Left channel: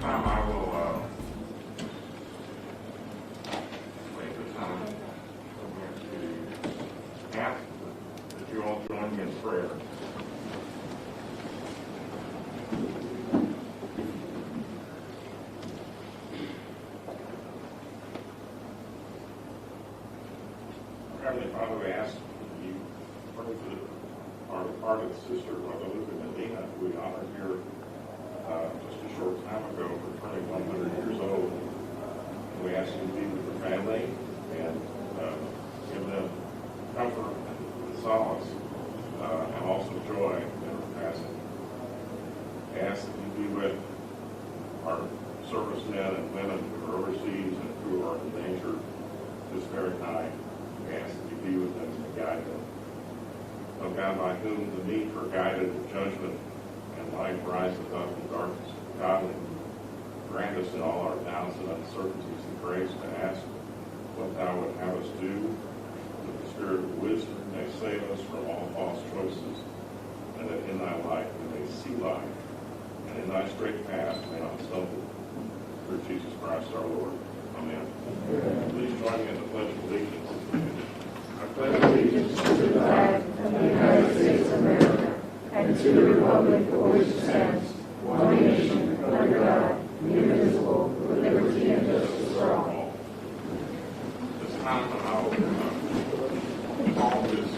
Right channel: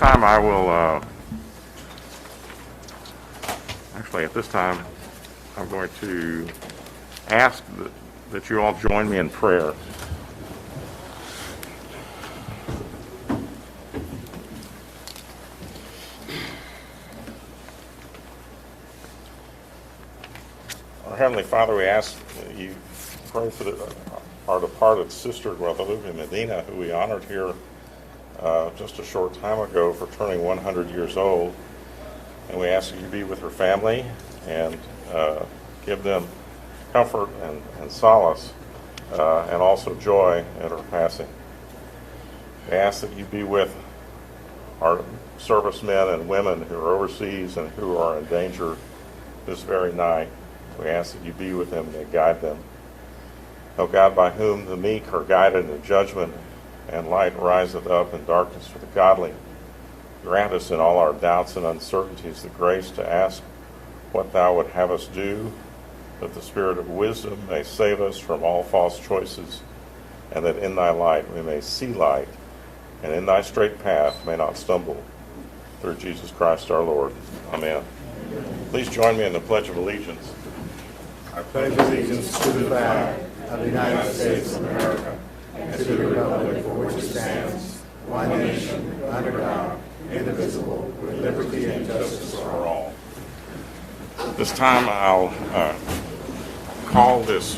time, I will, actually, at this time, I'm going to ask that you all join me in prayer. Our Heavenly Father, we ask that you pray for our departed sister, Guadalupe Medina, who we honored here just a short time ago for turning 100 years old. And we ask you to be with her family and give them comfort and solace and also joy at her passing. We ask that you be with our servicemen and women who are overseas and who are in danger this very night. We ask that you be with them and guide them. O God, by whom the meek are guided in judgment and light riseth up in darkness for the godly, grant us in all our doubts and uncertainties the grace to ask what thou would have us do, that the spirit of wisdom may save us from all false choices, and that in thy light we may see light, and in thy straight path may not stumble. Through Jesus Christ our Lord. Amen. Please join me in the Pledge of Allegiance. I pledge allegiance to the flag of the United States of America and to the republic for which it stands, one nation, under God, indivisible, with liberty and justice for all. This time I'll call this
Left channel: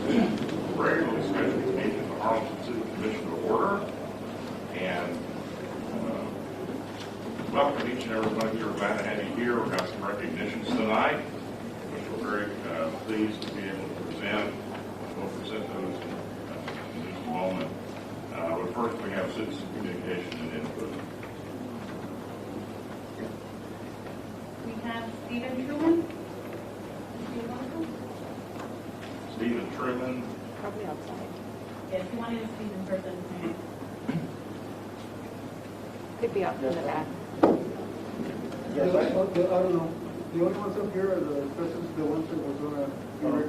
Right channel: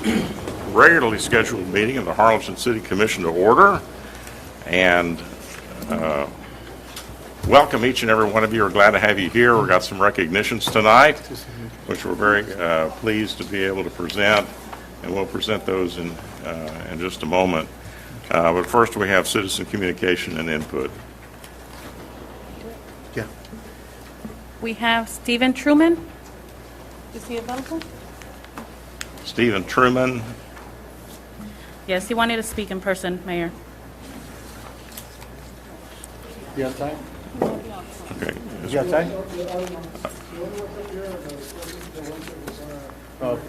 regularly scheduled meeting of the Harlingen City Commission to order and welcome each and every one of you. We're glad to have you here. We've got some recognitions tonight, which we're very pleased to be able to present, and we'll present those in just a moment. But first we have citizen communication and input. Yeah. We have Stephen Truman. Is he available? Stephen Truman. Yes, he wanted to speak in person, Mayor. Okay. You outside? I don't know. The only ones up here are the ones that was on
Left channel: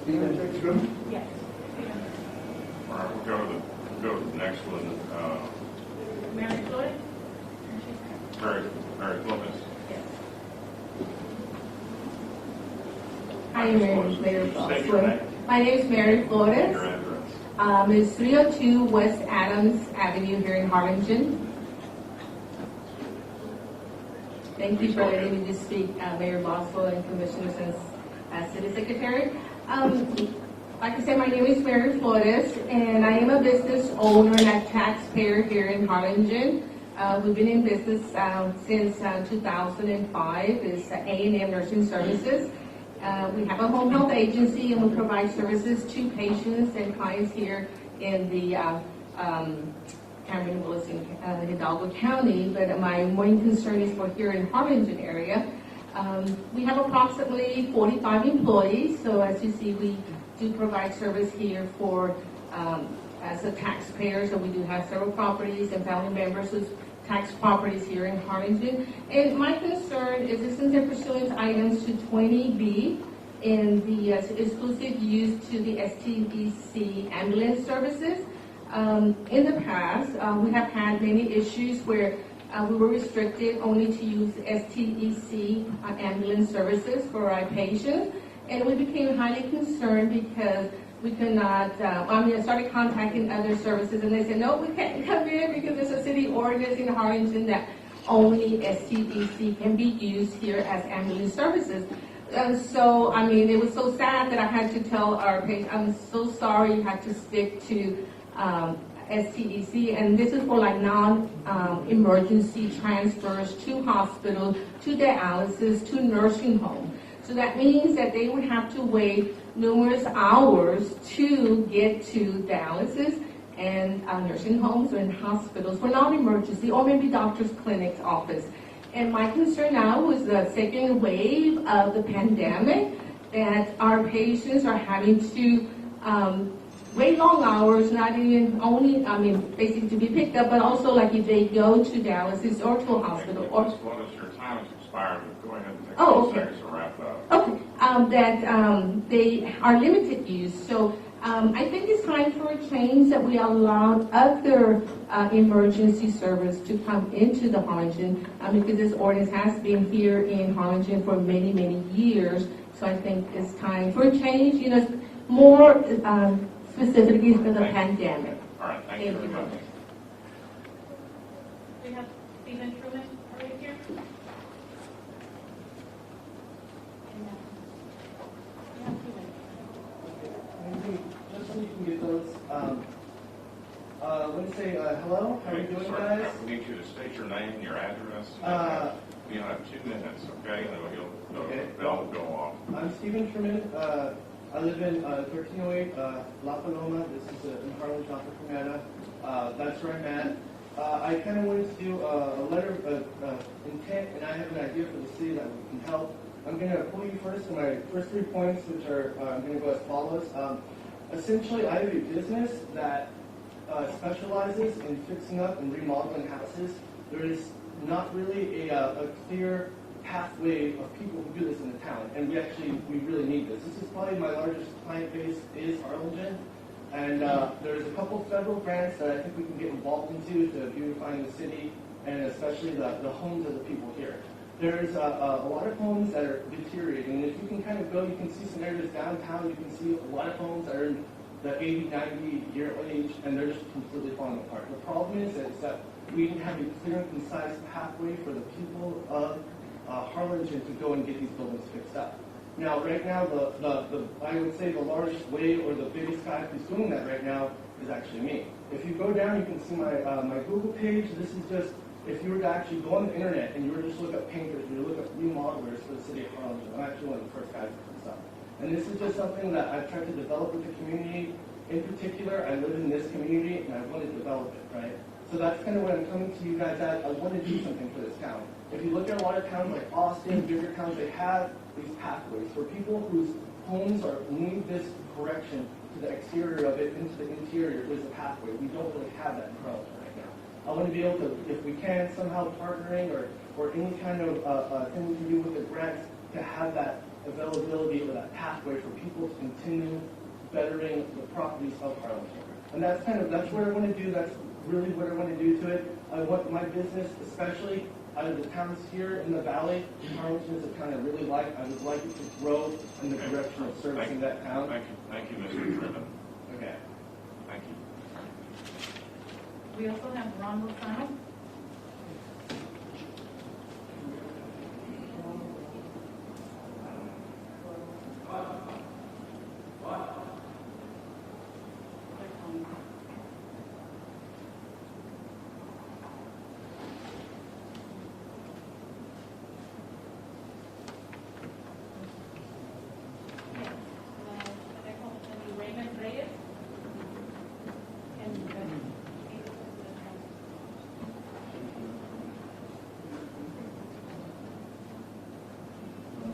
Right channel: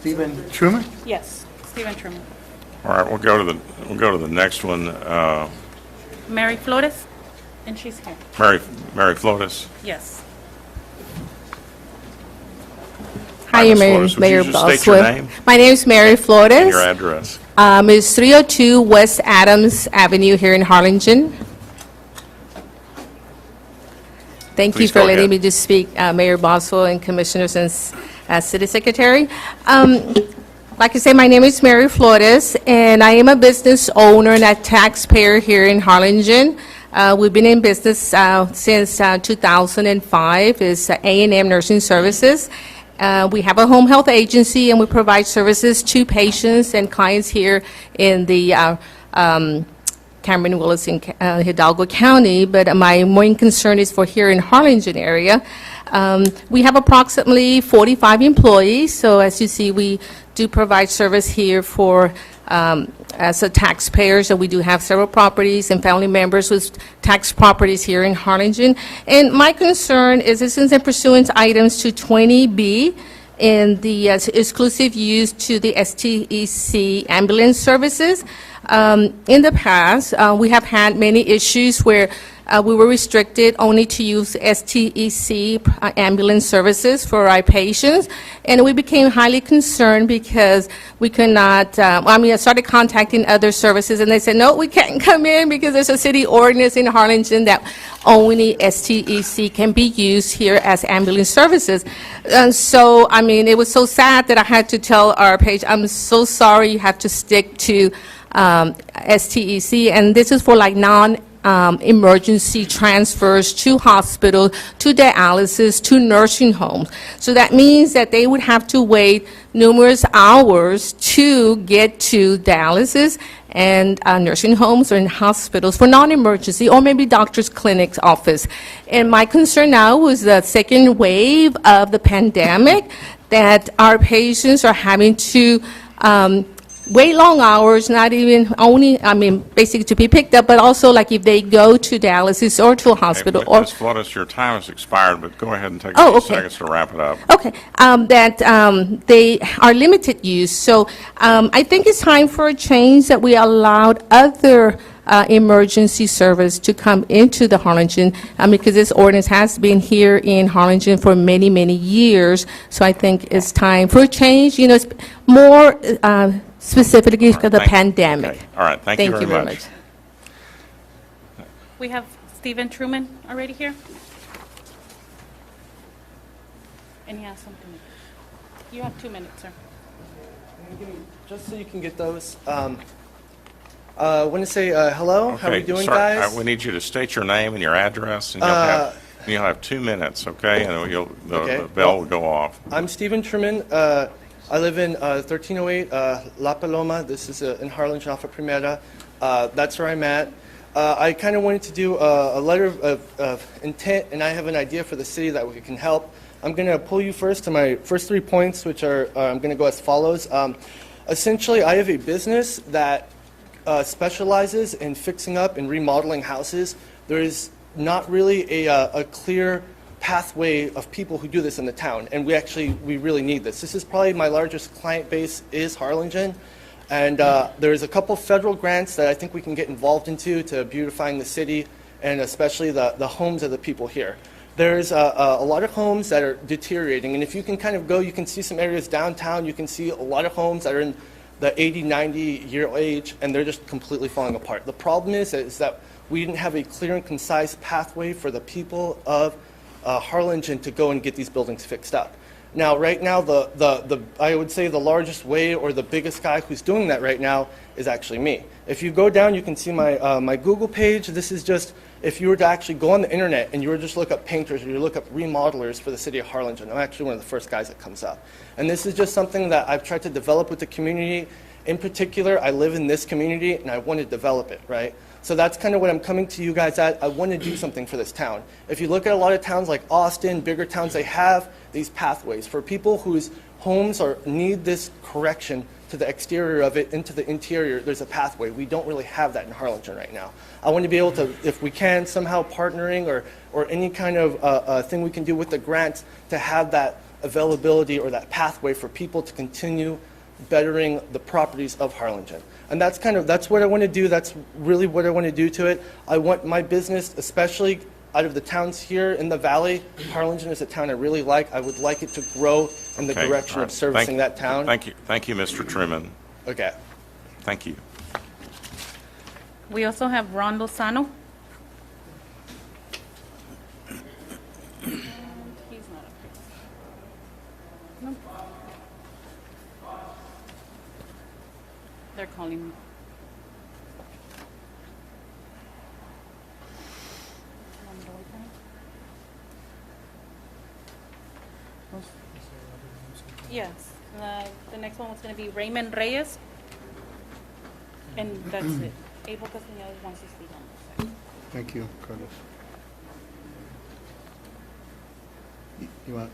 Stephen Truman? Yes, Stephen Truman. All right, we'll go to the next one. Mary Flores, and she's here. Mary Flotis. Yes. Hi, Ms. Mayor, Flores, would you Mayor just state your Boswell. name? My name is Mary And Flores. your address. It's 302 West Adams Avenue here in Harlingen. Thank you Please for go letting ahead. me just speak, Mayor Boswell and Commissioners and City Secretary. Like I say, my name is Mary Flores, and I am a business owner and a taxpayer here in Harlingen. We've been in business since 2005. It's A&M Nursing Services. We have a home health agency, and we provide services to patients and clients here in the Cameron, Willis, and Hidalgo County, but my main concern is for here in Harlingen area. We have approximately 45 employees, so as you see, we do provide service here for as a taxpayer, so we do have several properties and family members with tax properties here in Harlingen. And my concern is that since I'm pursuant items to 20B in the exclusive use to the STEC ambulance services, in the past, we have had many issues where we were restricted only to use STEC ambulance services for our patients, and we became highly concerned because we could not, I started contacting other services, and they said, no, we can't come in because there's a city ordinance in Harlingen that only STEC can be used here as ambulance services. And so, it was so sad that I had to tell our patient, I'm so sorry, you have to stick to STEC, and this is for like non-emergency transfers to hospital, to dialysis, to nursing homes. So that means that they would have to wait numerous hours to get to dialysis and nursing homes or in hospitals for non-emergency, or maybe doctor's clinic's office. And my concern now was the second wave of the pandemic, that our patients are having to wait long hours, not even only, basically to be picked up, but also like if they go to dialysis or to a hospital or. Ms. Flores, your time has expired, but go ahead and take a Oh, few okay. seconds to wrap it up. Okay, that they are limited use. So I think it's time for a change that we allowed other emergency service to come into the Harlingen, because this ordinance has been here in Harlingen for many, many years. So I think it's time for a change, it's more specifically because of the Thank- pandemic. okay. All right, thank you very much. We have Stephen Truman already here. And he has something. You have 2 minutes, sir. Just so you can get those, I want to say hello. How are we Okay, doing, sir, guys? we need you to state your name and your address, and you'll have 2 minutes, okay? And Okay. the bell will go off. I'm Stephen Truman. I live in 1308 La Paloma. This is in Harlingen off of Primera. That's where I'm at. I kind of wanted to do a letter of intent, and I have an idea for the city that we can help. I'm going to pull you first to my first 3 points, which are I'm going to go as follows. Essentially, I have a business that specializes in fixing up and remodeling houses. There is not really a clear pathway of people who do this in the town, and we really need this. This is probably my largest client base is Harlingen, and there's a couple federal grants that I think we can get involved into to beautifying the city and especially the homes of the people here. There's a lot of homes that are deteriorating, and if you can kind of go, you can see some areas downtown, you can see a lot of homes that are in the 80, 90-year age, and they're just completely falling apart. The problem is that we didn't have a clear and concise pathway for the people of Harlingen to go and get these buildings fixed up. Now, right now, I would say the largest way or the biggest guy who's doing that right now is actually me. If you go down, you can see my Google page. This is just, if you were to actually go on the internet and you were to just look up painters or you look up remodelers for the city of Harlingen, I'm actually one of the first guys that comes up. And this is just something that I've tried to develop with the community. In particular, I live in this community and I want to develop it, right? So that's kind of what I'm coming to you guys at. I want to do something for this town. If you look at a lot of towns like Austin, bigger towns, they have these pathways for people whose homes need this correction to the exterior of it into the interior. There's a pathway. We don't really have that in Harlingen right now. I want to be able to, if we can, somehow partnering or any kind of thing we can do with the grants to have that availability or that pathway for people to continue bettering the properties of Harlingen. And that's what I want to do. That's really what I want to do to it. I want my business, especially out of the towns here in the valley, Harlingen is a town I really like. I would like it to grow in the Okay, direction all right. of servicing that town. Thank you, Mr. Truman. Okay. Thank you. We also have Ron Lozano. They're calling him. Yes, the next one was going to be Raymond Reyes. And that's it. Able to see other ones. Thank you, Carlos. You want to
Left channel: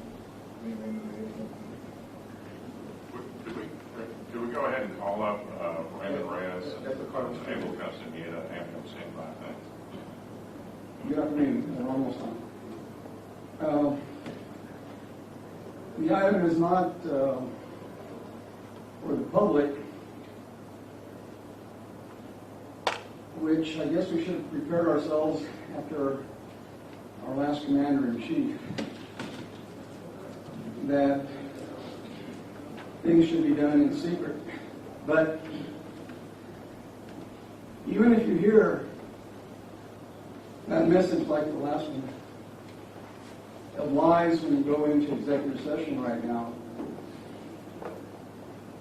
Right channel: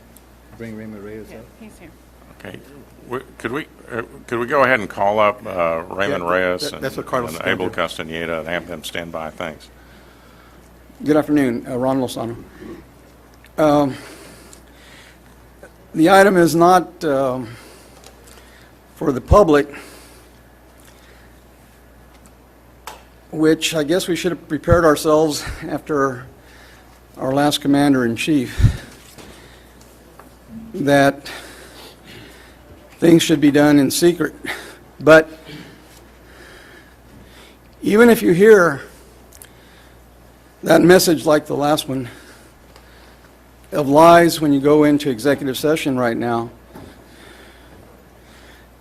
bring Raymond Reyes Yeah, in? he's here. Okay. Could we go ahead and call up Raymond Yeah, Reyes that's what Carlos and is Abel gonna do. Castaneda and have them stand by? Thanks. Good afternoon, Ron Lozano. The item is not for the public, which I guess we should have prepared ourselves after our last commander-in-chief, that things should be done in secret. But even if you hear that message like the last one of lies when you go into executive session right now,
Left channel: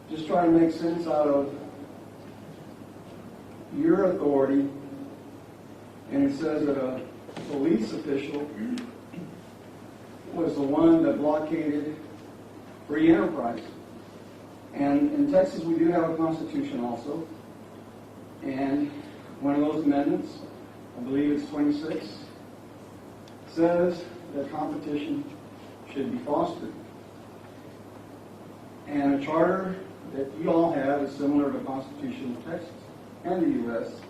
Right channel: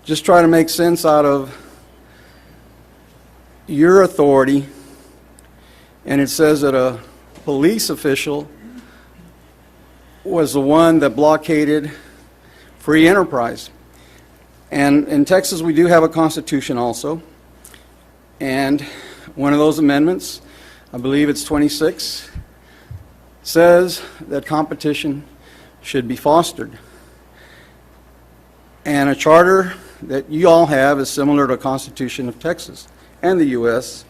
just try to make sense out of your authority, and it says that a police official was the one that blockaded free enterprise. And in Texas, we do have a constitution also, and one of those amendments, I believe it's 26, says that competition should be fostered. And a charter that you all have is similar to the Constitution of Texas and the U.S.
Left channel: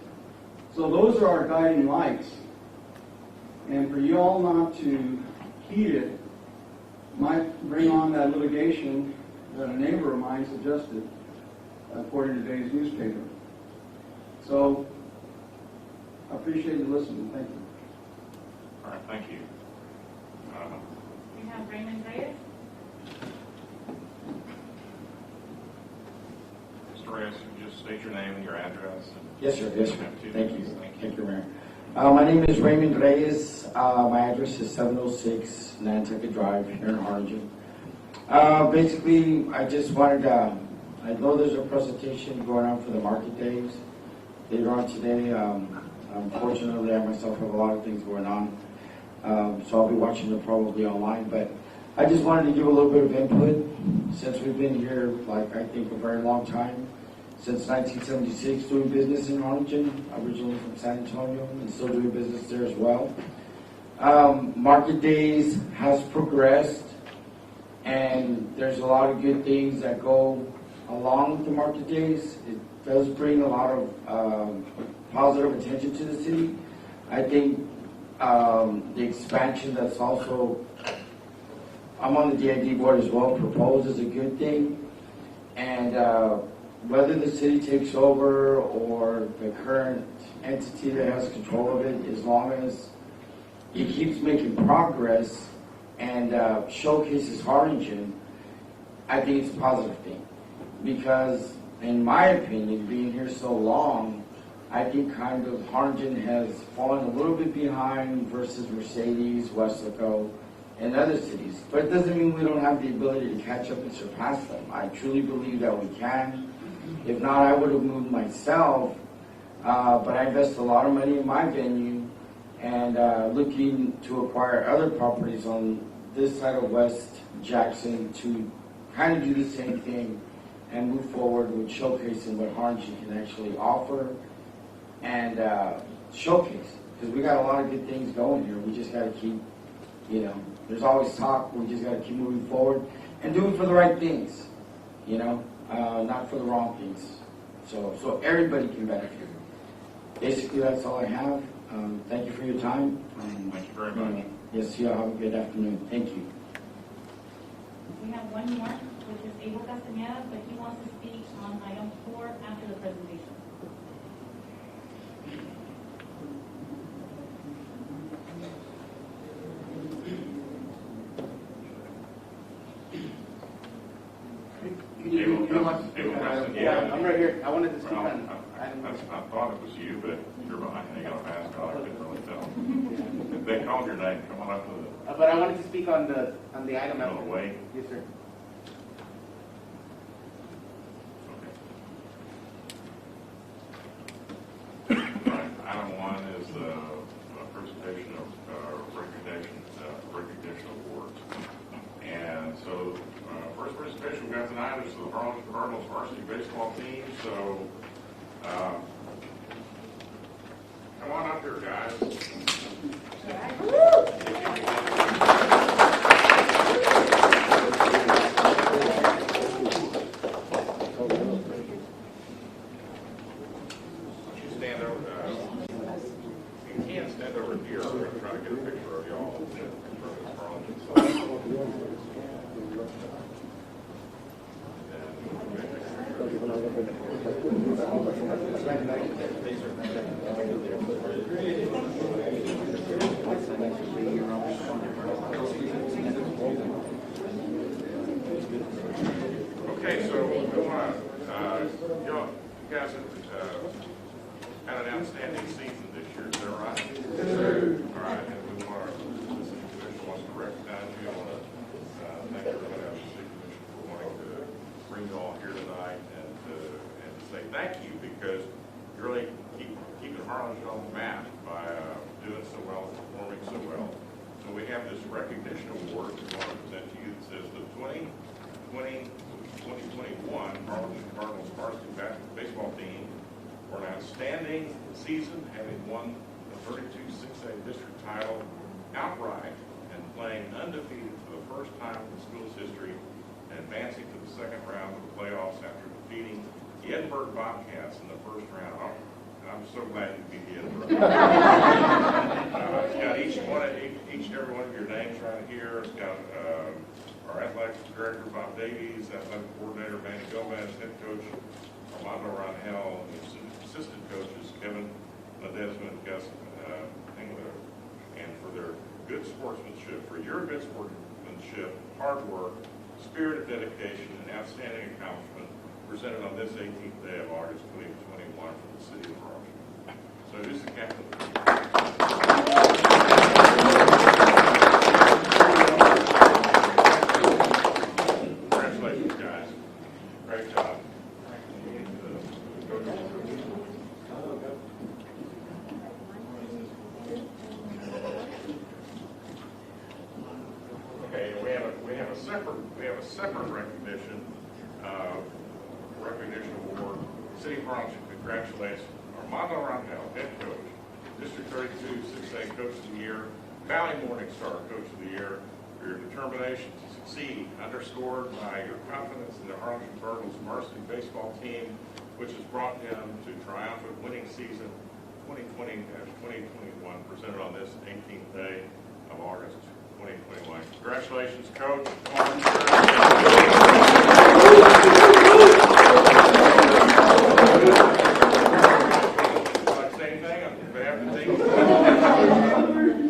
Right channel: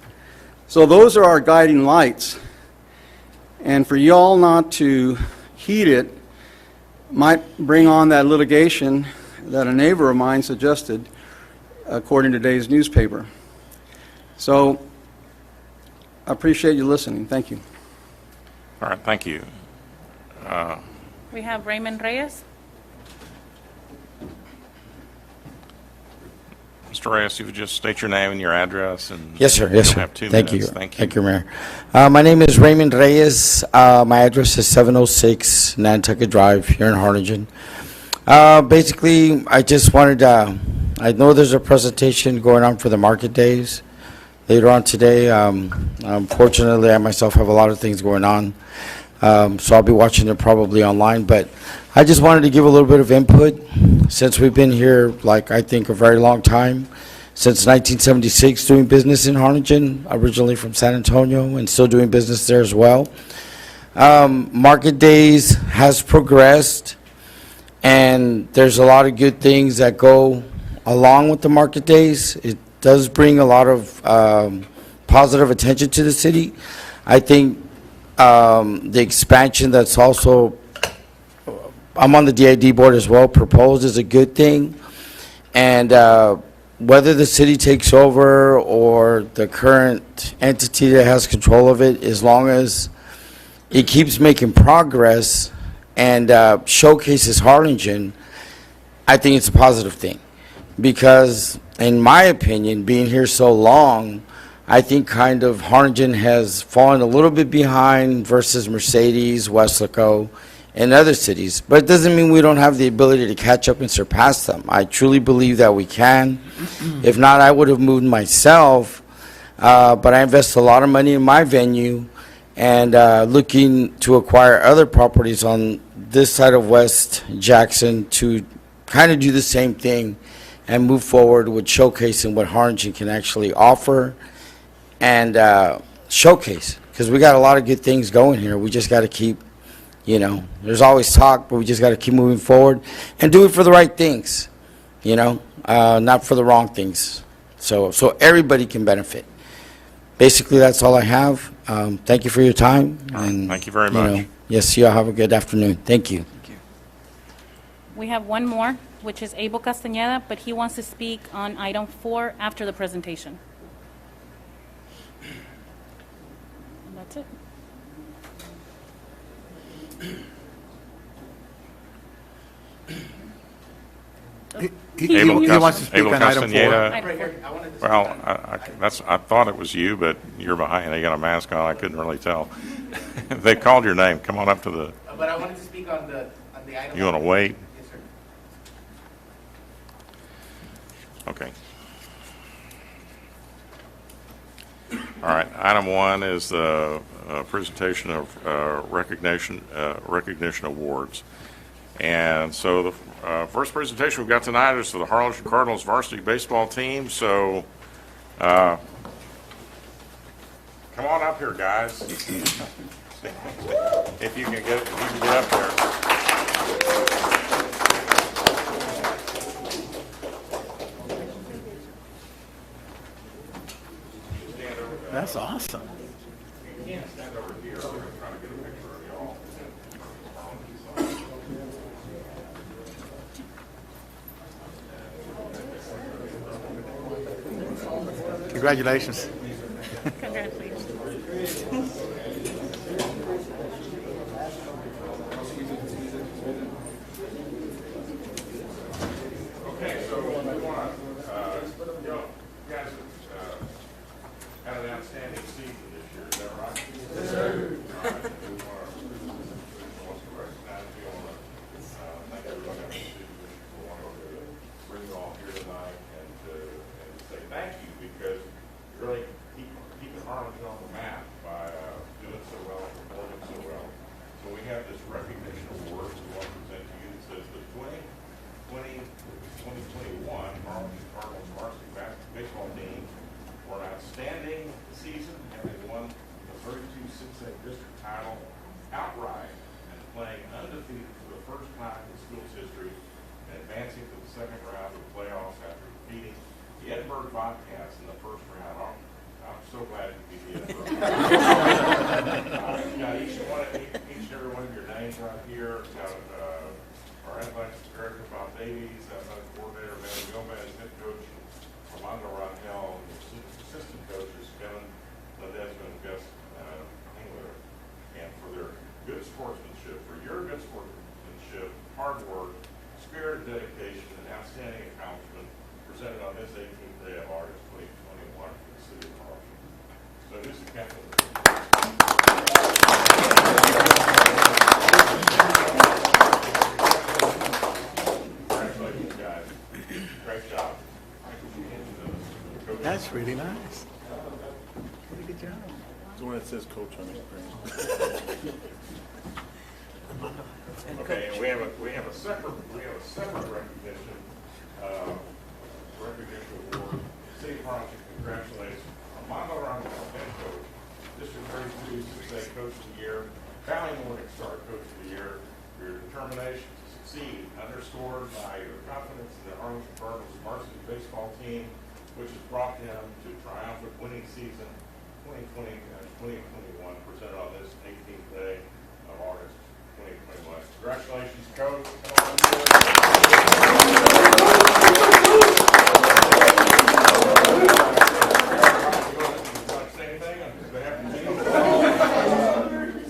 So those are our guiding lights. And for you all not to heed it might bring on that litigation that a neighbor of mine suggested, according to today's newspaper. So I appreciate you listening. Thank you. All right, thank you. We have Raymond Reyes. Mr. Reyes, you would just state your name and your address and. Yes, sir. Yes, You'll sir. have 2 Thank you. minutes. Thank you. Thank you, Mayor. My name is Raymond Reyes. My address is 706 Nantucket Drive here in Harlingen. Basically, I just wanted to, I know there's a presentation going on for the market days later on today. Unfortunately, I myself have a lot of things going on, so I'll be watching it probably online. But I just wanted to give a little bit of input since we've been here, like, I think a very long time, since 1976, doing business in Harlingen, originally from San Antonio, and still doing business there as well. Market days has progressed, and there's a lot of good things that go along with the market days. It does bring a lot of positive attention to the city. I think the expansion that's also, I'm on the DID board as well, proposed is a good thing. And whether the city takes over or the current entity that has control of it, as long as it keeps making progress and showcases Harlingen, I think it's a positive thing. Because, in my opinion, being here so long, I think kind of Harlingen has fallen a little bit behind versus Mercedes, Weslaco, and other cities. But it doesn't mean we don't have the ability to catch up and surpass them. I truly believe that we can. If not, I would have moved myself. But I invest a lot of money in my venue and looking to acquire other properties on this side of West Jackson to kind of do the same thing and move forward with showcasing what Harlingen can actually offer and showcase. Because we got a lot of good things going here. We just got to keep, there's always talk, but we just got to keep moving forward and do it for the right things, not for the wrong things. So everybody can benefit. Basically, that's all I have. Thank you for your time. And Thank you very much. Yes, you all have a good afternoon. Thank you. We have one more, which is Abel Castañeda, but he wants to speak on item 4 after the presentation. That's it. Abel wants to speak on item 4. Castañeda. I'm right here. I wanted to speak Well, on I thought it was you, but you're behind. You got a mask on. I couldn't really tell. They called your name. Come on up to the, but I wanted to speak on the item. you want to wait? Yes, sir. Okay. All right, item 1 is the presentation of recognition awards. And so the first presentation we've got tonight is for the Harlingen Cardinals varsity baseball team. So come on up here, guys. If you can get up there. That's awesome. You can't stand over here. I'm trying to get a picture of y'all. Congratulations. Okay, so we want y'all guys had an outstanding season this year, is that right? Yes, sir. All right, and we want to recognize you. Thank you for that. We want to bring you all here tonight and say thank you because you really service, workmanship, hard work, spirit of dedication, and outstanding accomplishment presented on this 18th day of August 2021 from the city of Harlingen. So who's the captain? Congratulations, guys. Great job. That's really nice. Pretty good job. The one that says coach on it. Okay, and we have a separate recognition award. City of Harlingen congratulates Armando Rondell, head coach, District 32 6A Coach of the Year, Valley Morningstar Coach of the Year, for your determination to succeed, underscored by your confidence in the Harlingen Cardinals varsity baseball team, which has brought them to triumphant winning season 2020-2021, presented on this 18th day of August 2021. Congratulations, Coach.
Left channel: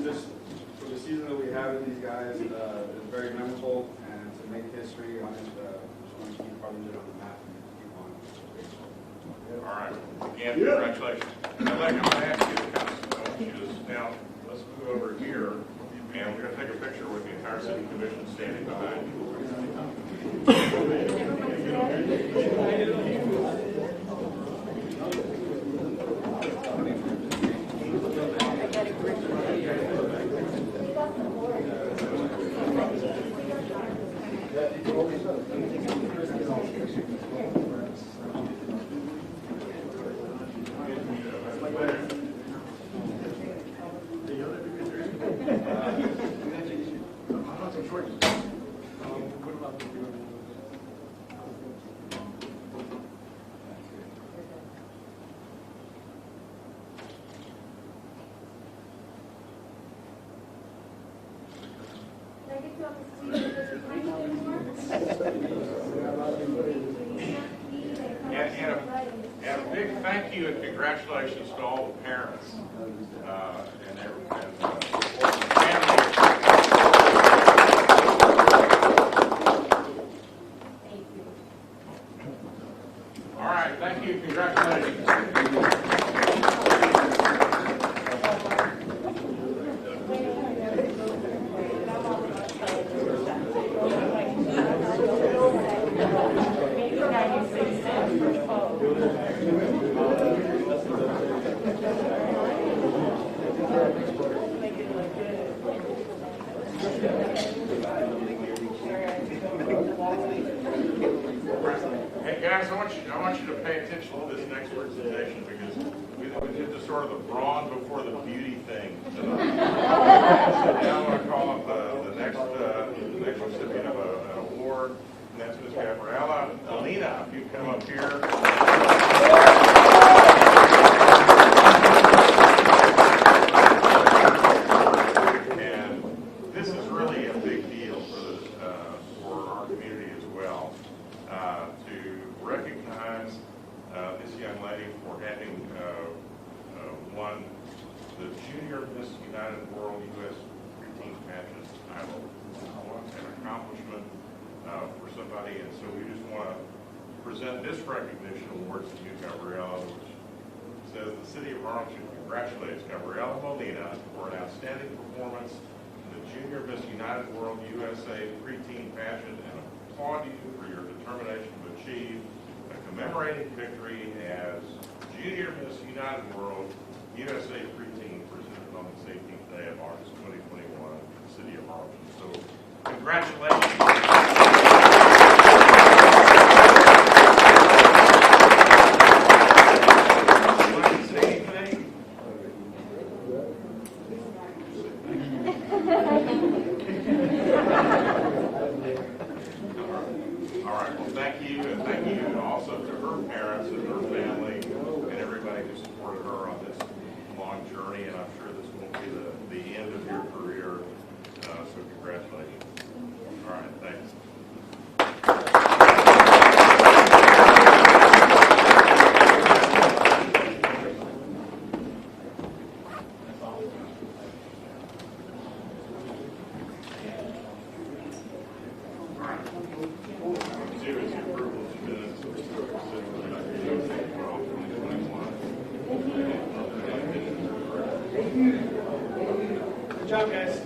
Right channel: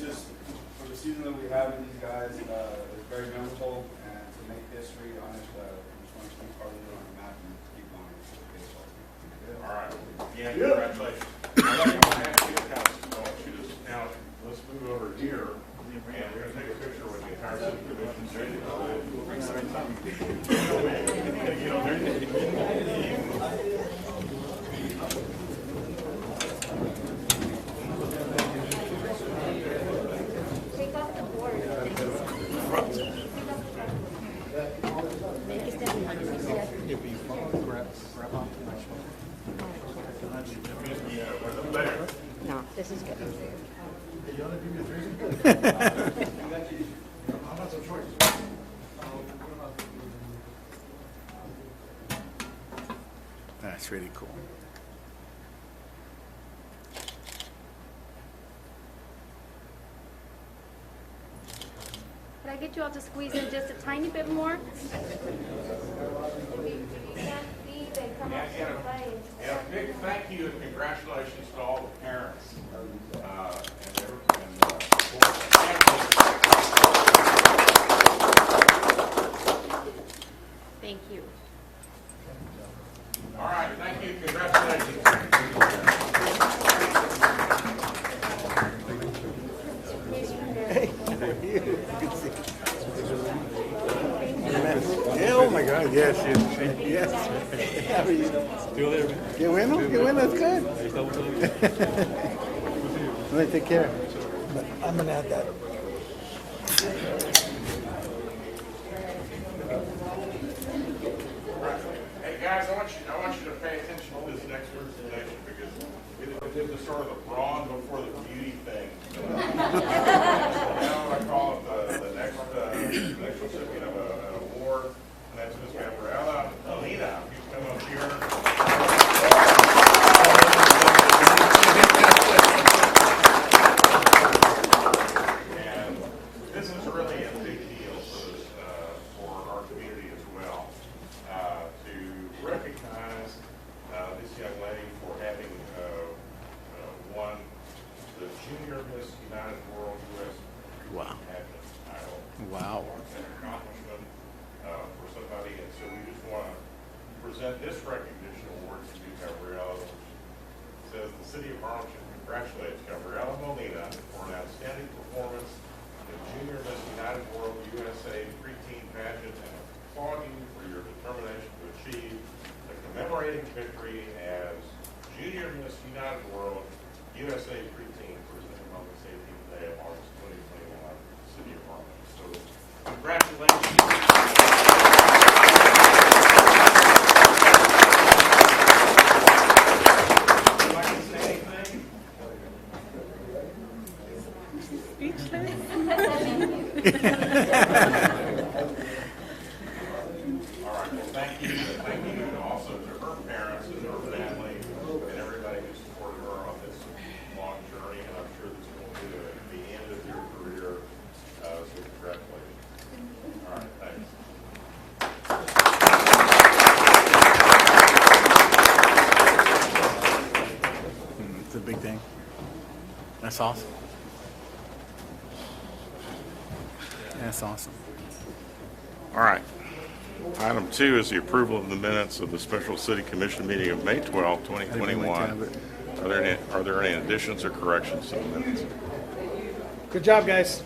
Just for the season that we have with these guys, it's very memorable, and to make history on it, just want to keep part of it on the map and keep on. All right. Again, congratulations. I'd like to ask you to pass this on. Now, let's move over here, and we're going to take a picture with the entire city commission standing behind. That's really cool. Can I get you all to squeeze in just a tiny bit more? And a big thank you and congratulations to all the parents and Thank you. all right, thank you, congratulations. Yeah, oh my God, yes, yes. Qué bueno, that's good. I'm gonna take care of it. I'm gonna add that. Hey guys, I want you to pay attention to this next presentation because we did the sort of the brawn before the beauty thing. Now I call it the next recipient of an award, and that's Ms. Gabriella Lien. You come up here. And this is really a big deal for our community as well, to recognize this young lady for having won the Junior Miss United World U.S. pageant title. Wow. It's an accomplishment for somebody, and so we just want to present this recognition award to you, Gabriella, which says the City of Harlingen congratulates Gabriella Molina for an outstanding performance in the Junior Miss United World USA preteen pageant and applaud you for your determination to achieve the commemorating victory as Junior Miss United World USA preteen presented on the 18th day of August 2021 in the City of Harlingen. So congratulations. All right, well, thank you. And thank you also to her parents and her family and everybody who supported her on this long journey. And I'm sure this won't be the end of your career. So congratulations. All right, thanks. It's a big thing. That's awesome. That's awesome. All right. Item 2 is the approval of the minutes of the special city commission meeting of May 12, 2021. Are there any additions or corrections to the minutes? Good job, guys.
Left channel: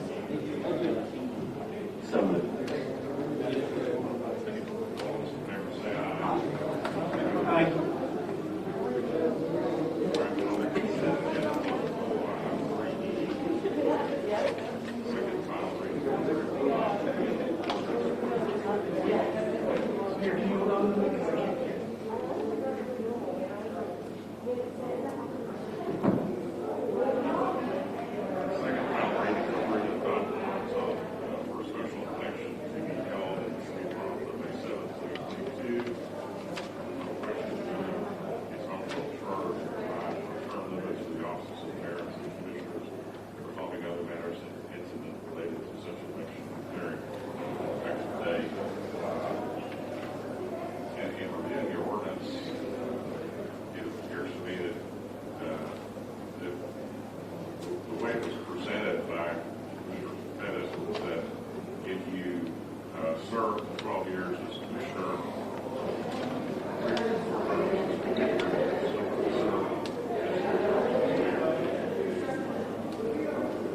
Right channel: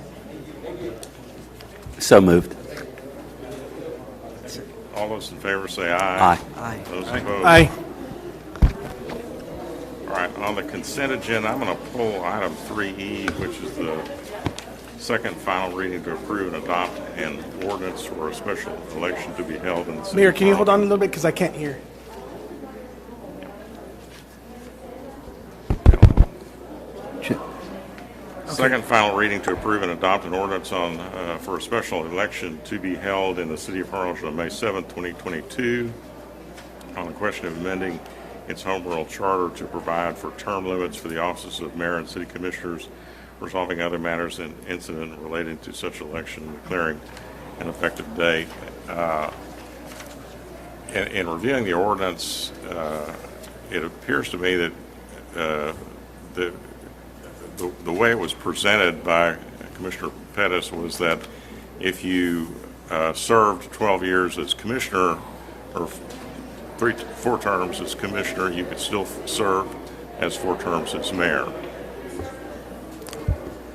So moved. All those in favor say aye. Aye. Those opposed? Aye. All right, on the consent agenda, I'm going to pull item 3E, which is the second final reading to approve and adopt an ordinance for a special election to be held in the city. Mayor, can you hold on a little bit because I can't hear? Second final reading to approve and adopt an ordinance for a special election to be held in the city of Harlingen on May 7, 2022, on the question of amending its home rule charter to provide for term limits for the offices of mayor and city commissioners, resolving other matters and incident related to such election, and declaring an effective date. In reviewing the ordinance, it appears to me that the way it was presented by Commissioner Pettis was that if you served 12 years as commissioner or 4 terms as commissioner, you could still serve as 4 terms as mayor.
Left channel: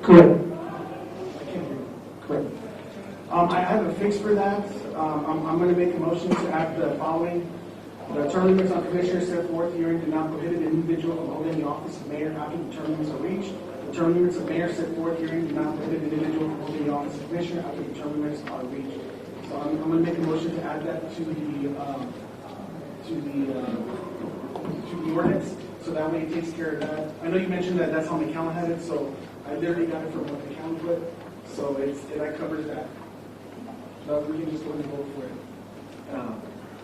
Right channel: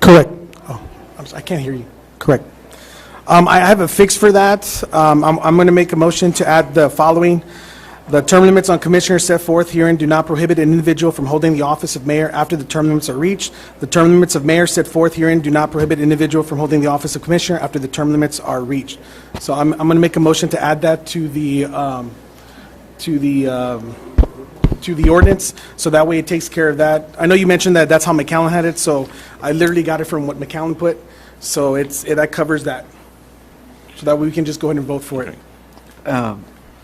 Correct. Oh, I can't hear you. Correct. I have a fix for that. I'm going to make a motion to add the following. The term limits on commissioners set forth herein do not prohibit an individual from holding the office of mayor after the term limits are reached. The term limits of mayor set forth herein do not prohibit an individual from holding the office of commissioner after the term limits are reached. So I'm going to make a motion to add that to the ordinance, so that way it takes care of that. I know you mentioned that that's how McAllen had it, so I literally got it from what McAllen put, so that covers that. So that way we can just go ahead and vote for it.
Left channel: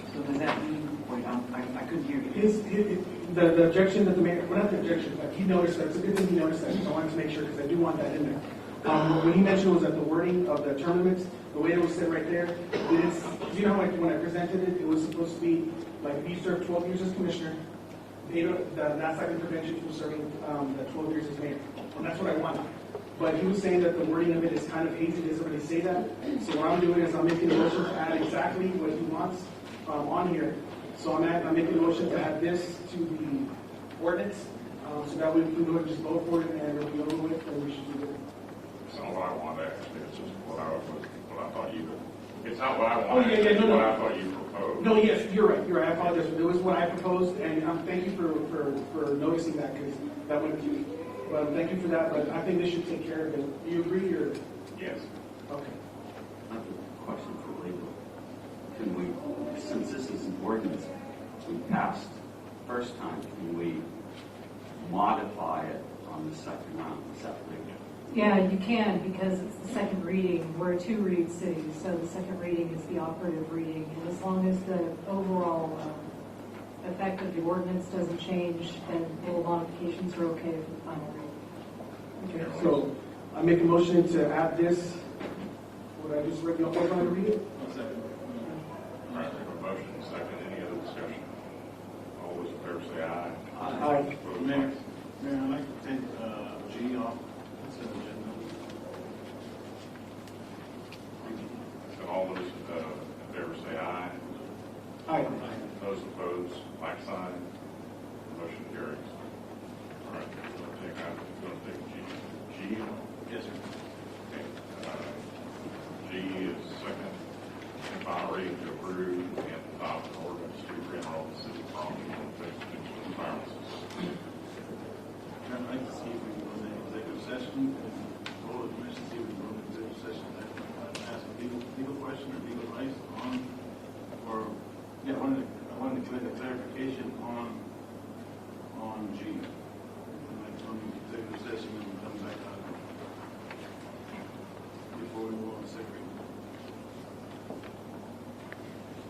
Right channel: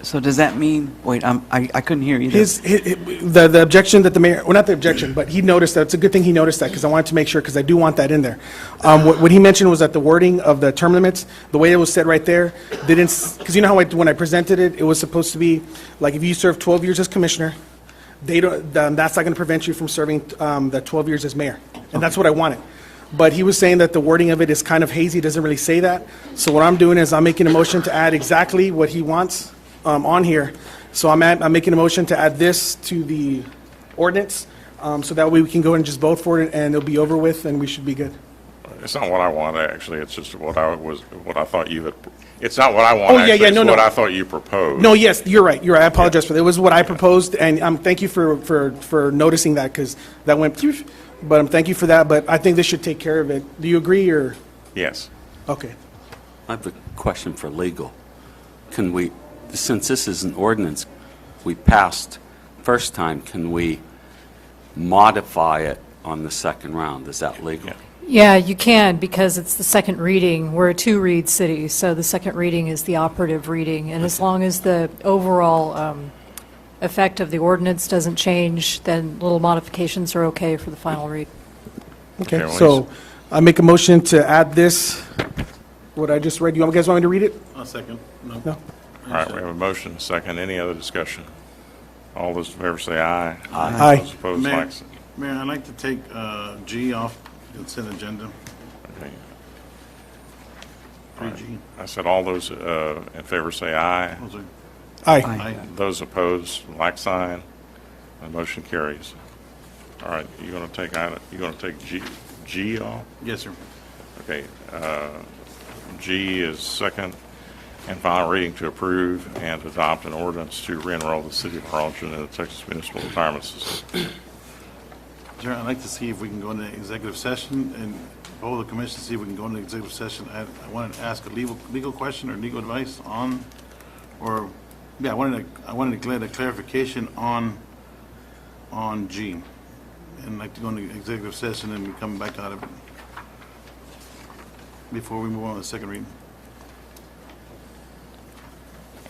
So does that mean, wait, I couldn't hear you. The objection that the mayor, well, not the objection, but he noticed that. It's a good thing he noticed that, because I wanted to make sure, because I do want that in there. What he mentioned was that the wording of the term limits, the way it was said right there, didn't, because you know how when I presented it, it was supposed to be, like, if you serve 12 years as commissioner, that's not going to prevent you from serving the 12 years as mayor. And that's what I wanted. But he was saying that the wording of it is kind of hazy, doesn't really say that. So what I'm doing is I'm making a motion to add exactly what he wants on here. So I'm making a motion to add this to the ordinance, so that way we can go and just vote for it, and it'll be over with, and we should be good. It's not what I want, actually. It's just what I thought you had. It's not what I want. Oh, yeah, actually. yeah, no, it's what no. I thought you proposed. No, yes, you're right. I apologize for that. It was what I proposed, and thank you for noticing that, because that went, but thank you for that. But I think this should take care of it. Do you agree, or? Yes. Okay. I have a question for legal. Can we, since this is an ordinance we passed first time, can we modify it on the second round? Is that legal? Yeah. Yeah, you can, because it's the second reading. We're a 2-read city, so the second reading is the operative reading. And as long as the overall effect of the ordinance doesn't change, then little modifications are okay for the final read. Okay, Okay, so I make a motion to add this, what I just read. You guys want me to read it? I'll second. No? All right, we have a motion, second. Any other discussion? All those in favor say aye. Aye. Those opposed, Mayor, like sign. Mayor, I'd like to take G off consent agenda. Okay. 3G. I said all those in favor say aye. Those are- Aye. Aye. Those opposed, like sign. The motion carries. All right, you're going to take G off? Yes, sir. Okay. G is second and final reading to approve and adopt an ordinance to re-enroll the city of Harlingen in the Texas Municipal Retirement System. Sir, I'd like to see if we can go into executive session and poll the commission, see if we can go into executive session. I wanted to ask a legal question or legal advice on, or, yeah, I wanted to get a clarification on G. And I'd like to go into executive session and we come back out of it before we move on to the second reading.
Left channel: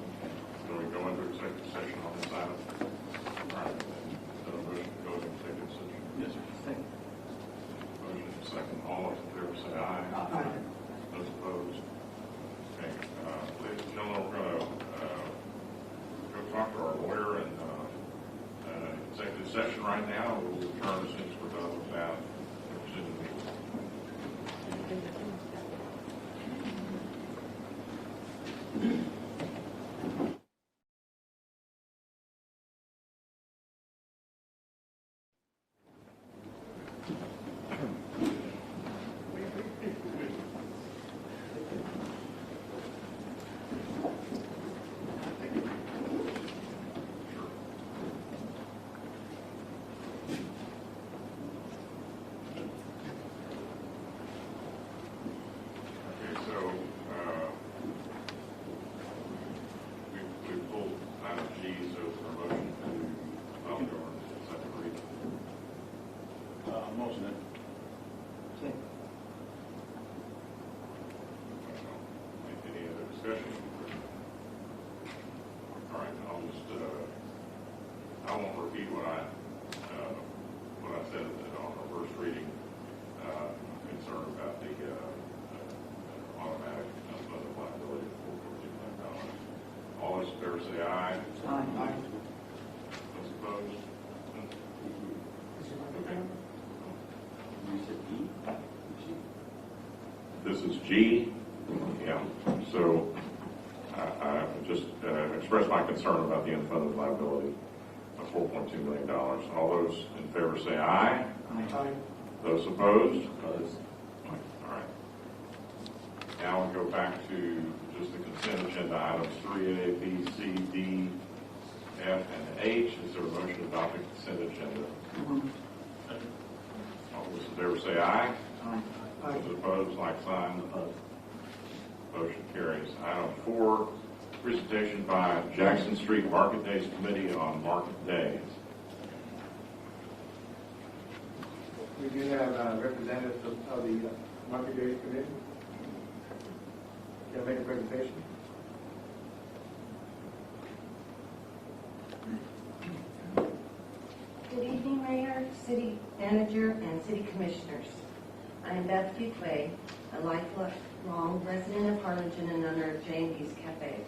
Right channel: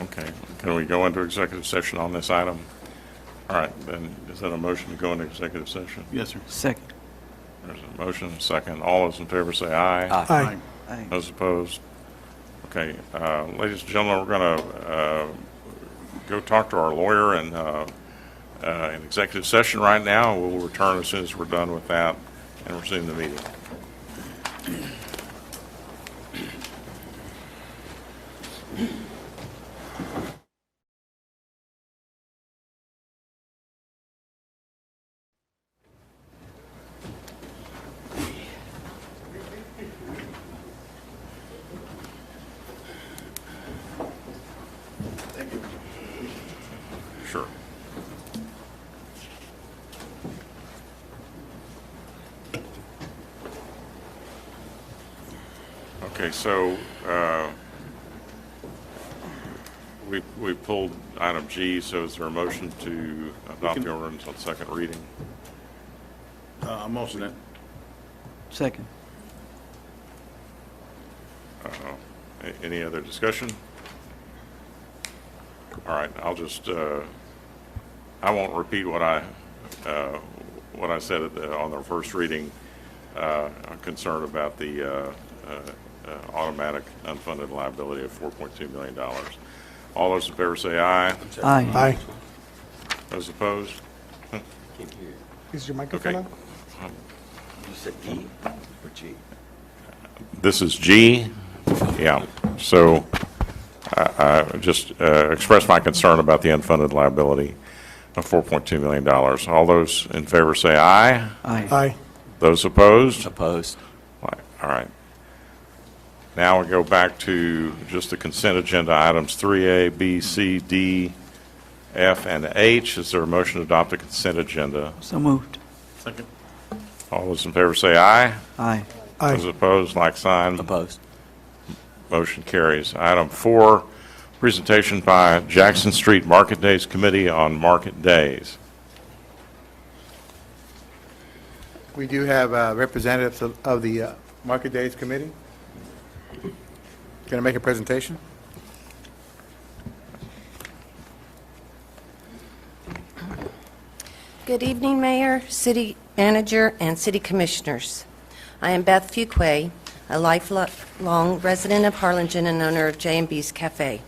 Okay. Can we go into executive session on this item? All right, then is that a motion to go into executive session? Yes, sir. Second. There's a motion, second. All those in favor say aye. Aye. Those opposed? Okay, ladies and gentlemen, we're going to go talk to our lawyer in executive session right now. We'll return as soon as we're done with that and resume the meeting. Okay, so we pulled item G, so is there a motion to adopt the ordinance on second reading? Motion it. Second. Any other discussion? All right, I'll just, I won't repeat what I said on our first reading. I'm concerned about the automatic unfunded liability of $4.2 million. All those in favor say aye. Aye. Aye. Those opposed? Is your microphone Okay. on? You said E or G? This is G. Yeah. So I just express my concern about the unfunded liability of $4.2 million. All those in favor say aye. Aye. Those opposed? Opposed? All right. Now we go back to just the consent agenda items 3A, B, C, D, F, and H. Is there a motion to adopt the consent agenda? So moved. Second. All those in favor say aye. Aye. Those opposed, like sign. Opposed? Motion carries. Item 4, presentation by Jackson Street Market Days Committee on Market Days. We do have representatives of the Market Days Committee. Going to make a presentation? Good evening, Mayor, City Manager, and City Commissioners. I am Beth Fuquay, a lifelong resident of Harlingen and owner of J&B's Cafe.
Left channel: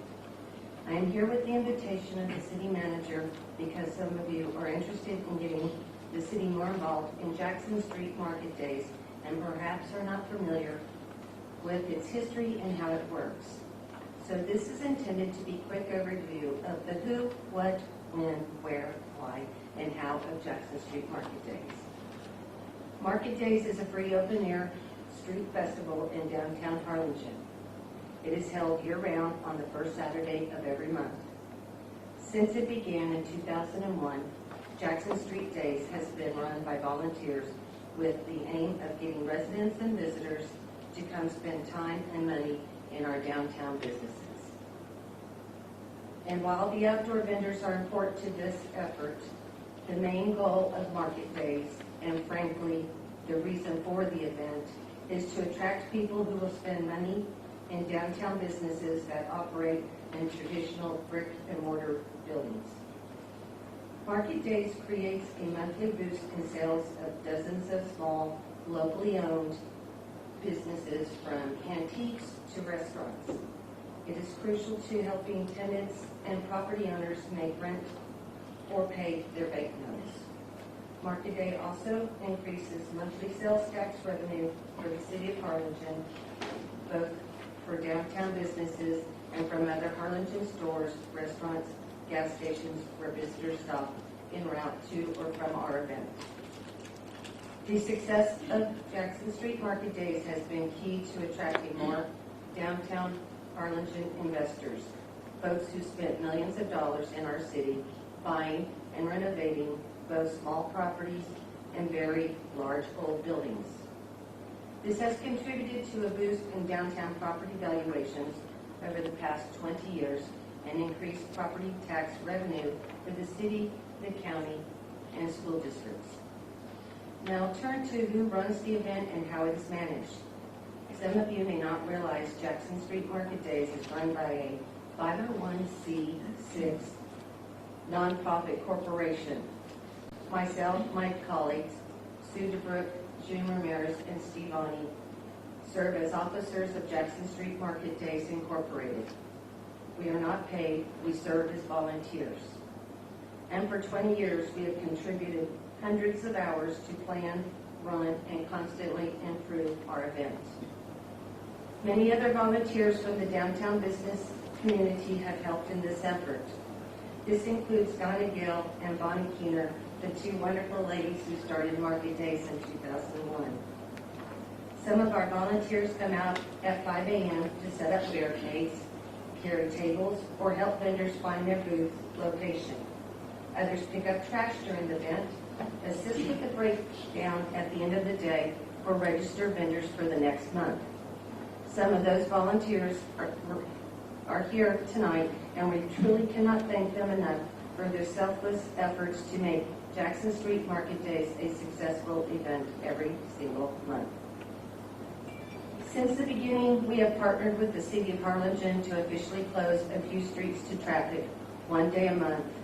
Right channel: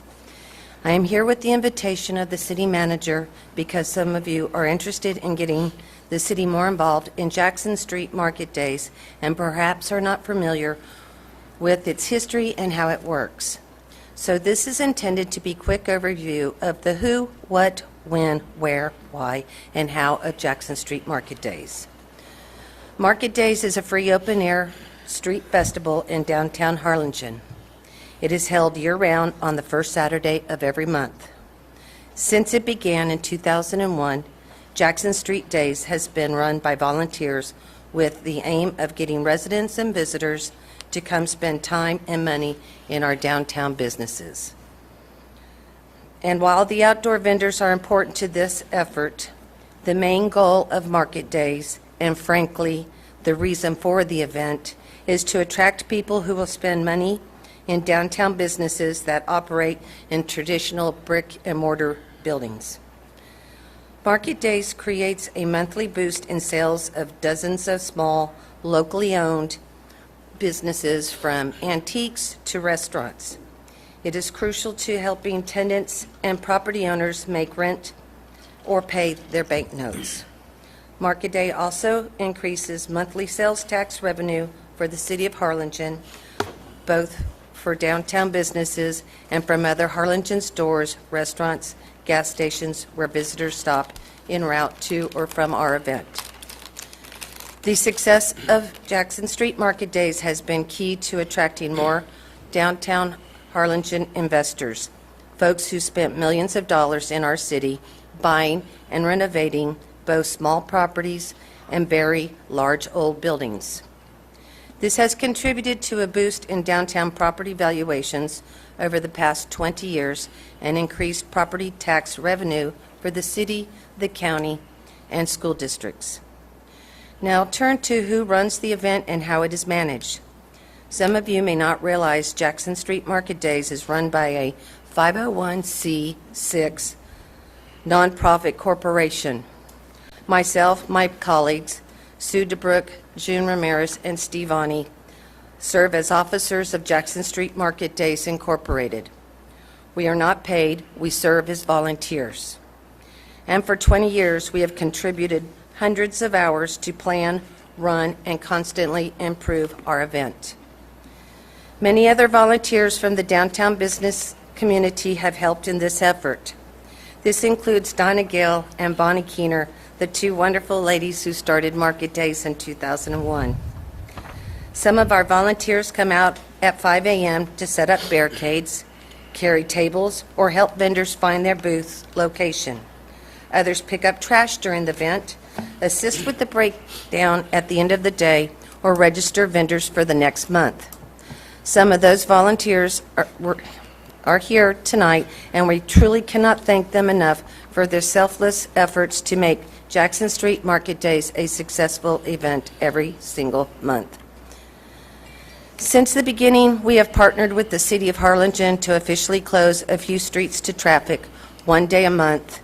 I am here with the invitation of the City Manager because some of you are interested in getting the city more involved in Jackson Street Market Days and perhaps are not familiar with its history and how it works. So this is intended to be a quick overview of the who, what, when, where, why, and how of Jackson Street Market Days. Market Days is a free open-air street festival in downtown Harlingen. It is held year-round on the first Saturday of every month. Since it began in 2001, Jackson Street Days has been run by volunteers with the aim of getting residents and visitors to come spend time and money in our downtown businesses. And while the outdoor vendors are important to this effort, the main goal of Market Days, and frankly, the reason for the event, is to attract people who will spend money in downtown businesses that operate in traditional brick and mortar buildings. Market Days creates a monthly boost in sales of dozens of small, locally owned businesses from antiques to restaurants. It is crucial to helping tenants and property owners make rent or pay their banknotes. Market Day also increases monthly sales tax revenue for the city of Harlingen, both for downtown businesses and from other Harlingen stores, restaurants, gas stations where visitors stop en route to or from our event. The success of Jackson Street Market Days has been key to attracting more downtown Harlingen investors, folks who spent millions of dollars in our city buying and renovating both small properties and very large old buildings. This has contributed to a boost in downtown property valuations over the past 20 years and increased property tax revenue for the city, the county, and school districts. Now turn to who runs the event and how it is managed. Some of you may not realize Jackson Street Market Days is run by a 501c6 nonprofit corporation. Myself, my colleagues, Sue DeBrook, June Ramirez, and Steve Ani serve as officers of Jackson Street Market Days Incorporated. We are not paid, we serve as volunteers. And for 20 years, we have contributed hundreds of hours to plan, run, and constantly improve our event. Many other volunteers from the downtown business community have helped in this effort. This includes Donna Gale and Bonnie Keener, the two wonderful ladies who started Market Days in 2001. Some of our volunteers come out at 5 a.m. to set up barricades, carry tables, or help vendors find their booth location. Others pick up trash during the event, assist with the breakdown at the end of the day, or register vendors for the next month. Some of those volunteers are here tonight, and we truly cannot thank them enough for their selfless efforts to make Jackson Street Market Days a successful event every single month. Since the beginning, we have partnered with the City of Harlingen to officially close a few streets to traffic one day a month,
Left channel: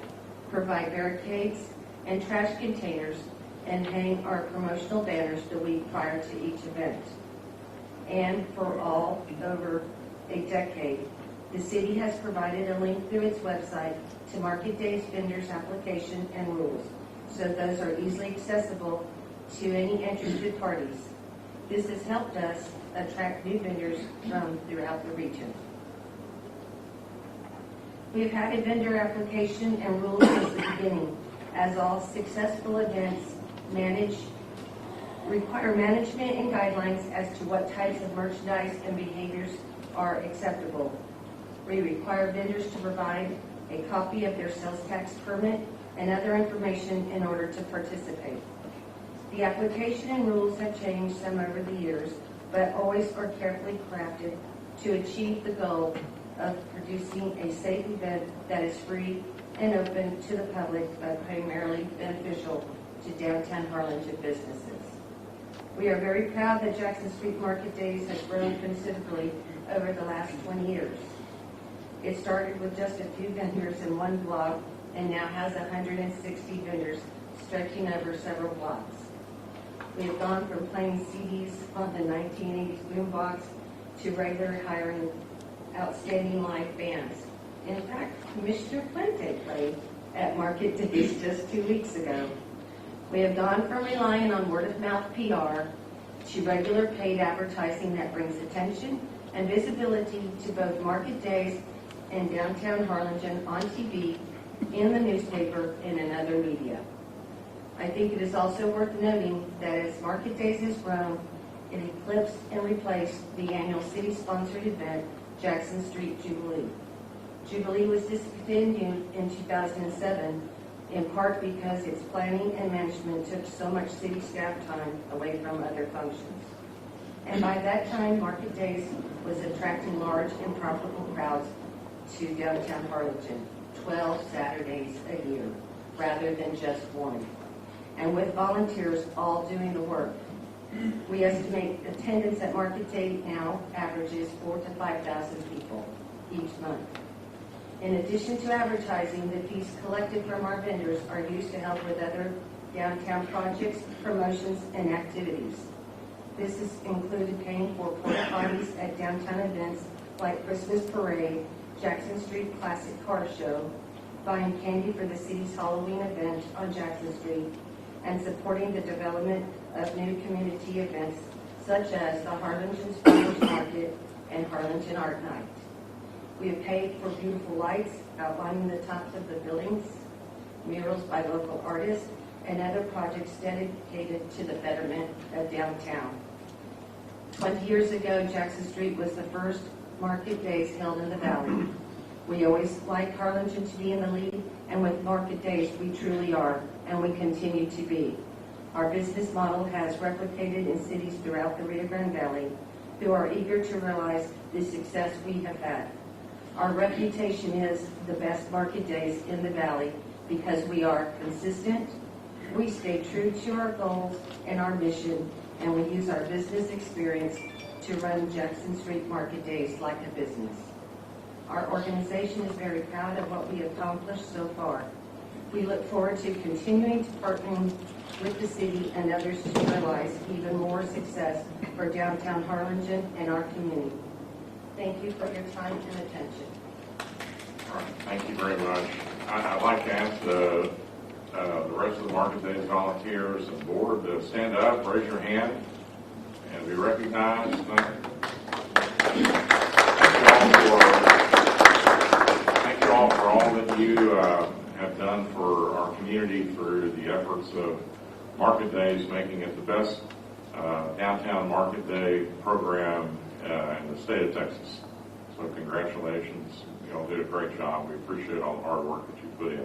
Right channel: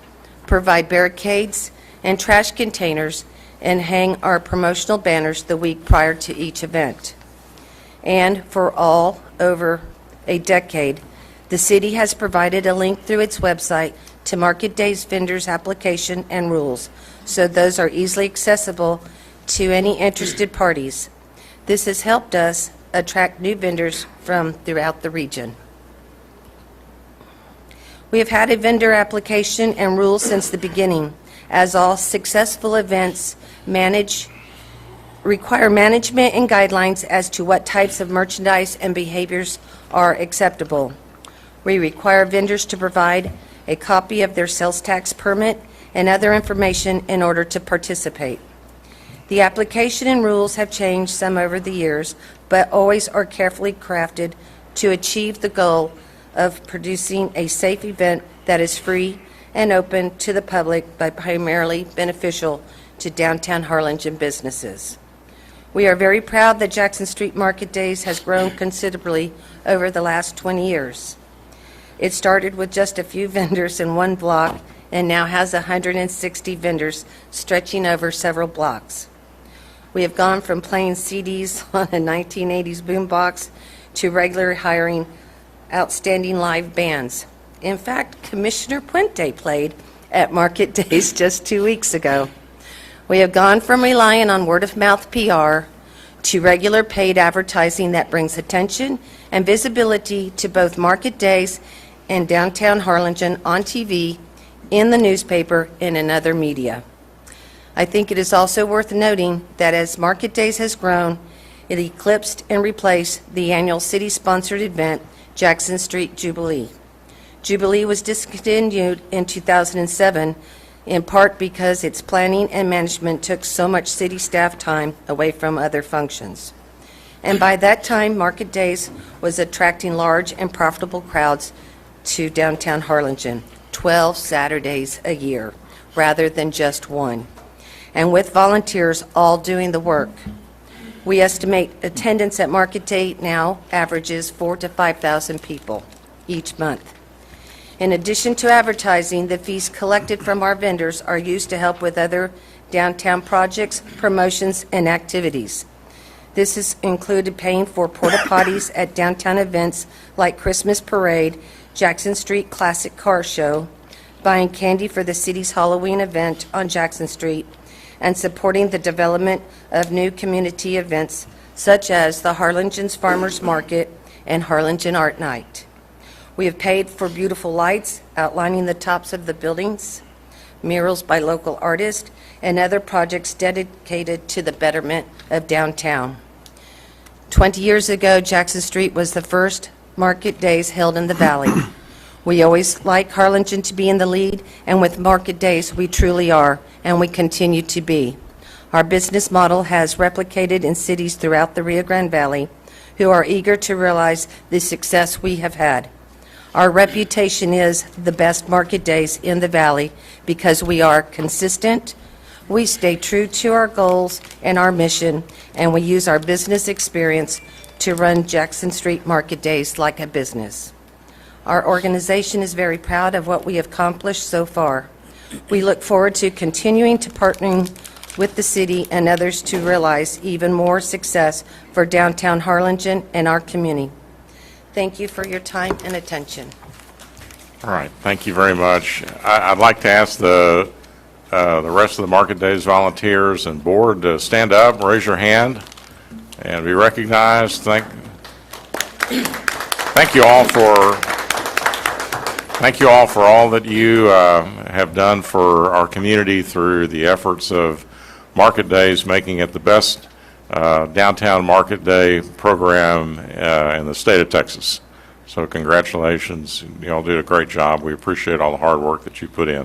provide barricades and trash containers, and hang our promotional banners the week prior to each event. And for all over a decade, the city has provided a link through its website to Market Days vendors' application and rules, so those are easily accessible to any interested parties. This has helped us attract new vendors from throughout the region. We have had a vendor application and rules since the beginning, as all successful events require management and guidelines as to what types of merchandise and behaviors are acceptable. We require vendors to provide a copy of their sales tax permit and other information in order to participate. The application and rules have changed some over the years, but always are carefully crafted to achieve the goal of producing a safe event that is free and open to the public, but primarily beneficial to downtown Harlingen businesses. We are very proud that Jackson Street Market Days has grown considerably over the last 20 years. It started with just a few vendors in one block and now has 160 vendors stretching over several blocks. We have gone from playing CDs on a 1980s boombox to regularly hiring outstanding live bands. In fact, Commissioner Puente played at Market Days just 2 weeks ago. We have gone from relying on word-of-mouth PR to regular paid advertising that brings attention and visibility to both Market Days and downtown Harlingen on TV, in the newspaper, and in other media. I think it is also worth noting that as Market Days has grown, it eclipsed and replaced the annual city-sponsored event, Jackson Street Jubilee. Jubilee was discontinued in 2007, in part because its planning and management took so much city staff time away from other functions. And by that time, Market Days was attracting large and profitable crowds to downtown Harlingen, 12 Saturdays a year, rather than just one, and with volunteers all doing the work. We estimate attendance at Market Day now averages 4,000 to 5,000 people each month. In addition to advertising, the fees collected from our vendors are used to help with other downtown projects, promotions, and activities. This has included paying for porta potties at downtown events like Christmas Parade, Jackson Street Classic Car Show, buying candy for the city's Halloween event on Jackson Street, and supporting the development of new community events such as the Harlingen's Farmers Market and Harlingen Art Night. We have paid for beautiful lights outlining the tops of the buildings, murals by local artists, and other projects dedicated to the betterment of downtown. 20 years ago, Jackson Street was the first Market Days held in the Valley. We always like Harlingen to be in the lead, and with Market Days, we truly are, and we continue to be. Our business model has replicated in cities throughout the Rio Grande Valley who are eager to realize the success we have had. Our reputation is the best Market Days in the Valley because we are consistent, we stay true to our goals and our mission, and we use our business experience to run Jackson Street Market Days like a business. Our organization is very proud of what we have accomplished so far. We look forward to continuing to partner with the city and others to realize even more success for downtown Harlingen and our community. Thank you for your time and attention. All right, thank you very much. I'd like to ask the rest of the Market Days volunteers and board to stand up, raise your hand, and be recognized. Thank you all for all that you have done for our community through the efforts of Market Days, making it the best downtown Market Day program in the state of Texas. So congratulations. You all did a great job. We appreciate all the hard work that you put in.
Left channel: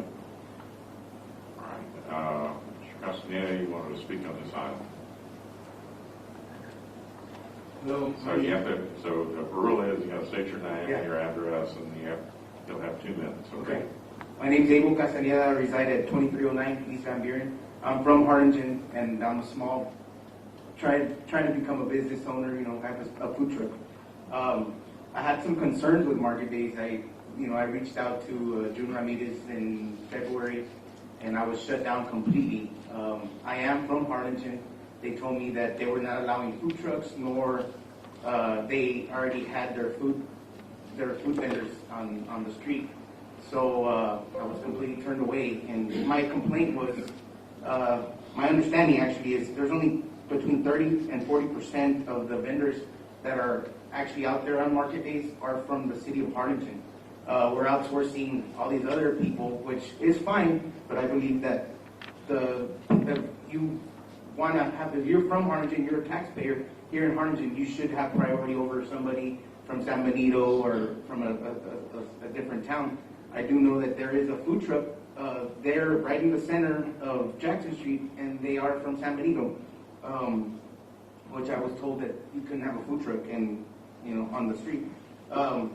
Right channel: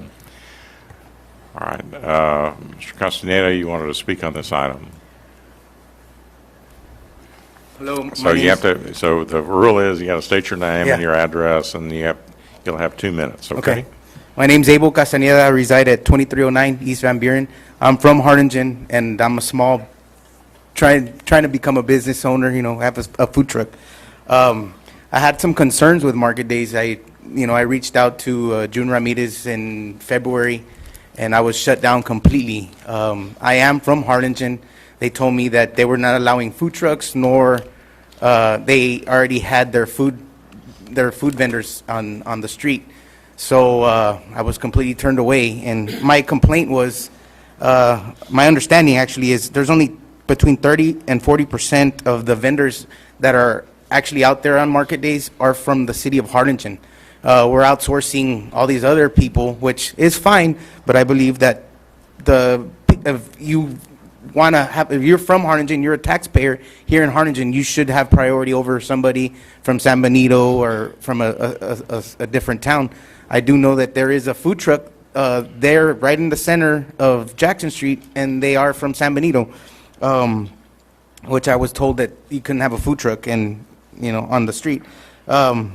All right. Mr. Castaneda, you wanted to speak on this item. Hello. So you have to, so the rule is you got to state your name Yeah. and your address, and you'll have 2 minutes, okay? Okay. My name's Abel Castaneda. I reside at 2309 East Van Buren. I'm from Harlingen, and I'm a small, trying to become a business owner, have a food truck. I had some concerns with market days. I reached out to June Ramirez in February, and I was shut down completely. I am from Harlingen. They told me that they were not allowing food trucks, nor they already had their food vendors on the street. So I was completely turned away. And my complaint was, my understanding actually is there's only between 30 and 40% of the vendors that are actually out there on market days are from the city of Harlingen. We're outsourcing all these other people, which is fine, but I believe that if you're from Harlingen, you're a taxpayer here in Harlingen, you should have priority over somebody from San Benito or from a different town. I do know that there is a food truck there right in the center of Jackson Street, and they are from San Benito, which I was told that you couldn't have a food truck on the street. I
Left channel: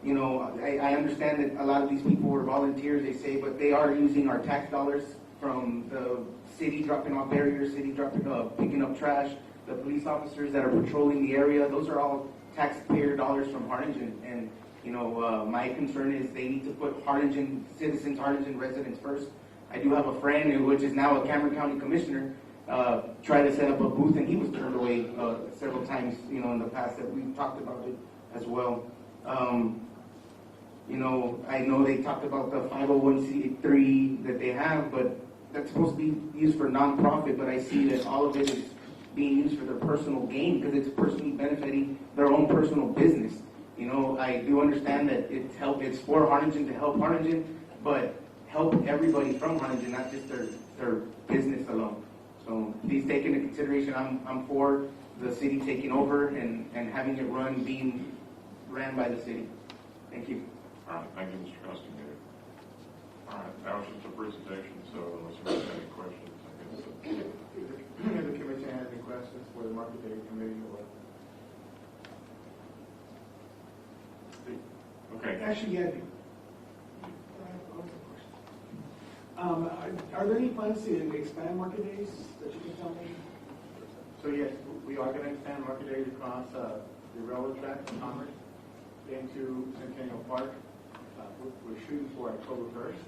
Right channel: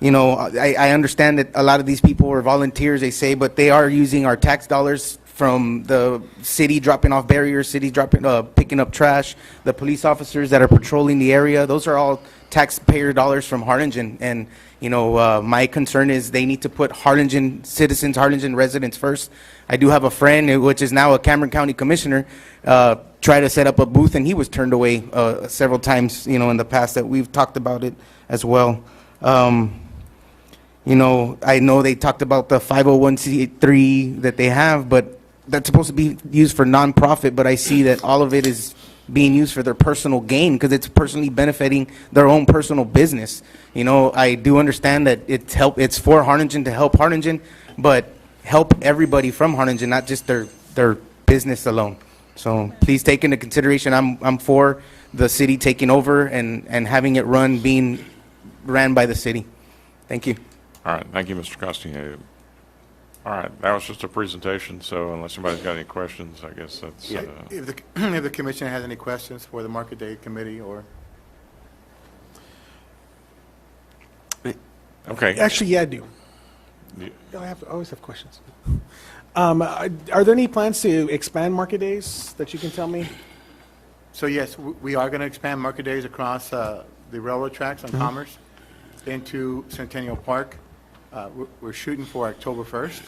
understand that a lot of these people are volunteers, they say, but they are using our tax dollars from the city dropping off barriers, picking up trash, the police officers that are patrolling the area. Those are all taxpayer dollars from Harlingen. And, my concern is they need to put Harlingen citizens, Harlingen residents first. I do have a friend, which is now a Cameron County Commissioner, try to set up a booth, and he was turned away several times, in the past that we've talked about it as well. I know they talked about the 501c3 that they have, but that's supposed to be used for nonprofit, but I see that all of it is being used for their personal gain because it's personally benefiting their own personal business. I do understand that it's for Harlingen to help Harlingen, but help everybody from Harlingen, not just their business alone. So please take into consideration, I'm for the city taking over and having it being ran by the city. Thank you. All right, thank you, Mr. Castaneda. All right, that was just a presentation, so unless somebody's got any questions, I guess that's... If the commission has any questions for the Market Day Committee or... Okay. Actually, yeah, I do. I always have questions. Are there any plans to expand market days that you can tell me? So yes, we are going to expand Market Days across the railroad tracks on Commerce into Centennial Park. We're shooting for October 1st.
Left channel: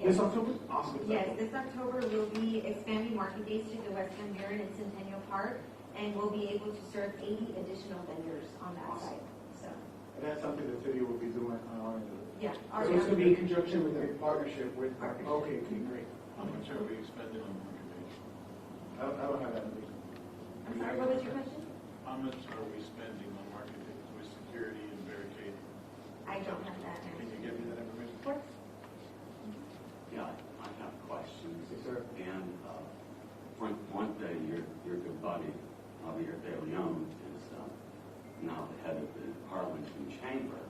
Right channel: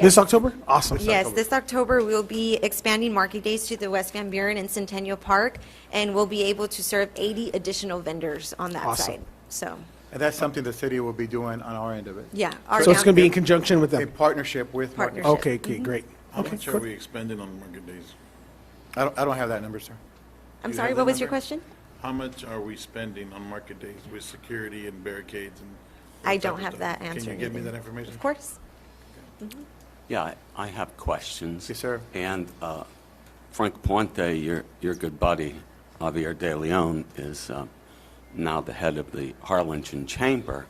This October? Awesome. Yes, this October we'll be expanding Market Days to the West Van Buren and Centennial Park, and we'll be able to serve 80 additional vendors on that side. So. And that's something the city will be doing on our end of it. Yeah. So it's going to be in conjunction with A them? partnership with Market Days. Okay, great. How Okay, much are cool. we expending on market days? I don't have that number, sir. I'm You sorry, have what that was your number? question? How much are we spending on market days with security and barricades? And I that type don't of have stuff? that answer. Can you give me that information? Of course. Yeah, I have questions. Yes, sir. And Frank Puente, your good buddy, Javier De Leon, is now the head of the Harlingen Chamber.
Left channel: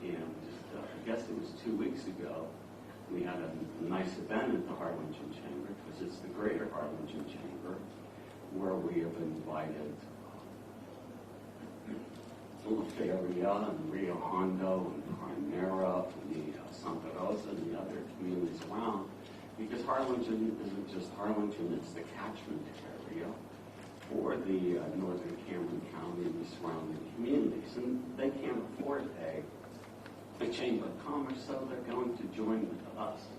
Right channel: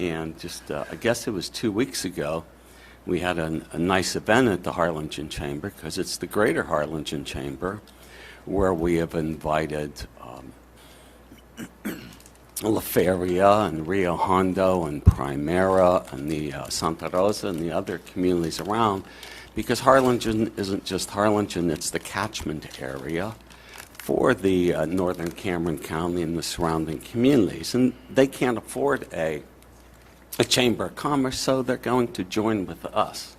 And just, I guess it was 2 weeks ago, we had a nice event at the Harlingen Chamber, because it's the Greater Harlingen Chamber, where we have invited La Feria and Rio Hondo and Primera and the Santa Rosa and the other communities around, because Harlingen isn't just Harlingen, it's the catchment area for the northern Cameron County and the surrounding communities. And they can't afford a Chamber of Commerce, so they're going to join with us.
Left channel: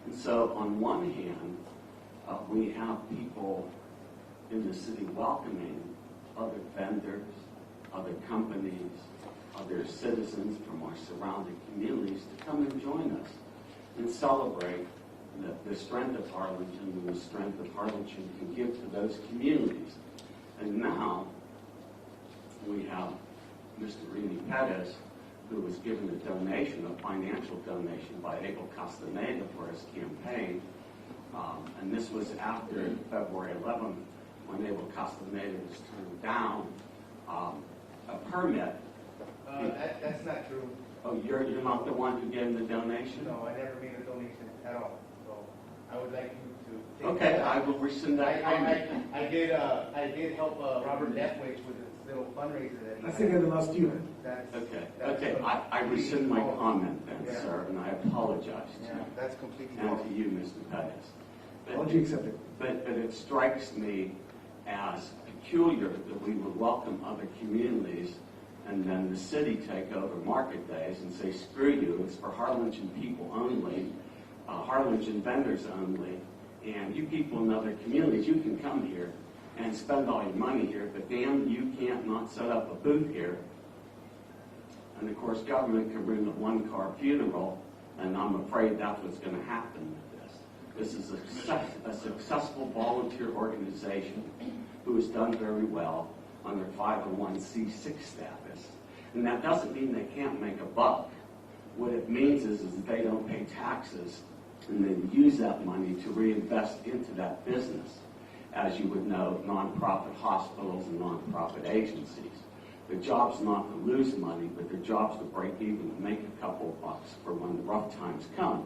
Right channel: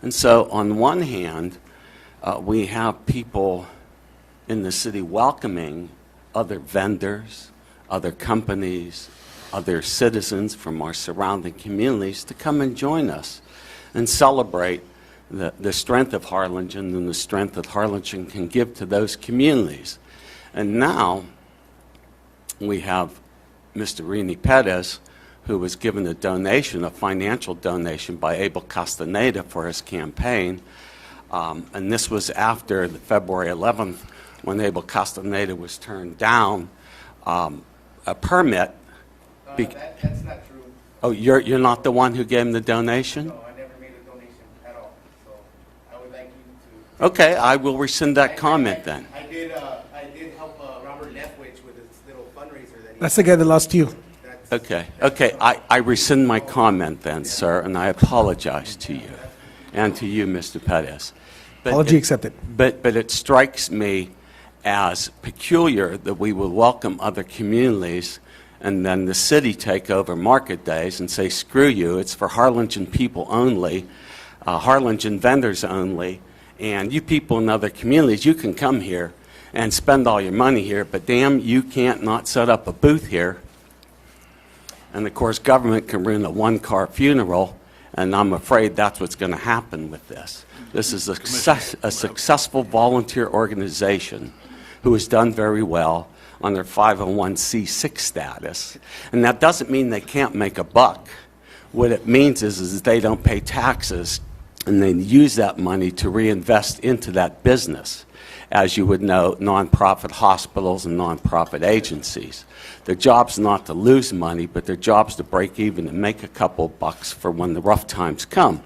And so on one hand, we have people in the city welcoming other vendors, other companies, other citizens from our surrounding communities to come and join us and celebrate the strength of Harlingen and the strength that Harlingen can give to those communities. And now we have Mr. Rini Perez, who was given a donation, a financial donation by Abel Castaneda for his campaign. And this was after the February 11th, when Abel Castaneda was turned down a permit. That's not true. Oh, you're not the one who gave him the donation? No, I never made a donation at all. So I would like you to... Okay, I will rescind that comment then. I did help Robert Lethwich with That's the guy that lost you. Okay, I rescind my comment then, sir, and I apologize to you, and to you, Mr. Pettis. Apology accepted. But it strikes me as peculiar that we will welcome other communities and then the city take over market days and say, screw you, it's for Harlingen people only, Harlingen vendors only, and you people in other communities, you can come here and spend all your money here, but damn, you can't not set up a booth here. And of course, government can ruin a one-car funeral, and I'm afraid that's what's going to happen with this. This is a successful volunteer organization who has done very well on their 501c6 status. And that doesn't mean they can't make a buck. What it means is that they don't pay taxes, and they use that money to reinvest into that business. As you would know, nonprofit hospitals and nonprofit agencies. Their job's not to lose money, but their job's to break even and make a couple bucks for when the rough times come.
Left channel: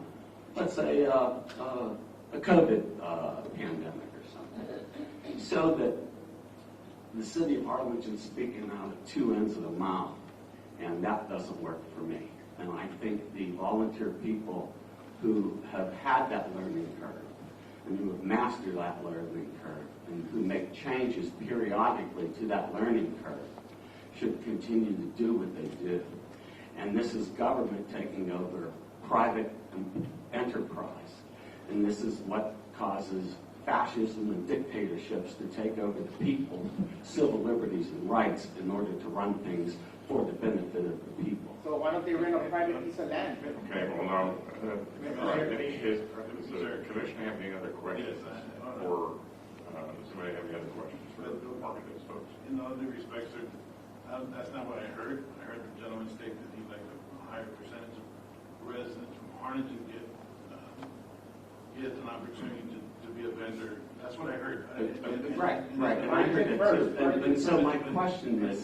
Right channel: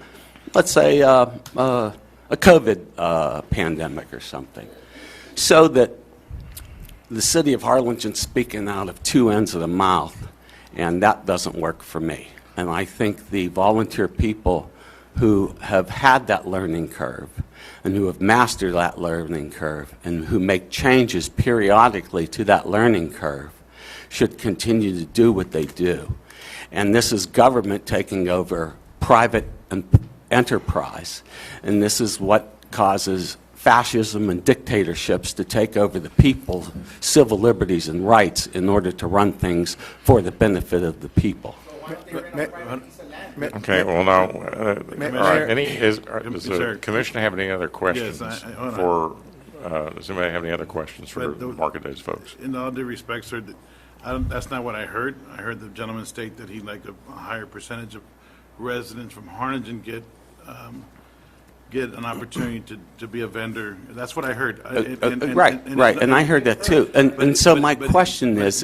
Let's say a COVID pandemic or something. So that the city of Harlingen's speaking out of two ends of the mouth, and that doesn't work for me. And I think the volunteer people who have had that learning curve and who have mastered that learning curve and who make changes periodically to that learning curve should continue to do what they do. And this is government taking over private enterprise, and this is what causes fascism and dictatorships to take over the people's civil liberties and rights in order to run things for the benefit of the people. So why don't they rent a private piece of land? Okay, well, now, all right, does the commission have any other questions Yes, for, does anybody have any other questions for Market Days folks? In all due respect, sir, that's not what I heard. I heard the gentleman state that he'd like a higher percentage of residents from Harlingen get an opportunity to be a vendor. That's what I heard. Right, and I heard that too. And so my question is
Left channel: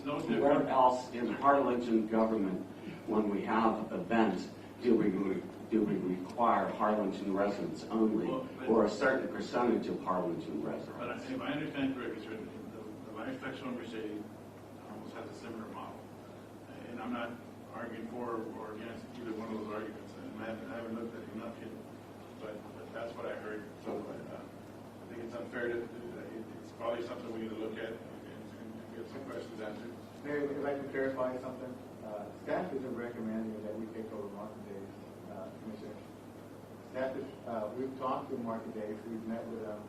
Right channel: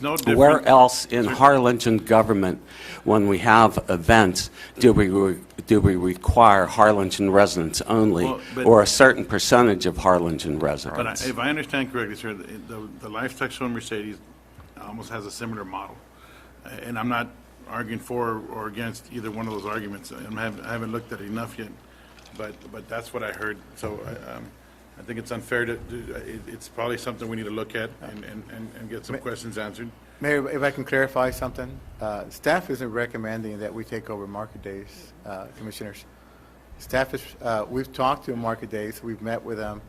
no different. where else in Harlingen government, when we have events, do we require Harlingen residents only, or a certain percentage of Harlingen residents? But if I understand correctly, sir, the Lifestyle Show Mercedes almost has a similar model. And I'm not arguing for or against either one of those arguments. I haven't looked at it enough yet. But that's what I heard. So I think it's unfair to do. It's probably something we need to look at and get some questions answered. Mayor, if I can clarify something, staff isn't recommending that we take over Market Days, commissioners. Staff is, we've talked to Market Days, we've met with them.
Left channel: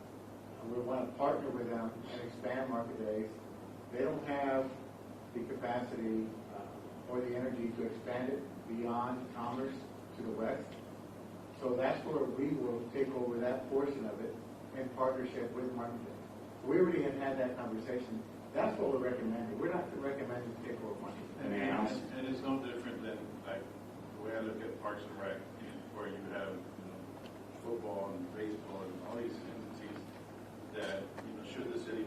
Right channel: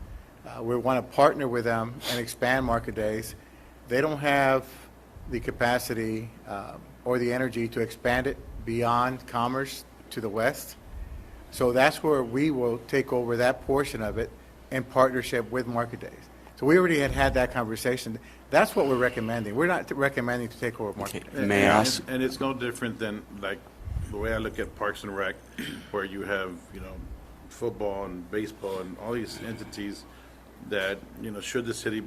We want to partner with them and expand Market Days. They don't have the capacity or the energy to expand it beyond Commerce to the west. So that's where we will take over that portion of it in partnership with Market Days. So we already had that conversation. That's what we're recommending. We're not recommending to take over Market Days. May I ask? And it's no different than like the way I look at Parks and Rec, where you have, football and baseball and all these entities that, should the city,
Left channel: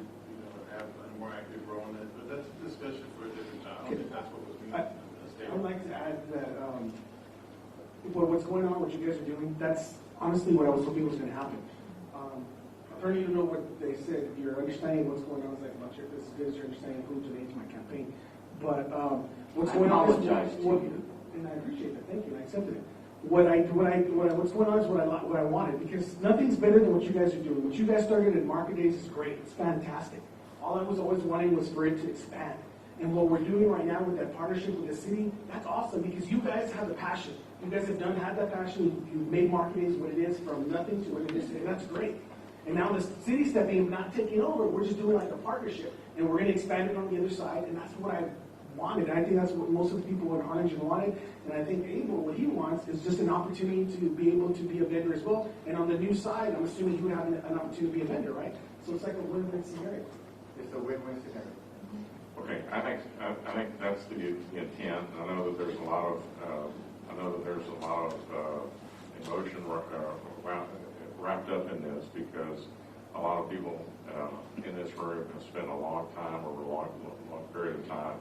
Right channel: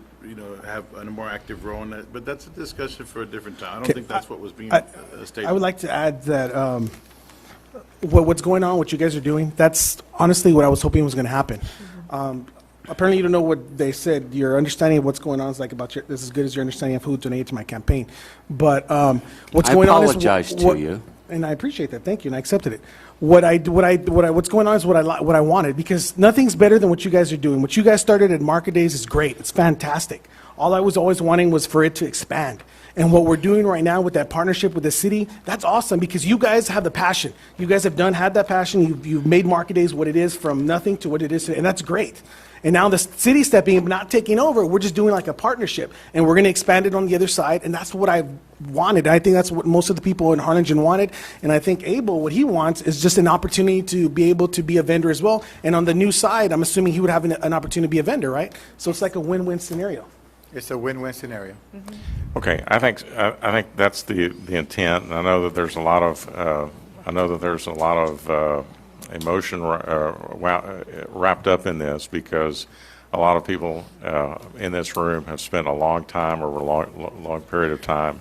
have a more active role in that. But that's a discussion for a different time. I don't think that's what was being stated. I would like to add that what's going on, what you guys are doing, that's honestly what I was hoping was going to happen. Apparently you don't know what they said. Your understanding of what's going on is like about this as good as your understanding of who donated to my campaign. But what's going on is I apologize to you. And I appreciate that. Thank you, and I accepted it. What's going on is what I wanted, because nothing's better than what you guys are doing. What you guys started at Market Days is great. It's fantastic. All I was always wanting was for it to expand. And what we're doing right now with that partnership with the city, that's awesome, because you guys have the passion. You guys have had that passion. You've made Market Days what it is from nothing to what it is today, and that's great. And now the city stepping in, not taking over, we're just doing like a partnership, and we're going to expand it on the other side, and that's what I wanted. I think that's what most of the people in Harlingen wanted, and I think Abel, what he wants is just an opportunity to be able to be a vendor as well. And on the new side, I'm assuming he would have an opportunity to be a vendor, right? So it's like a win-win scenario. It's a win-win scenario. Okay, I think that's the intent, and I know that there's a lot of emotion wrapped up in this, because a lot of people in this room have spent a long time over a long period of time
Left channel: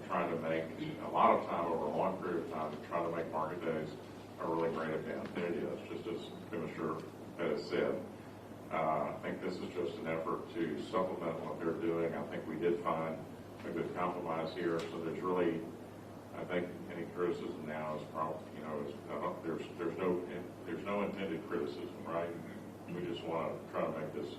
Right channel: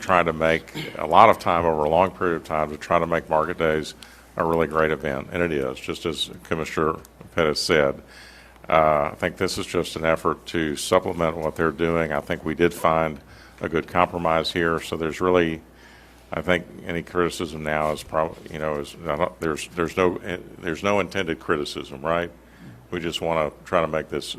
trying to make a lot of time over a long period of time to try to make Market Days a really great event, and it is, just as Commissioner Pettis said. I think this is just an effort to supplement what they're doing. I think we did find a good compromise here. So there's really, I think any criticism now is probably, is there's no intended criticism, right? We just want to try to make this,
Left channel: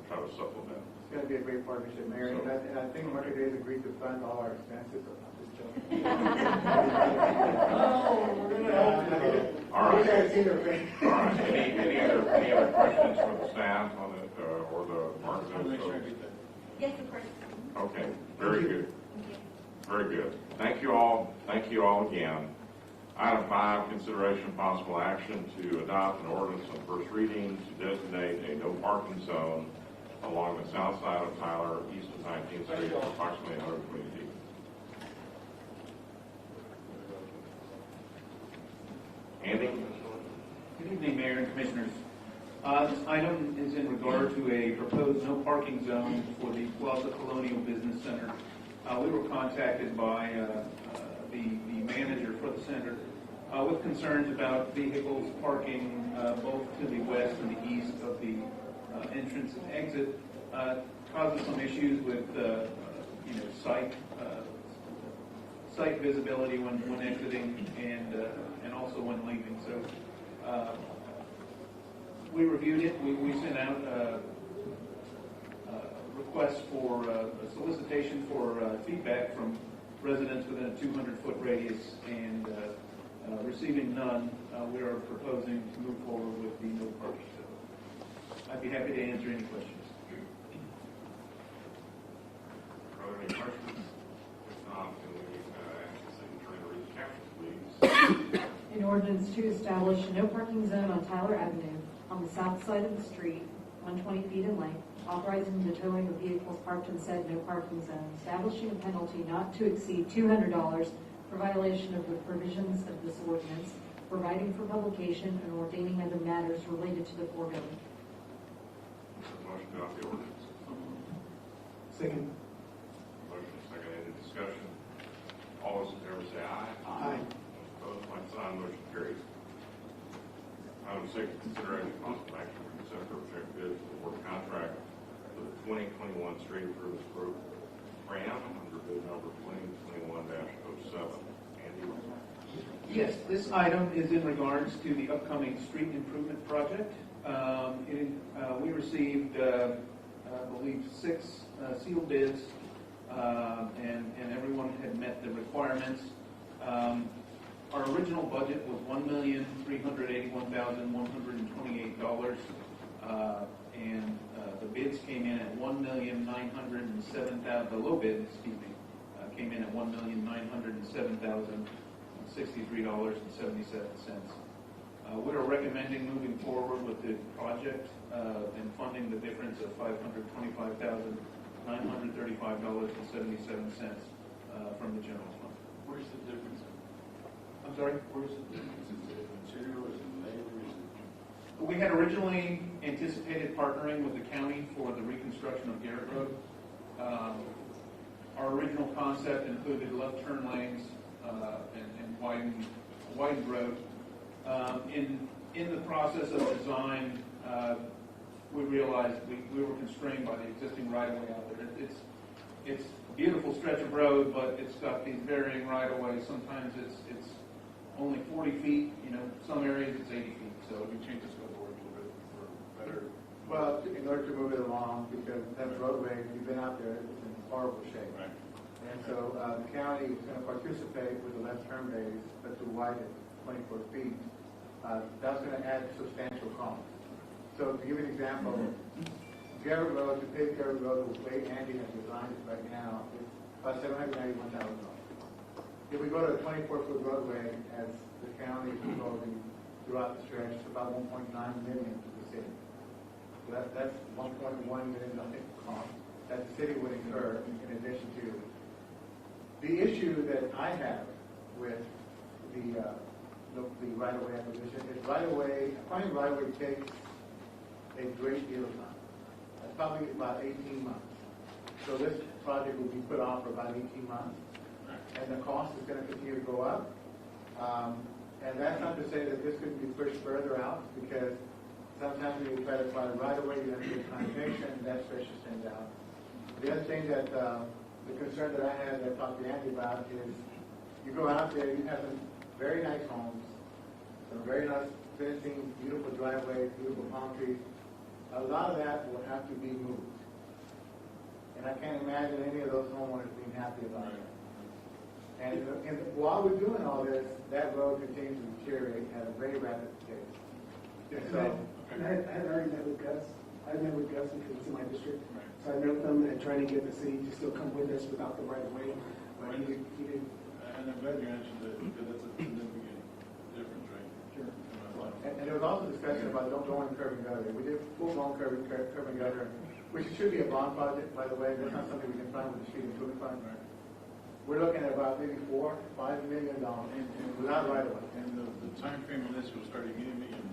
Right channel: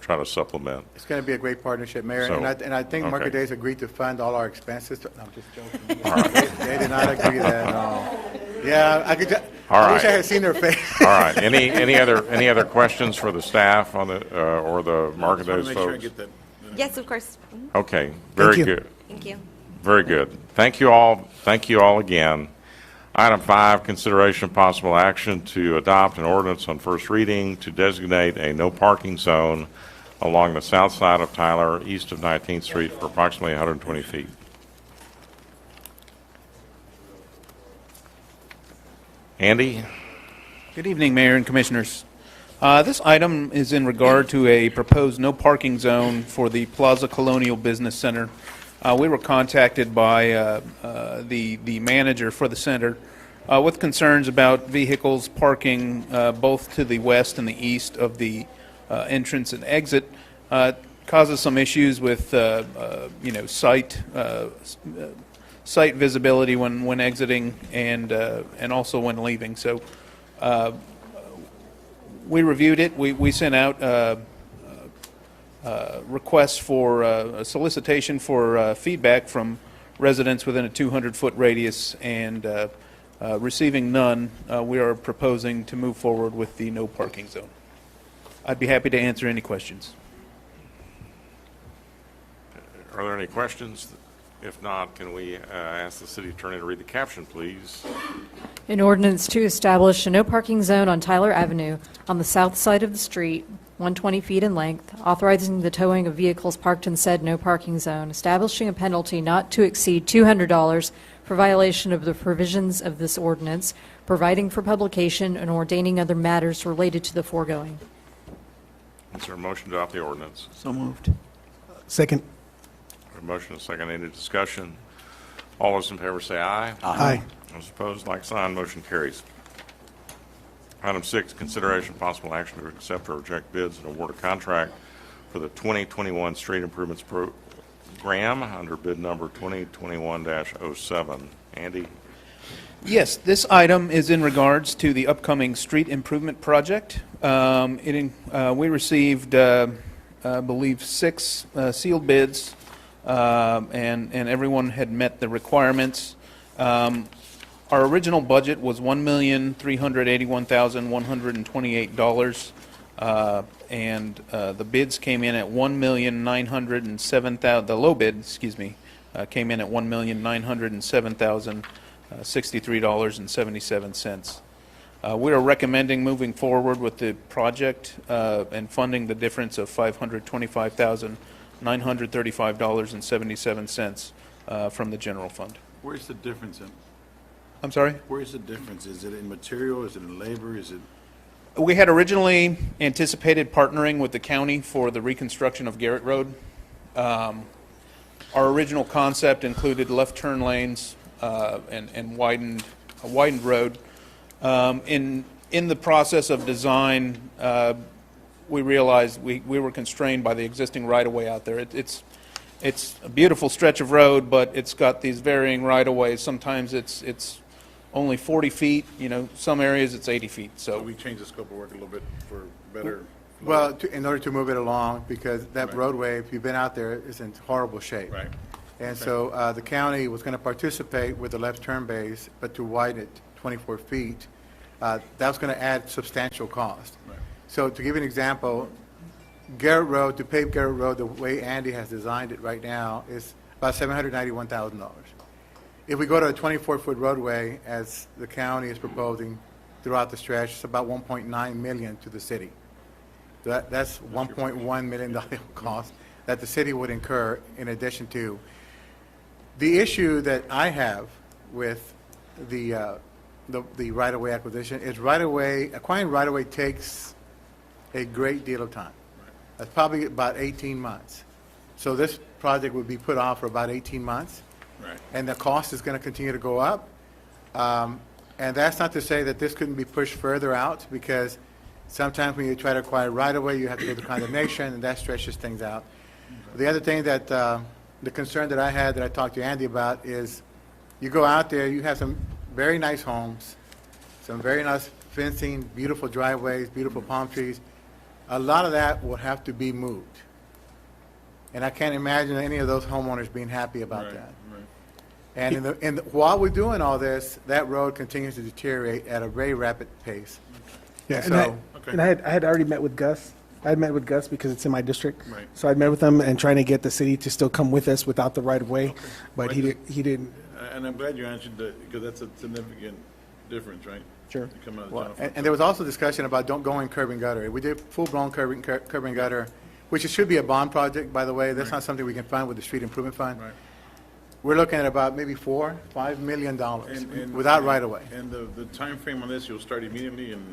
try to supplement. It's going to be a great partnership, Mayor, So, and I think Market okay. Days agreed to fund all our expenses. No, I'm just joking. All right. They did not agree to that. Yeah, I could just, All I wish I right. had seen their face. All right, any other questions for the staff on the, or the Market Days Make sure I folks? get that. Yes, of course. Okay, very you. good. Thank you. Very good. Thank you all again. Item 5, consideration of possible action to adopt an ordinance on first reading to designate a no parking zone along the south side of Tyler, east of 19th Street for approximately 120 feet. Andy? Good evening, Mayor and Commissioners. This item is in regard to a proposed no parking zone for the Plaza Colonial Business Center. We were contacted by the manager for the center with concerns about vehicles parking both to the west and the east of the entrance and exit. Causes some issues with site visibility when exiting and also when leaving. So we reviewed it. We sent out requests for a solicitation for feedback from residents within a 200-foot radius, and receiving none, we are proposing to move forward with the no parking zone. I'd be happy to answer any questions. Are there any questions? If not, can we ask the city attorney to read the caption, please? An ordinance to establish a no parking zone on Tyler Avenue on the south side of the street, 120 feet in length, authorizing the towing of vehicles parked in said no parking zone, establishing a penalty not to exceed $200 for violation of the provisions of this ordinance, providing for publication and ordaining other matters related to the foregoing. Is there a motion to adopt the ordinance? So moved. Second. A motion and a second. Any discussion? All those in favor say aye. Aye. Those opposed, like sign. Motion carries. Item 6, consideration of possible action to accept or reject bids and award a contract for the 2021 Street Improvements Program under bid number 2021-07. Andy? Yes, this item is in regards to the upcoming street improvement project. We received, I believe, 6 sealed bids, and everyone had met the requirements. Our original budget was $1,381,128, and the bids came in at $1,907,000. The low bid, came in at $1,907,063.77. We are recommending moving forward with the project and funding the difference of $525,935.77 from the general fund. Where's the difference in? I'm sorry? Where's the difference? Is it in material? Is it in labor? Is it? We had originally anticipated partnering with the county for the reconstruction of Garrett Road. Our original concept included left turn lanes and a widened road. In the process of design, we realized we were constrained by the existing right-of-way out there. It's a beautiful stretch of road, but it's got these varying right-of-ways. Sometimes it's only 40 feet, some areas it's 80 feet. So So we changed the scope of work a little bit for better. Well, in order to move it along, because that roadway, if you've been out there, is in horrible shape. Right. And so the county was going to participate with the left turn bays, but to widen it 24 feet, that was going to add substantial cost. Right. So to give you an example, Garrett Road, to pave Garrett Road the way Andy has designed it right now, is about $791,000. If we go to a 24-foot roadway, as the county is proposing throughout the stretch, it's about $1.9 million to the city. That's $1.1 million cost that the city would incur in addition to. The issue that I have with the right-of-way acquisition is acquiring right-of-way takes a great deal of time. That's probably about 18 months. So this project would be put off for about 18 months. Right. And the cost is going to continue to go up. And that's not to say that this couldn't be pushed further out, because sometimes when you try to acquire right-of-way, you have to go to condemnation, and that stretches things out. The other thing that the concern that I had, that I talked to Andy about, is you go out there, you have some very nice homes, some very nice fencing, beautiful driveways, beautiful palm trees. A lot of that will have to be moved. And I can't imagine any of those homeowners being happy about that. And while we're doing all this, that road continues to deteriorate at a very rapid pace. Yeah, And and I, so- and I had already met with Gus. I had met with Gus because it's in my district. Right. So I'd met with him and trying to get the city to still come with us without the right of way, but he didn't. And I'm glad you answered that, because that's a significant difference, right? Sure. Come out of Well, general and fund. there was also discussion about don't going curb and gutter. We did full-blown curb and gutter, which it should be a bond project, by the way. That's not something we can find with the street improvement fund. Right. We're looking at about maybe $4-5 million without right-of-way. And the timeframe on this, you'll start immediately, and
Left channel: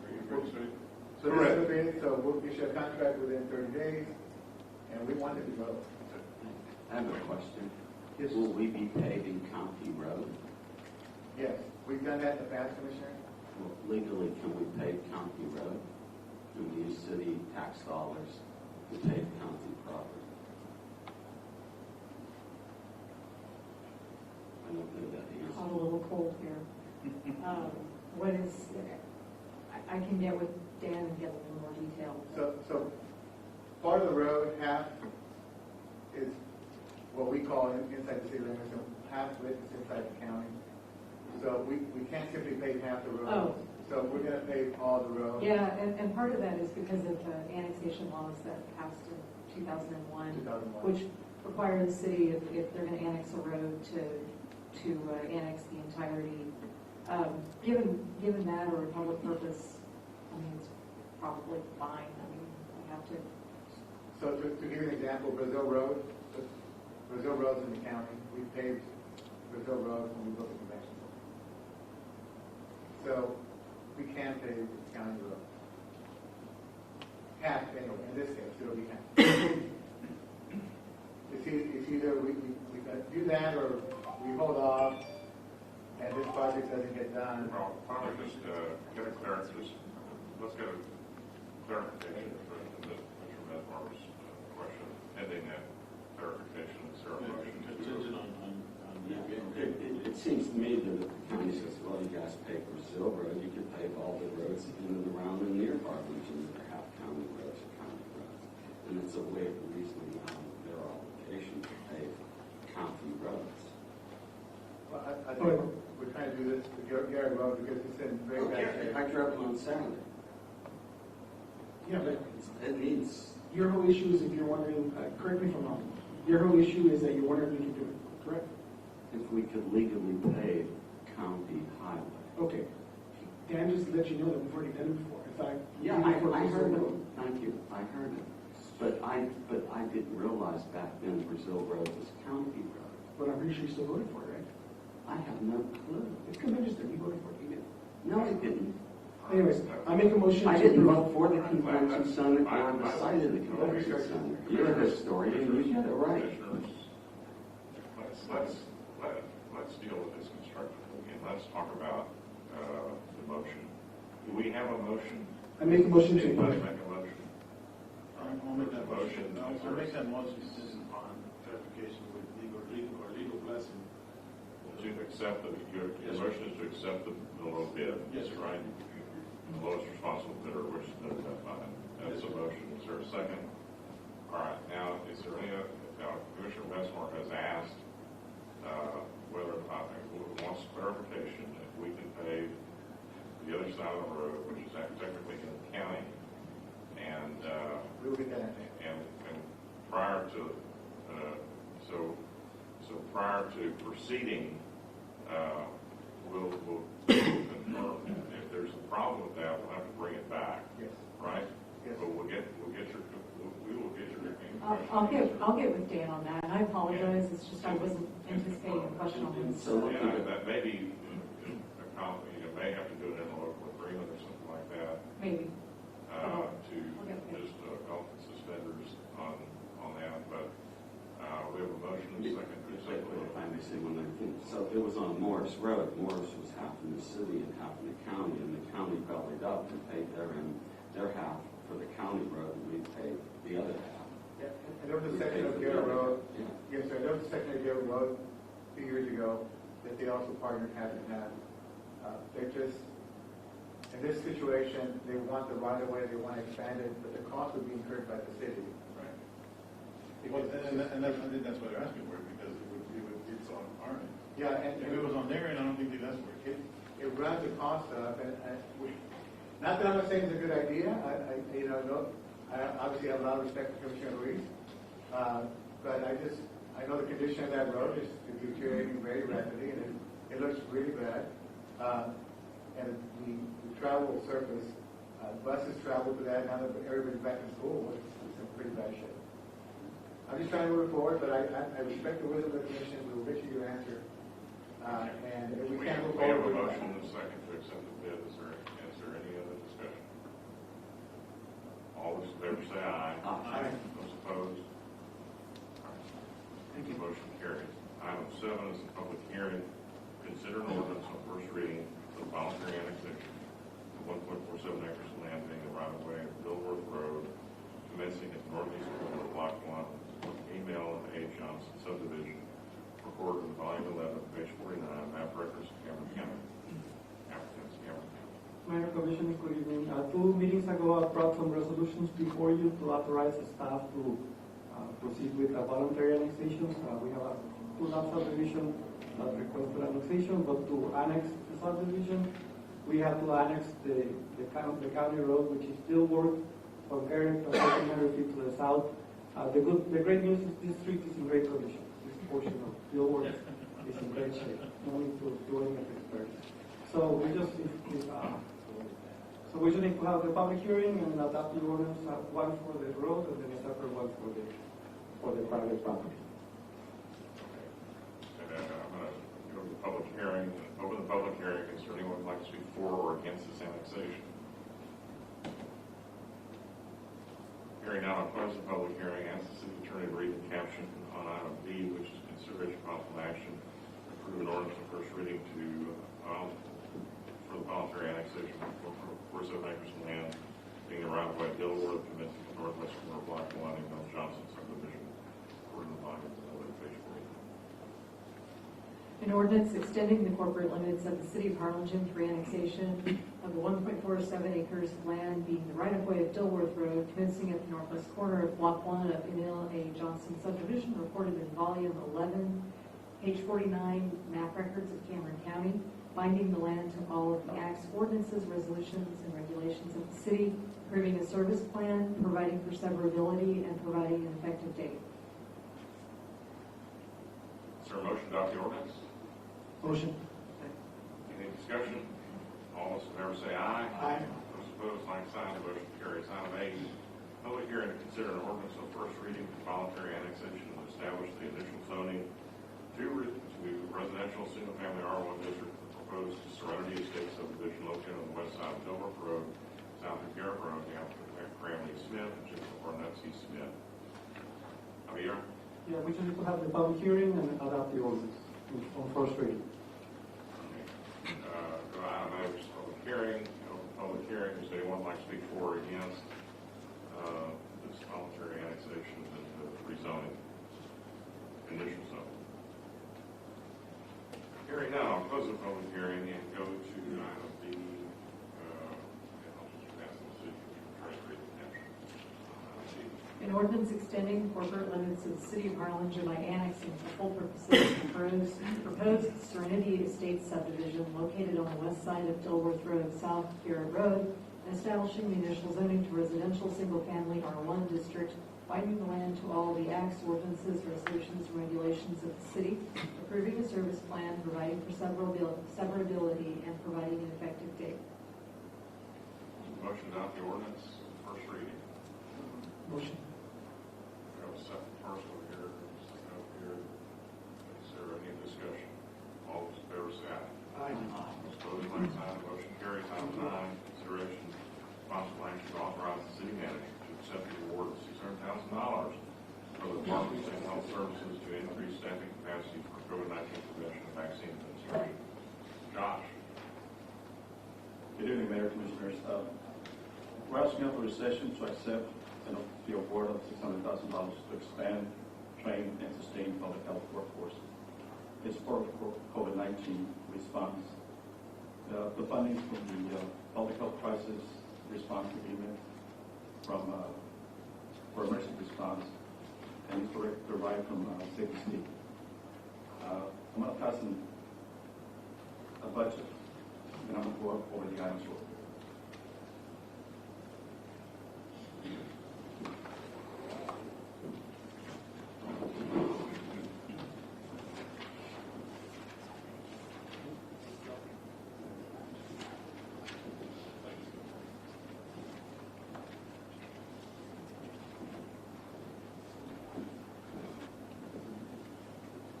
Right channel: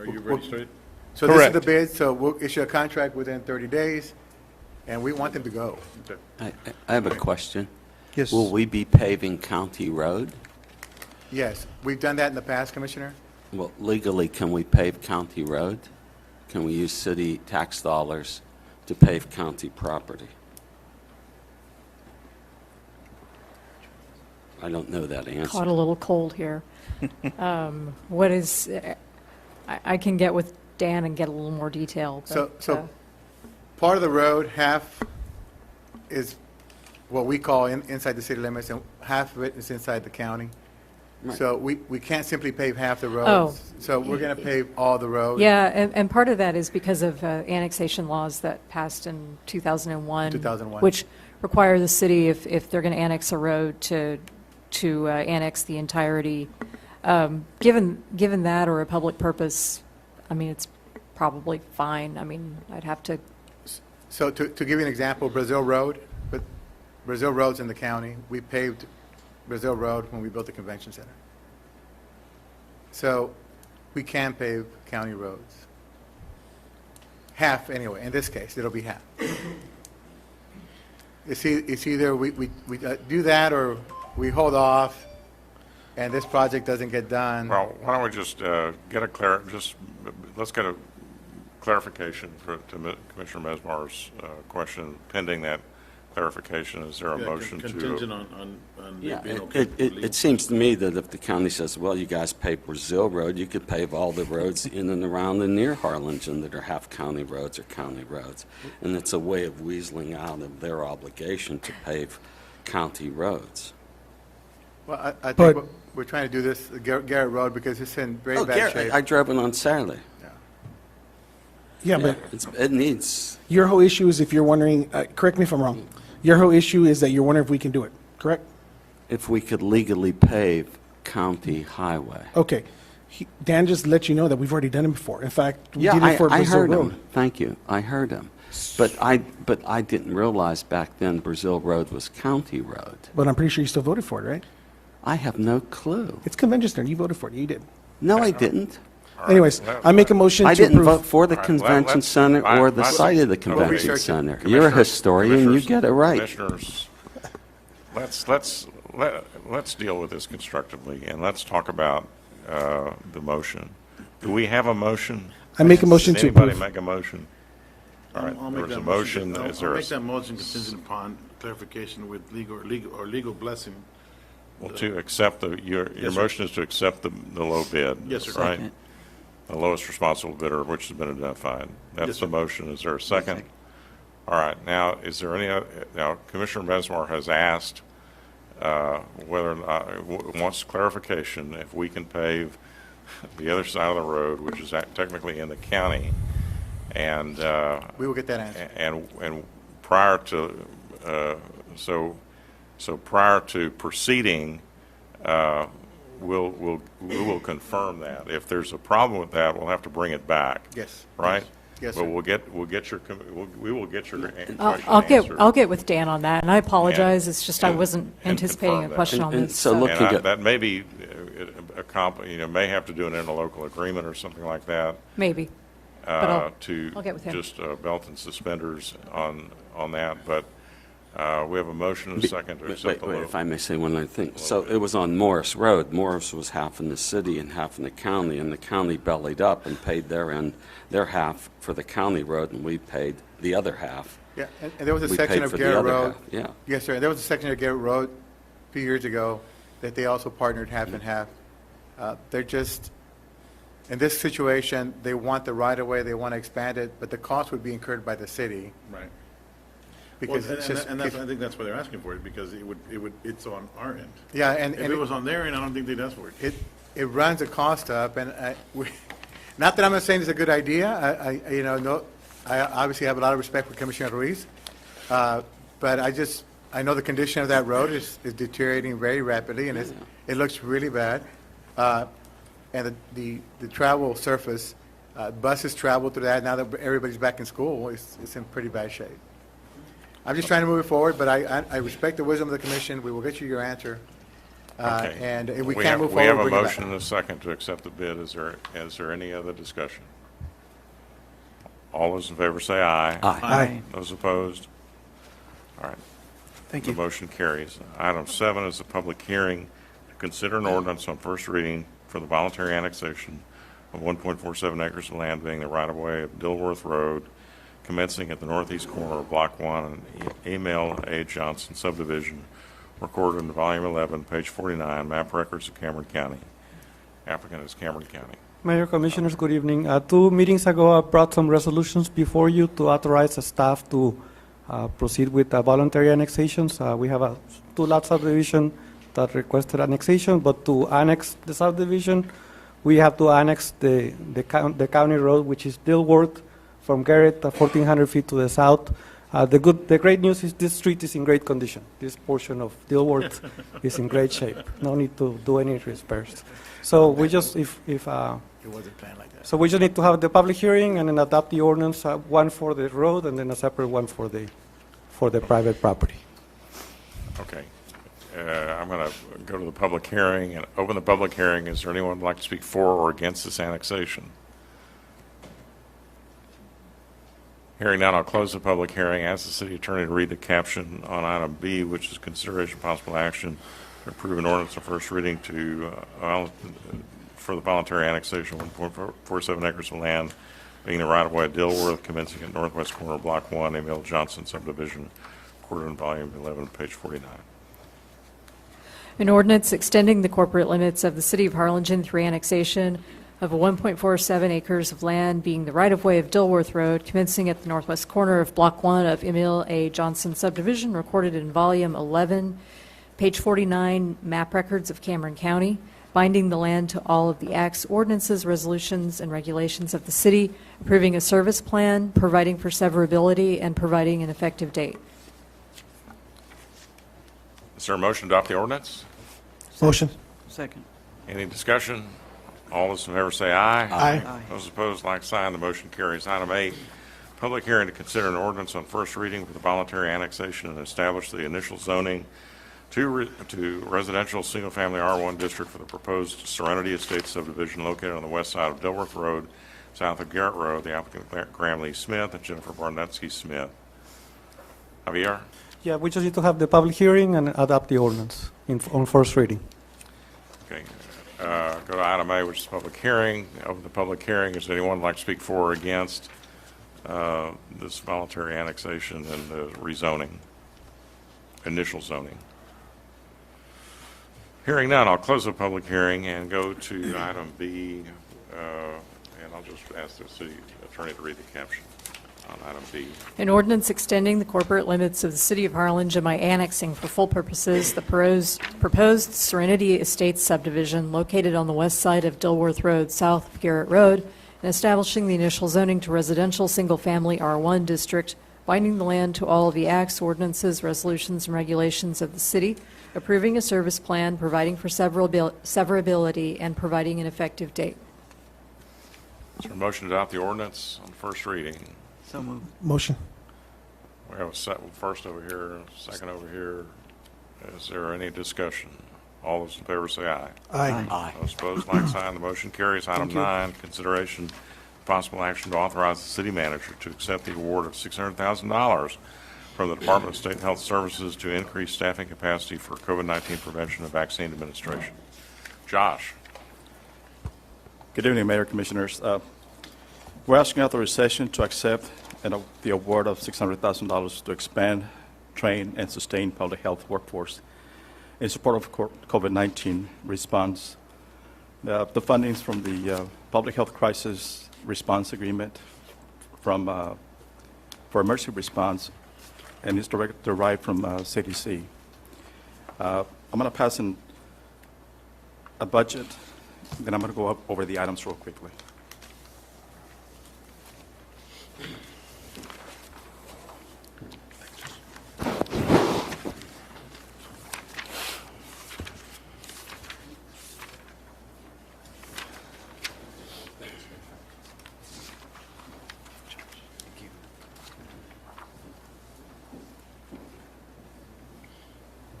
are you ready to start? So this is the bid, so we'll issue a contract within 30 days, and we want them to go. Okay. I have a question. Yes. Will we be paving county road? Yes, we've done that in the past, Commissioner. Well, legally, can we pave county road? Can we use city tax dollars to pave county property? I don't know that answer. Caught a little cold here. What is, I can get with Dan and get a little more detail. So part of the road, half is what we call inside the city limits, and half of it is inside the county. Right. So we can't simply pave half the roads. Oh. So we're going to pave all the roads. Yeah, and part of that is because of annexation laws that passed in 2001. 2001. Which require the city, if they're going to annex a road, to annex the entirety. Given that or a public purpose, I mean, it's probably fine. I mean, I'd have to, So to give you an example, Brazil Road, but Brazil Road's in the county. We paved Brazil Road when we built the convention center. So we can pave county roads. Half, anyway, in this case, it'll be half. It's either we do that or we hold off and this project doesn't get done. Well, why don't we just let's get a clarification to Commissioner Mesmar's question. Pending that clarification, is there a motion to? Contingent on Yeah, being okay. it seems to me that if the county says, well, you guys pave Brazil Road, you could pave all the roads in and around and near Harlingen that are half county roads or county roads. And it's a way of weaseling out of their obligation to pave county roads. Well, I think But- we're trying to do this, Garrett Road, because it's in very Oh, bad Garrett, shape. I drove it on Saturday. Yeah, but It needs, your whole issue is if you're wondering, correct me if I'm wrong, your whole issue is that you're wondering if we can do it, correct? if we could legally pave county highway. Okay. Dan just let you know that we've already done it before. In fact, we did Yeah, it for I Brazil heard Road. him. Thank you. I heard him. But I didn't realize back then Brazil Road was county road. But I'm pretty sure you still voted for it, right? I have no clue. It's convention center. You voted for it. You did. No, I didn't. Anyways, I make a motion to I didn't approve. vote for the All right, convention let's- center or the let's- site of the let's convention research it. center. You're a historian, you get it right. Commissioners, let's deal with this constructively, and let's talk about the motion. Do we have a motion? I make a motion Does to anybody approve. make a motion? All right, I'll make there's a that motion. I'll Is there I'll a? make that motion contingent upon clarification with legal blessing. Well, to accept your Yes, sir. motion is to accept the low bid. Yes, sir. Right? The lowest responsible bidder, which has been identified. That's Yes, the sir. motion. Is there a second? All right, now, is there any, now, Commissioner Mesmar has asked whether or not, wants clarification if we can pave the other side of the road, which is technically in the county, and We will get that answer. and prior to, so prior to proceeding, we will confirm that. If there's a problem with that, we'll have to bring it back. Yes. Right? Yes, But sir. we will get your question I'll get with Dan on that, and I apologize. It's just I wasn't and anticipating a confirm that. question on And this. so look- And that may be may have to do an interlocal agreement or something like that. Maybe. But I'll get with him. Just belt and suspenders on that, but we have a motion and a second to accept the Wait, low. if I may say one other thing. So it was on Morris Road. Morris was half in the city and half in the county, and the county bellied up and paid their half for the county road, and we paid the other half Yeah, and there was a We section paid of for the Garrett other Road. guy, yeah. Yes, sir. There was a section of Garrett Road a few years ago that they also partnered half and half. They're just, in this situation, they want the right-of-way, they want to expand it, but the cost would be incurred by the city. Right. Because Well, it's just. and that's, I think that's why they're asking for it, because it's on our end. Yeah, and. If it was on their end, I don't think they'd ask for it. It runs the cost up, and not that I'm not saying it's a good idea. I obviously have a lot of respect for Commissioner Ruiz, but I know the condition of that road is deteriorating very rapidly, and it looks really bad. And the travel surface, buses travel through that. Now that everybody's back in school, it's in pretty bad shape. I'm just trying to move it forward, but I respect the wisdom of the commission. We will get you your answer. Okay. And if we can't move We have forward, a bring it back. motion and a second to accept the bid. Is there any other discussion? All those in favor say aye. Aye. Aye. Those opposed? All right. Thank you. The motion carries. Item 7 is a public hearing to consider an ordinance on first reading for the voluntary annexation of 1.47 acres of land being the right-of-way of Dilworth Road, commencing at the northeast corner of Block 1 and Emil A. Johnson subdivision, recorded in volume 11, page 49, map records of Cameron County. Applicant is Cameron County. Mayor, Commissioners, good evening. 2 meetings ago, I brought some resolutions before you to authorize the staff to proceed with voluntary annexations. We have a 2-lot subdivision that requested annexation, but to annex the subdivision, we have to annex the county road, which is Dilworth, from Garrett, 1,400 feet to the south. The great news is this street is in great condition. This portion of Dilworth is in great shape. No need to do any repairs. So we just, It wasn't planned like that. so we just need to have the public hearing and then adopt the ordinance, one for the road and then a separate one for the private property. Okay. I'm going to go to the public hearing and open the public hearing. Is there anyone who'd like to speak for or against this annexation? Hearing none, I'll close the public hearing. Ask the city attorney to read the caption on item B, which is consideration of possible action to approve an ordinance on first reading for the voluntary annexation of 1.47 acres of land being the right-of-way of Dilworth, commencing at northwest corner of Block 1, Emil Johnson subdivision, recorded in volume 11, page 49. An ordinance extending the corporate limits of the city of Harlingen through annexation of 1.47 acres of land being the right-of-way of Dilworth Road, commencing at the northwest corner of Block 1 of Emil A. Johnson subdivision, recorded in volume 11, page 49, map records of Cameron County, binding the land to all of the acts, ordinances, resolutions, and regulations of the city, approving a service plan, providing for severability, and providing an effective date. Is there a motion to adopt the ordinance? Motion. Second. Any discussion? All those in favor say aye. Aye. Those opposed, like sign. The motion carries. Item 8, public hearing to consider an ordinance on first reading for the voluntary annexation and establish the initial zoning to residential single-family R1 district for the proposed Serenity Estates subdivision located on the west side of Dilworth Road, south of Garrett Road. The applicant Graham Lee Smith and Jennifer Barnetsky Smith. Javier? Yeah, we just need to have the public hearing and adopt the ordinance on first reading. Okay. Go to item A, which is public hearing. Open the public hearing. Is anyone like to speak for or against this voluntary annexation and the rezoning, initial zoning? Hearing none, I'll close the public hearing and go to item B, and I'll just ask the city attorney to read the caption on item B. An ordinance extending the corporate limits of the city of Harlingen by annexing for full purposes the proposed Serenity Estates subdivision located on the west side of Dilworth Road, south of Garrett Road, and establishing the initial zoning to residential single-family R1 district, binding the land to all of the acts, ordinances, resolutions, and regulations of the city, approving a service plan, providing for severability, and providing an effective date. Is there a motion to adopt the ordinance on first reading? So moved. Motion. We have a first over here, second over here. Is there any discussion? All those in favor say aye. Aye. Those opposed, like sign. The motion carries. Item 9, consideration possible action to authorize the city manager to accept the award of $600,000 from the Department of State and Health Services to increase staffing capacity for COVID-19 prevention and vaccine administration. Josh. Good evening, Mayor, Commissioners. We're asking authorization to accept and the award of $600,000 to expand, train, and sustain public health workforce in support of COVID-19 response. The fundings from the Public Health Crisis Response Agreement for emergency response, and is derived from CDC. I'm going to pass a budget, then I'm going to go over the items real quickly.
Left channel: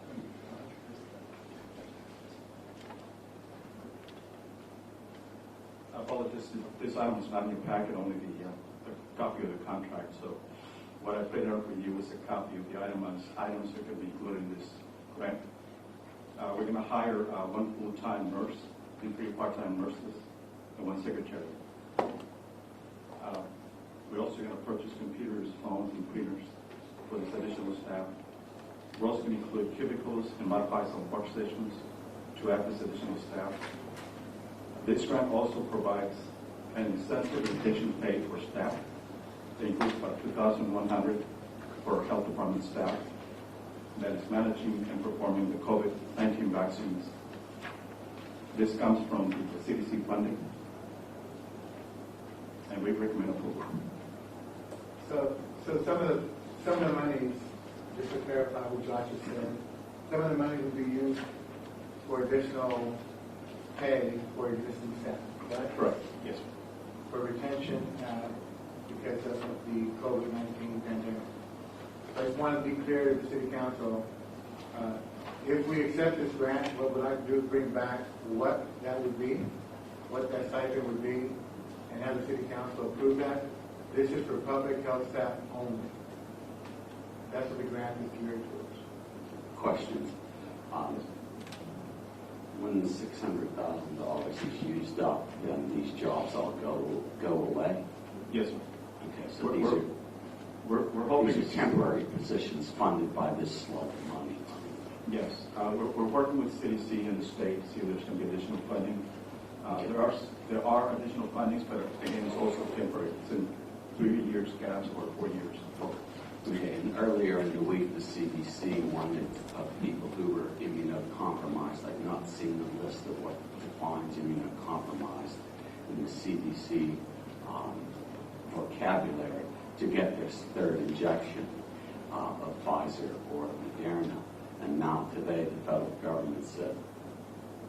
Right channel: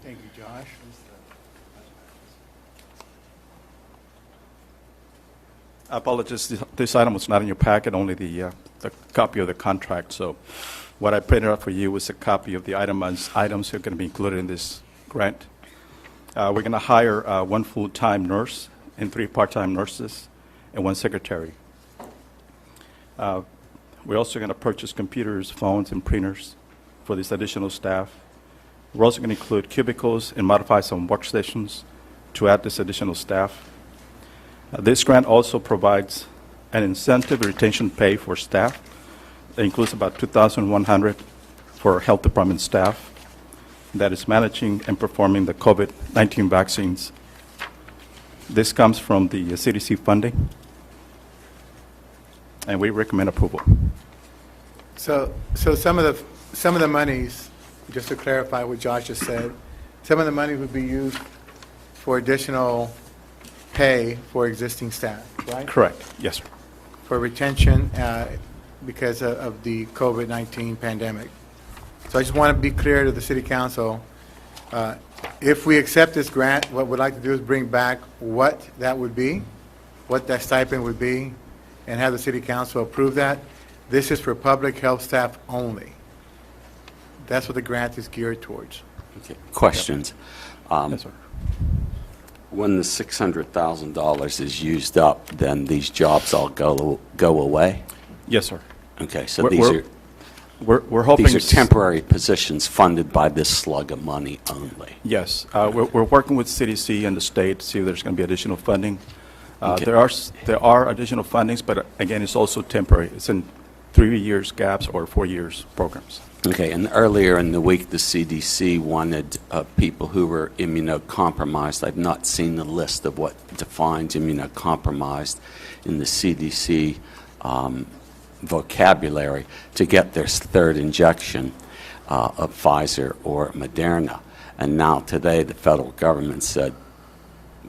Thank you, Josh. Apologies, this item was not in your packet, only the copy of the contract. So what I printed out for you was a copy of the items that are going to be included in this grant. We're going to hire one full-time nurse and 3 part-time nurses and 1 secretary. We're also going to purchase computers, phones, and printers for this additional staff. We're also going to include cubicles and modify some workstations to add this additional staff. This grant also provides an incentive retention pay for staff. That includes about $2,100 for health department staff that is managing and performing the COVID-19 vaccines. This comes from the CDC funding, and we recommend approval. So some of the monies, just to clarify what Josh just said, some of the money would be used for additional pay for existing staff, right? Correct. Yes, sir. For retention because of the COVID-19 pandemic. So I just want to be clear to the City Council, if we accept this grant, what we'd like to do is bring back what that would be, what that stipend would be, and have the City Council approve that. This is for public health staff only. That's what the grant is geared towards. Okay. Questions? Yes, sir. When the $600,000 is used up, then these jobs all go away? Yes, sir. Okay, so we're hoping these are temporary positions funded by this slug of money only. Yes, we're working with CDC and the state to see if there's going to be additional funding. Okay. There are additional fundings, but again, it's also temporary. It's in 3 years gaps or 4 years programs. Okay, and earlier in the week, the CDC wanted people who were immunocompromised. I've not seen the list of what defines immunocompromised in the CDC vocabulary to get their 3rd injection of Pfizer or Moderna. And now today, the federal government said,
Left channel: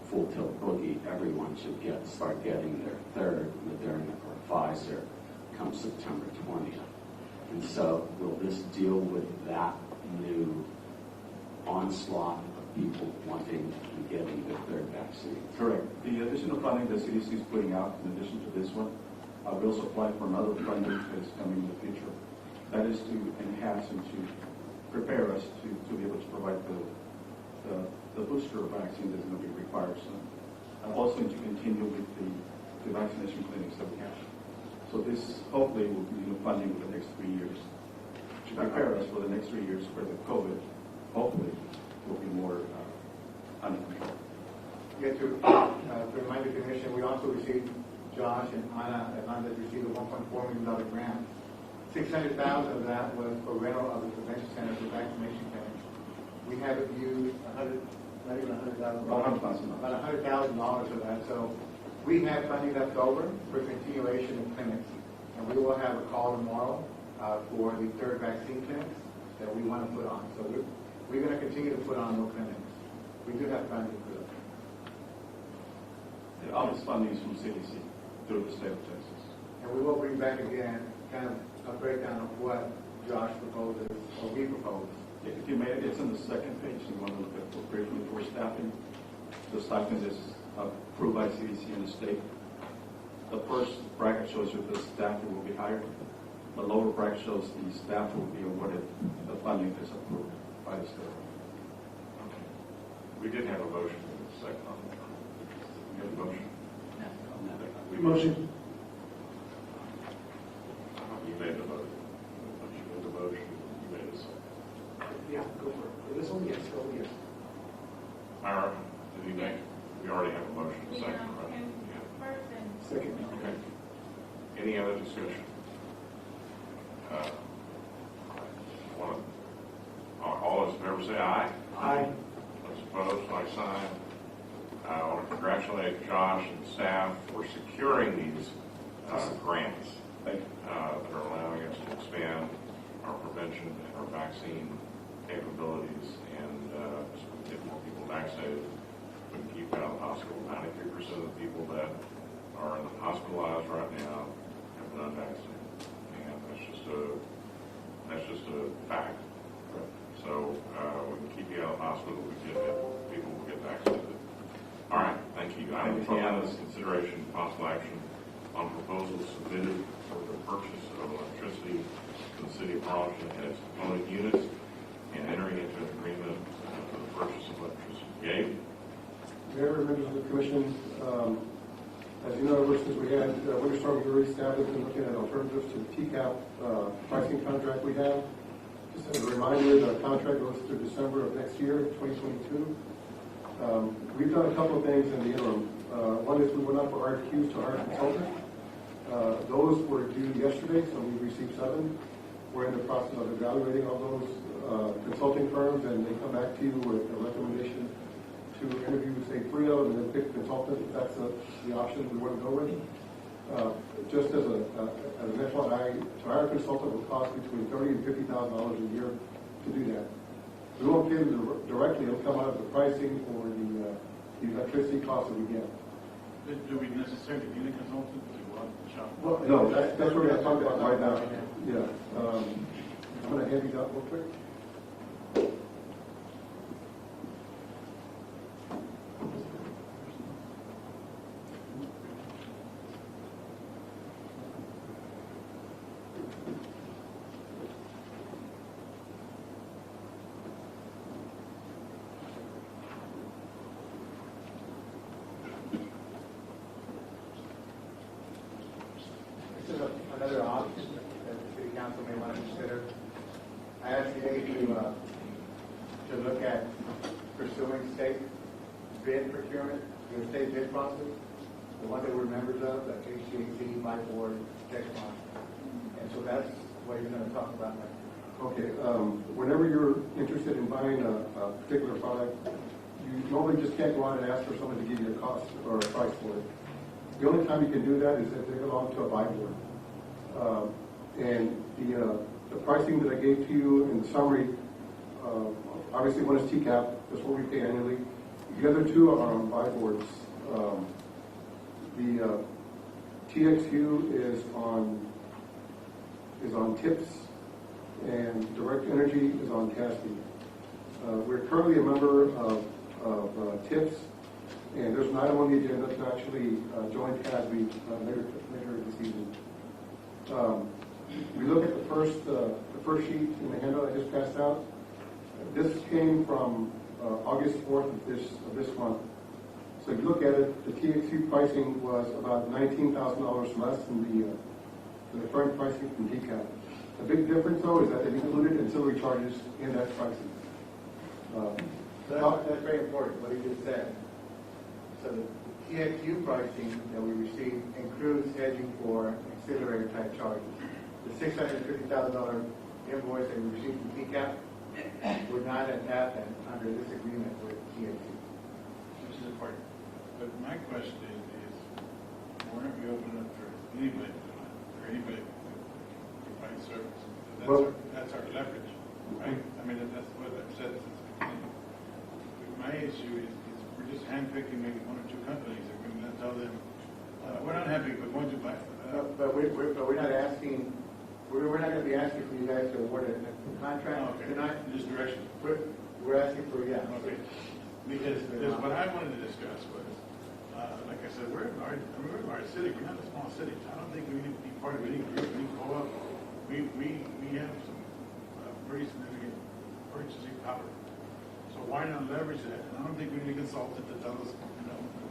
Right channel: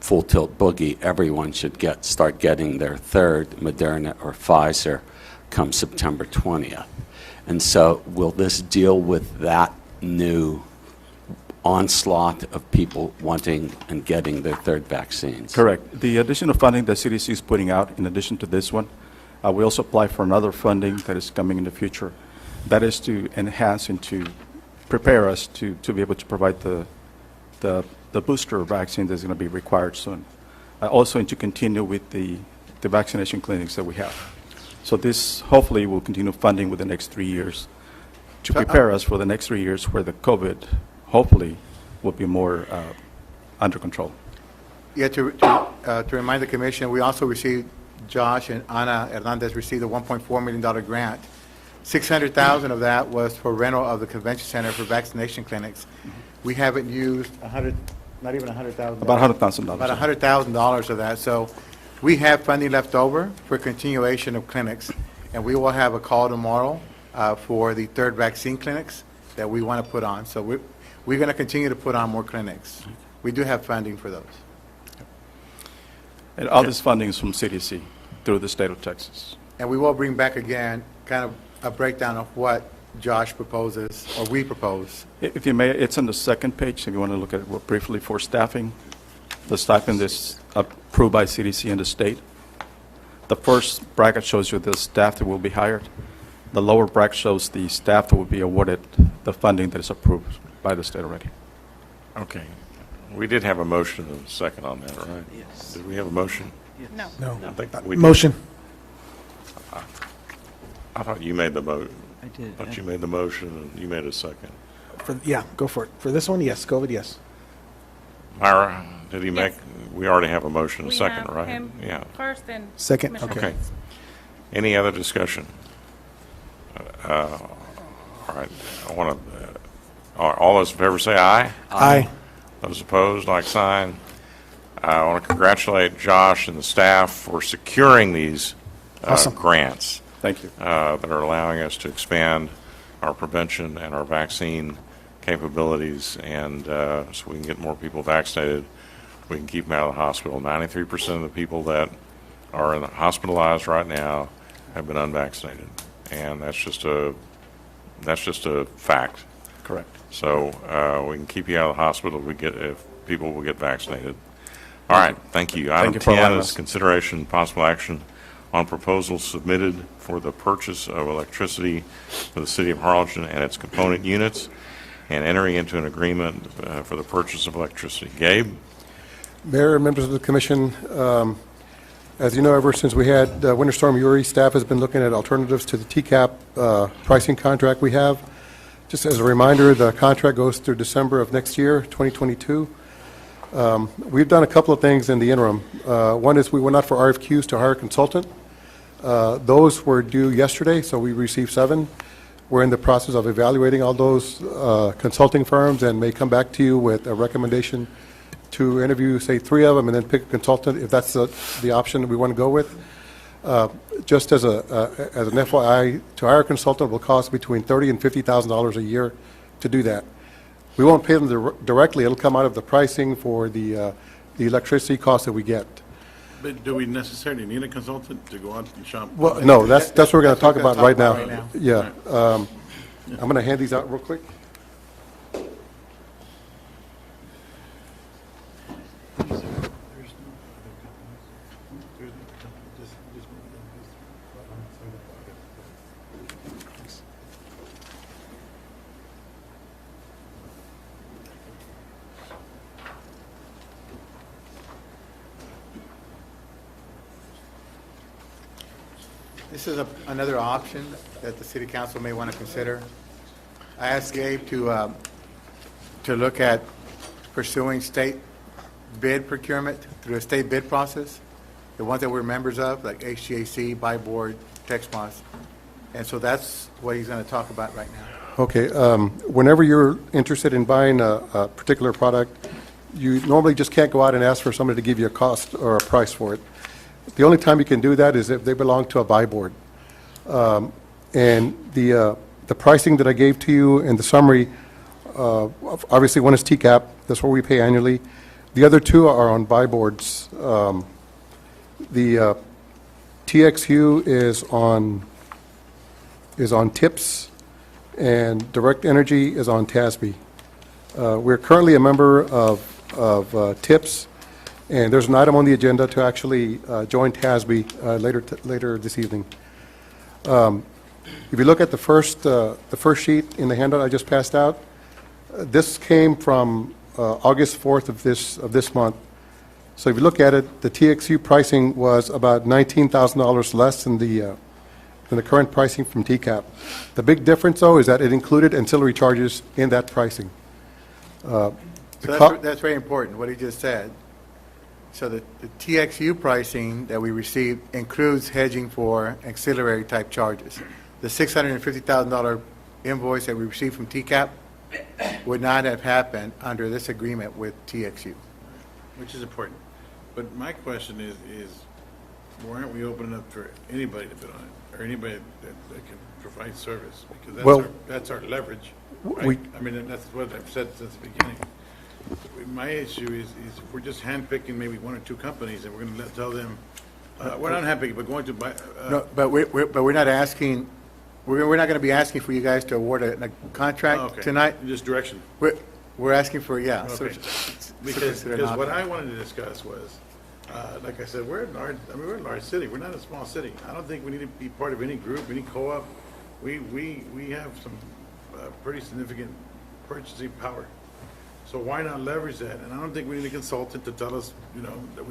full tilt boogie, everyone should start getting their 3rd Moderna or Pfizer come September 20th. And so will this deal with that new onslaught of people wanting and getting their 3rd vaccines? Correct. The additional funding that CDC is putting out, in addition to this one, we also apply for another funding that is coming in the future. That is to enhance and to prepare us to be able to provide the booster vaccine that's going to be required soon. Also, and to continue with the vaccination clinics that we have. So this hopefully will continue funding within the next 3 years to prepare us for the next 3 years where the COVID hopefully will be more under control. Yeah, to remind the commission, we also received, Josh and Ana Hernandez received a $1.4 million grant. $600,000 of that was for rental of the convention center for vaccination clinics. We haven't used not even $100,000. About $100,000. About $100,000 of that. So we have funding left over for continuation of clinics, and we will have a call tomorrow for the 3rd vaccine clinics that we want to put on. So we're going to continue to put on more clinics. We do have funding for those. And all this funding is from CDC through the state of Texas. And we will bring back again kind of a breakdown of what Josh proposes or we propose. If you may, it's on the 2nd page if you want to look at it briefly for staffing. The stipend is approved by CDC and the state. The first bracket shows you the staff that will be hired. The lower bracket shows the staff that will be awarded the funding that is approved by the state already. Okay. We did have a motion and a second on that, right? Yes. Did we have a motion? No. I think we did. Motion. I thought you made the vote. But you made the motion and you made a second. Yeah, go for it. For this one, yes, go with yes. Myra, did he make, we already have a motion and a We second, have right? him Yeah. first and. Second, Commissioner okay. Okay. Any other discussion? All right, I want to, all those in favor say aye. Aye. Those opposed, like sign. I want to congratulate Josh and the staff for securing these Awesome. grants. Thank you. That are allowing us to expand our prevention and our vaccine capabilities, and so we can get more people vaccinated. We can keep them out of the hospital. 93% of the people that are hospitalized right now have been unvaccinated, and that's just a fact. Correct. So we can keep you out of the hospital. If people will get vaccinated. All right, thank you. Item you for 10 allowing is us. consideration and possible action on proposals submitted for the purchase of electricity for the city of Harlingen and its component units, and entering into an agreement for the purchase of electricity. Gabe? Mayor and members of the commission, as you know, ever since we had Winter Storm Uri, staff has been looking at alternatives to the TCAP pricing contract we have. Just as a reminder, the contract goes through December of next year, 2022. We've done a couple of things in the interim. One is we went out for RFQs to hire a consultant. Those were due yesterday, so we received 7. We're in the process of evaluating all those consulting firms and may come back to you with a recommendation to interview, say, 3 of them and then pick a consultant if that's the option that we want to go with. Just as an FYI, to hire a consultant will cost between $30,000 and $50,000 a year to do that. We won't pay them directly. It'll come out of the pricing for the electricity costs that we get. But do we necessarily need a consultant to go out and shop? Well, no, that's what we're going to talk about right now. Yeah. I'm going to hand these out real quick. This is another option that the city council may want to consider. I asked Gabe to look at pursuing state bid procurement through a state bid process, the ones that we're members of, like HGAC, Buy Board, Texmos. And so that's what he's going to talk about right now. Okay. Whenever you're interested in buying a particular product, you normally just can't go out and ask for somebody to give you a cost or a price for it. The only time you can do that is if they belong to a buy board. And the pricing that I gave to you in the summary, obviously one is TCAP, that's what we pay annually. The other 2 are on buy boards. The TXU is on TIPS, and Direct Energy is on TASB. We're currently a member of TIPS, and there's an item on the agenda to actually join TASB later this evening. If you look at the first sheet in the handout I just passed out, this came from August 4th of this month. So if you look at it, the TXU pricing was about $19,000 less than the current pricing from TCAP. The big difference, though, is that it included ancillary charges in that pricing. So that's very important, what he just said. So the TXU pricing that we received includes hedging for auxiliary type charges. The $650,000 invoice that we received from TCAP would not have happened under this agreement with TXU. Which is important. But my question is why aren't we opening up for anybody to bid on it, or anybody that can provide service? Because that's our leverage, right? I mean, that's what I've said since the beginning. My issue is if we're just handpicking maybe 1 or 2 companies, and we're going to tell them, we're not handpicking, but going to buy. No, but we're not asking. We're not going to be asking for you guys to award a contract tonight. Just direction. We're asking for Okay. Because what I wanted to discuss was, like I said, we're a large city. We're not a small city. I don't think we need to be part of any group, any co-op. We have some pretty significant purchasing power. So why not leverage that? And I don't think we need a consultant to tell us, that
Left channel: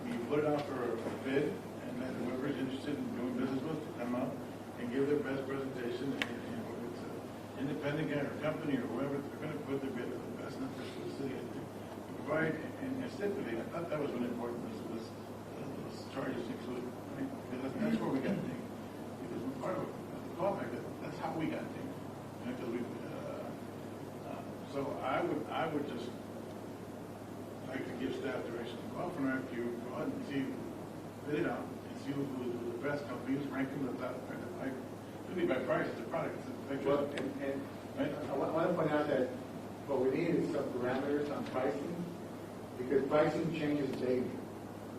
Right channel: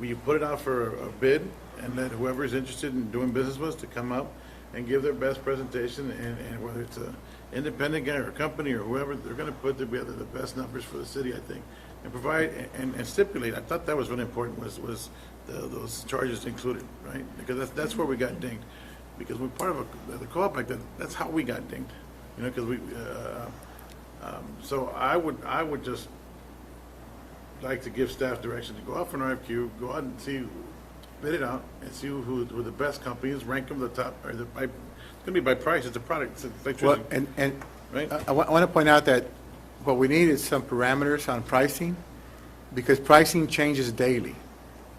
we put it out for a bid, and then whoever is interested in doing business with us to come up and give their best presentation, and whether it's an independent guy or a company or whoever, they're gonna put together the best numbers for the city, I think, and provide, and stipulate. I thought that was really important, was those charges included, right? Because that's where we got dinged. Because we're part of the co-op, like that's how we got dinged, you know, because so I would just like to give staff direction to go out for an RFQ, go out and see, bid it out, and see who the best companies, rank them the top, or it's gonna be by price, it's a product, it's electricity. Well, and right? I want to point out that what we need is some parameters on pricing, because pricing changes daily.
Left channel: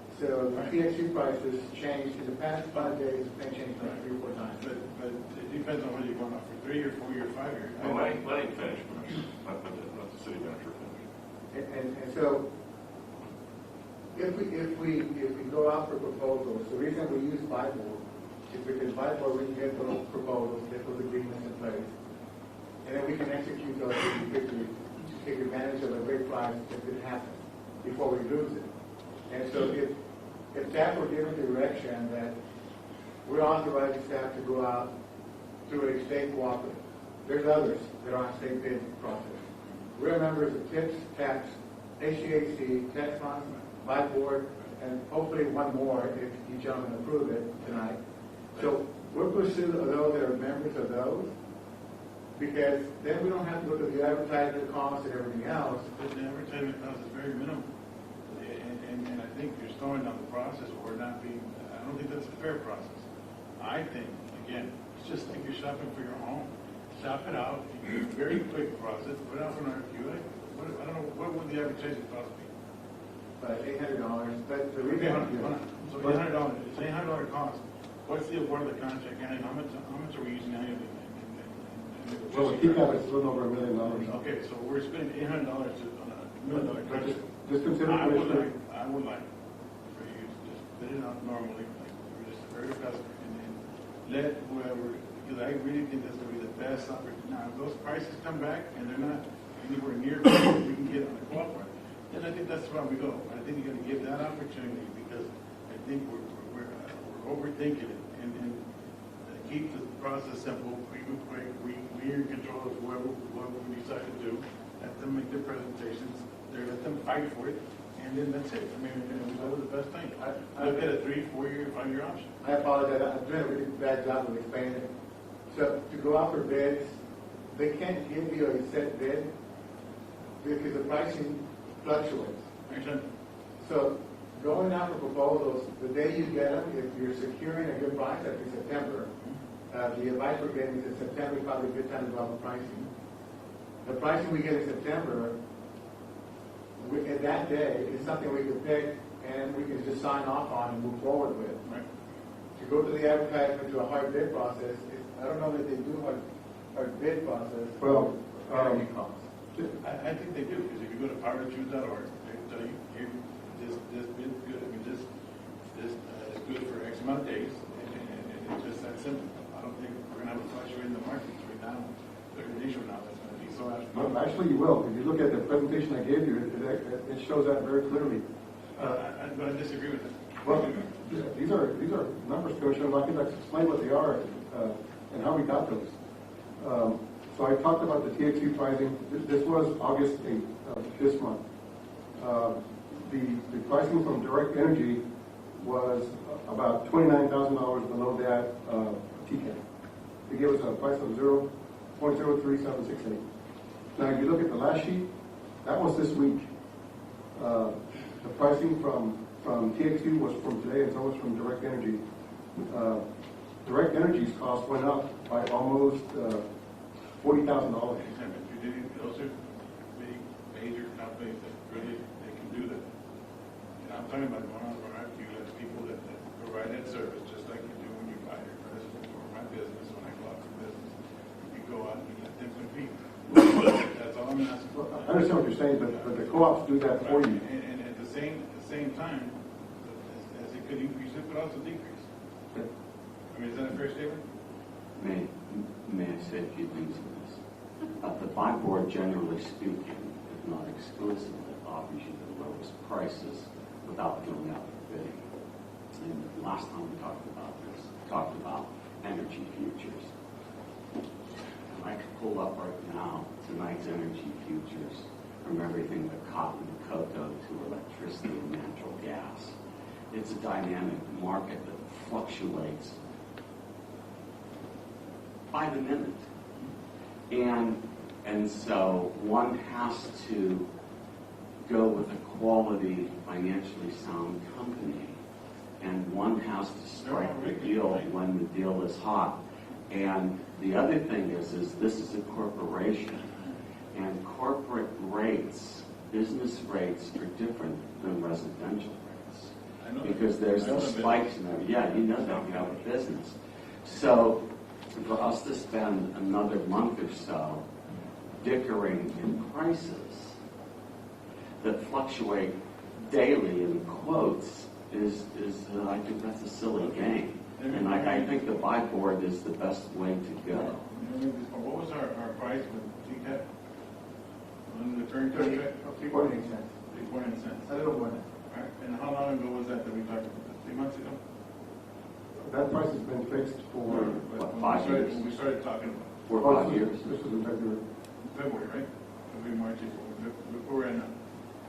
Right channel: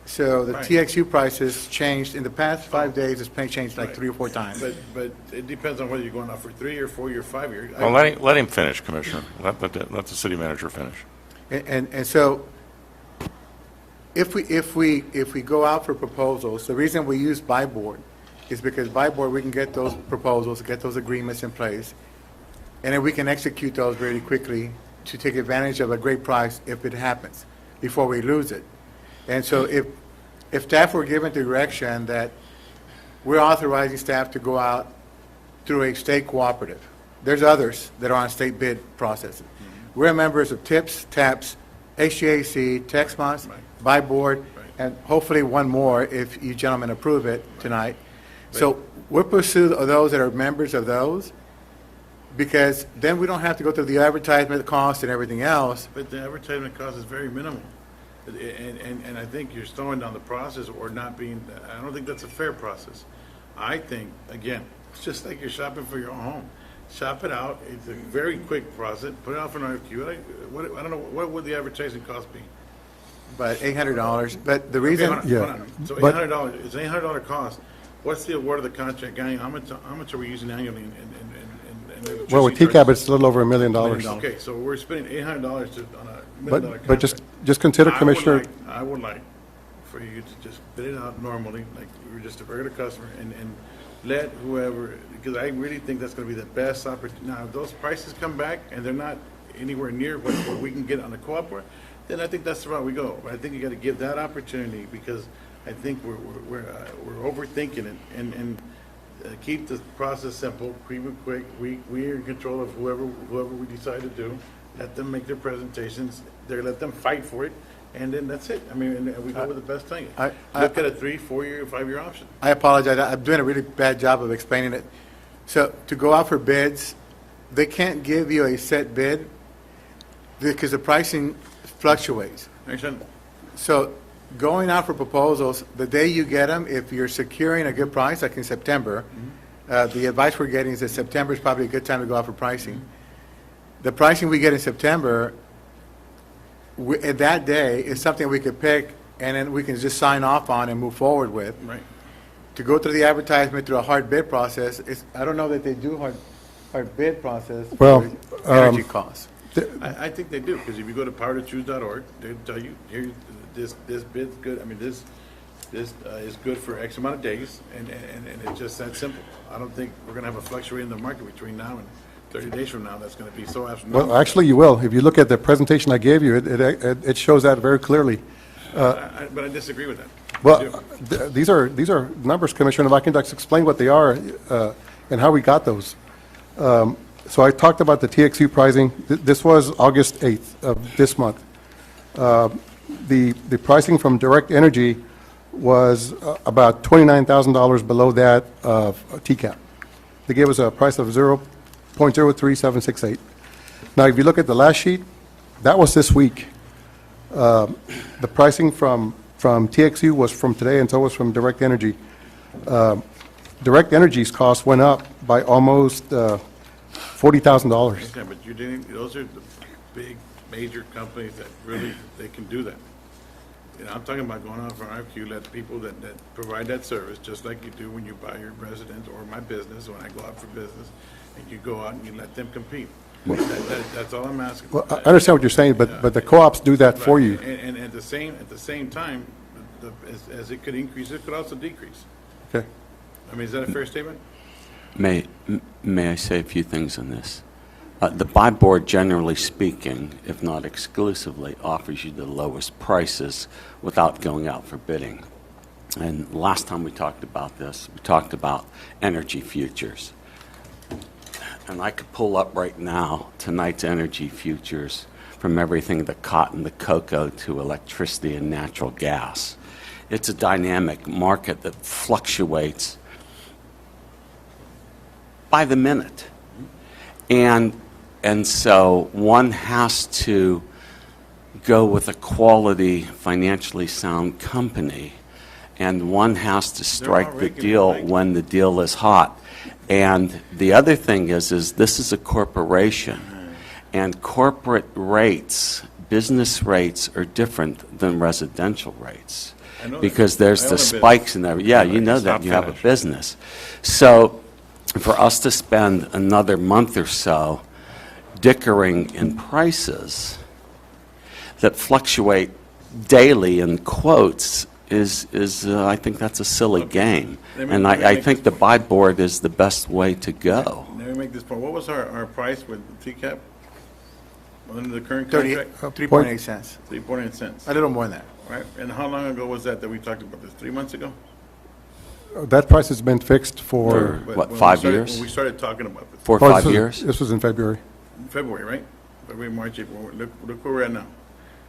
So the Right. TXU prices changed, in the past 5 days, it's been changed like 3 or 4 times. But it depends on whether you're going out for 3 or 4 or 5 years. Well, let him finish, Commissioner. Let the city manager finish. And so, if we go out for proposals, the reason we use buy board is because by board, we can get those proposals, get those agreements in place, and then we can execute those really quickly to take advantage of a great price if it happens, before we lose it. And so if staff were given direction that we're authorizing staff to go out through a state cooperative, there's others that are on state bid process. We're members of TIPS, TAPS, HGAC, TexMOS, by board, and hopefully one more if you gentlemen approve it tonight. So we're pursuing those that are members of those, because then we don't have to go through the advertisement cost and everything else. But the advertisement cost is very minimal. And I think you're slowing down the process or not being, I don't think that's a fair process. I think, again, it's just like you're shopping for your own home. Shop it out, it's a very quick process, put it out for an RFQ. I don't know, what would the advertising cost be? But $800, but the reason. Okay, hold on. So $800, it's an $800 cost. What's the award of the contract, guy? How much are we using annually in Well, with TCAP, it's a little over $1 million. Okay, so we're spending $800 on a $1 million contract. But just consider, Commissioner. I would like for you to just bid it out normally, like you're just a regular customer, and let whoever, because I really think that's gonna be the best opportunity. Now, if those prices come back and they're not anywhere near what we can get on the co-op board, then I think that's the route we go. But I think you gotta give that opportunity, because I think we're overthinking it, and keep the process simple, keep it quick. We're in control of whoever we decide to do. Let them make their presentations. Let them fight for it, and then that's it. I mean, and we go with the best thing. Look at a 3, 4 year, 5 year option. I apologize, I'm doing a really bad job of explaining it. So to go out for bids, they can't give you a set bid because the pricing fluctuates. Understand? So going out for proposals, the day you get them, if you're securing a good price, like in September, the advice we're getting is that September is probably a good time to go out for pricing. The pricing we get in September, at that day, is something we could pick, and then we can just sign off on and move forward with. Right. To go through the advertisement through a hard bid process, I don't know that they do hard bid process Well, for energy costs. I think they do, because if you go to powertochoose.org, they tell you, here, this bid's good, I mean, this is good for X amount of days, and it's just that simple. I don't think we're gonna have a fluctuate in the market between now and 30 days from now that's gonna be so astronomical. Well, actually, you will. If you look at the presentation I gave you, it shows that very clearly. But I disagree with that. Well, these are numbers, Commissioner. If I can just explain what they are and how we got those. So I talked about the TXU pricing. This was August 8th of this month. The pricing from Direct Energy was about $29,000 below that of TCAP. They gave us a price of 0.03768. Now, if you look at the last sheet, that was this week. The pricing from TXU was from today, and so was from Direct Energy. Direct Energy's cost went up by almost $40,000. Yeah, but those are the big, major companies that really, they can do that. And I'm talking about going out for an RFQ, let people that provide that service, just like you do when you buy your resident or my business, when I go out for business, and you go out and you let them compete. That's all I'm asking. Well, I understand what you're saying, but the co-ops do that for you. And at the same time, as it could increase, it could also decrease. Okay. I mean, is that a fair statement? May I say a few things on this? The buy board, generally speaking, if not exclusively, offers you the lowest prices without going out for bidding. And last time we talked about this, we talked about energy futures. And I could pull up right now tonight's energy futures from everything the cotton, the cocoa, to electricity and natural gas. It's a dynamic market that fluctuates by the minute. And so one has to go with a quality, financially sound company, and one has to strike the deal when the deal is hot. And the other thing is this is a corporation, and corporate rates, business rates, are different than residential rates because there's the spikes in there. Yeah, you know that. You have a business. So for us to spend another month or so dickering in prices that fluctuate daily in quotes is I think that's a silly game. And I think the buy board is the best way to go. Let me make this point. What was our price with TCAP under the current contract? 3.8 cents. 3.8 cents. A little more than that. Right. And how long ago was that we talked about this? 3 months ago? That price has been fixed for... What, 5 years? When we started talking about this. 4 or 5 years? This was in February. In February, right? February, March, April. Look where we're at now.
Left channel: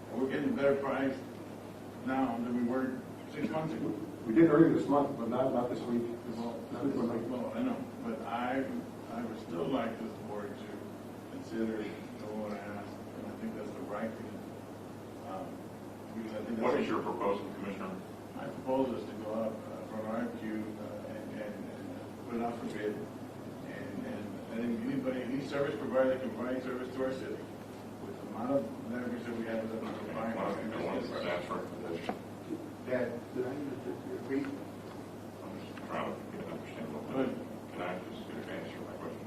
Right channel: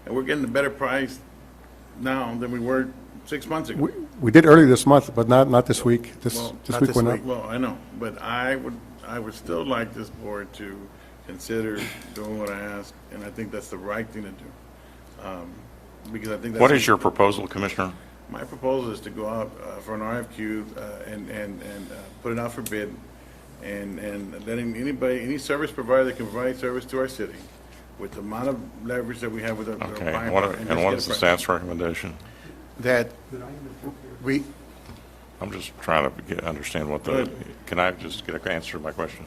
And we're getting a better price now than we were 6 months ago. We did early this month, but not this week. This week went up. Well, I know, but I would still like this board to consider doing what I asked, and I think that's the right thing to do. Because I think that's... What is your proposal, Commissioner? My proposal is to go out for an RFQ and put it out for bid, and letting any service provider that can provide service to our city with the amount of leverage that we have with our Okay, buying. and what is the staff's recommendation? That we, I'm just trying to understand what the, can I just get an answer to my question?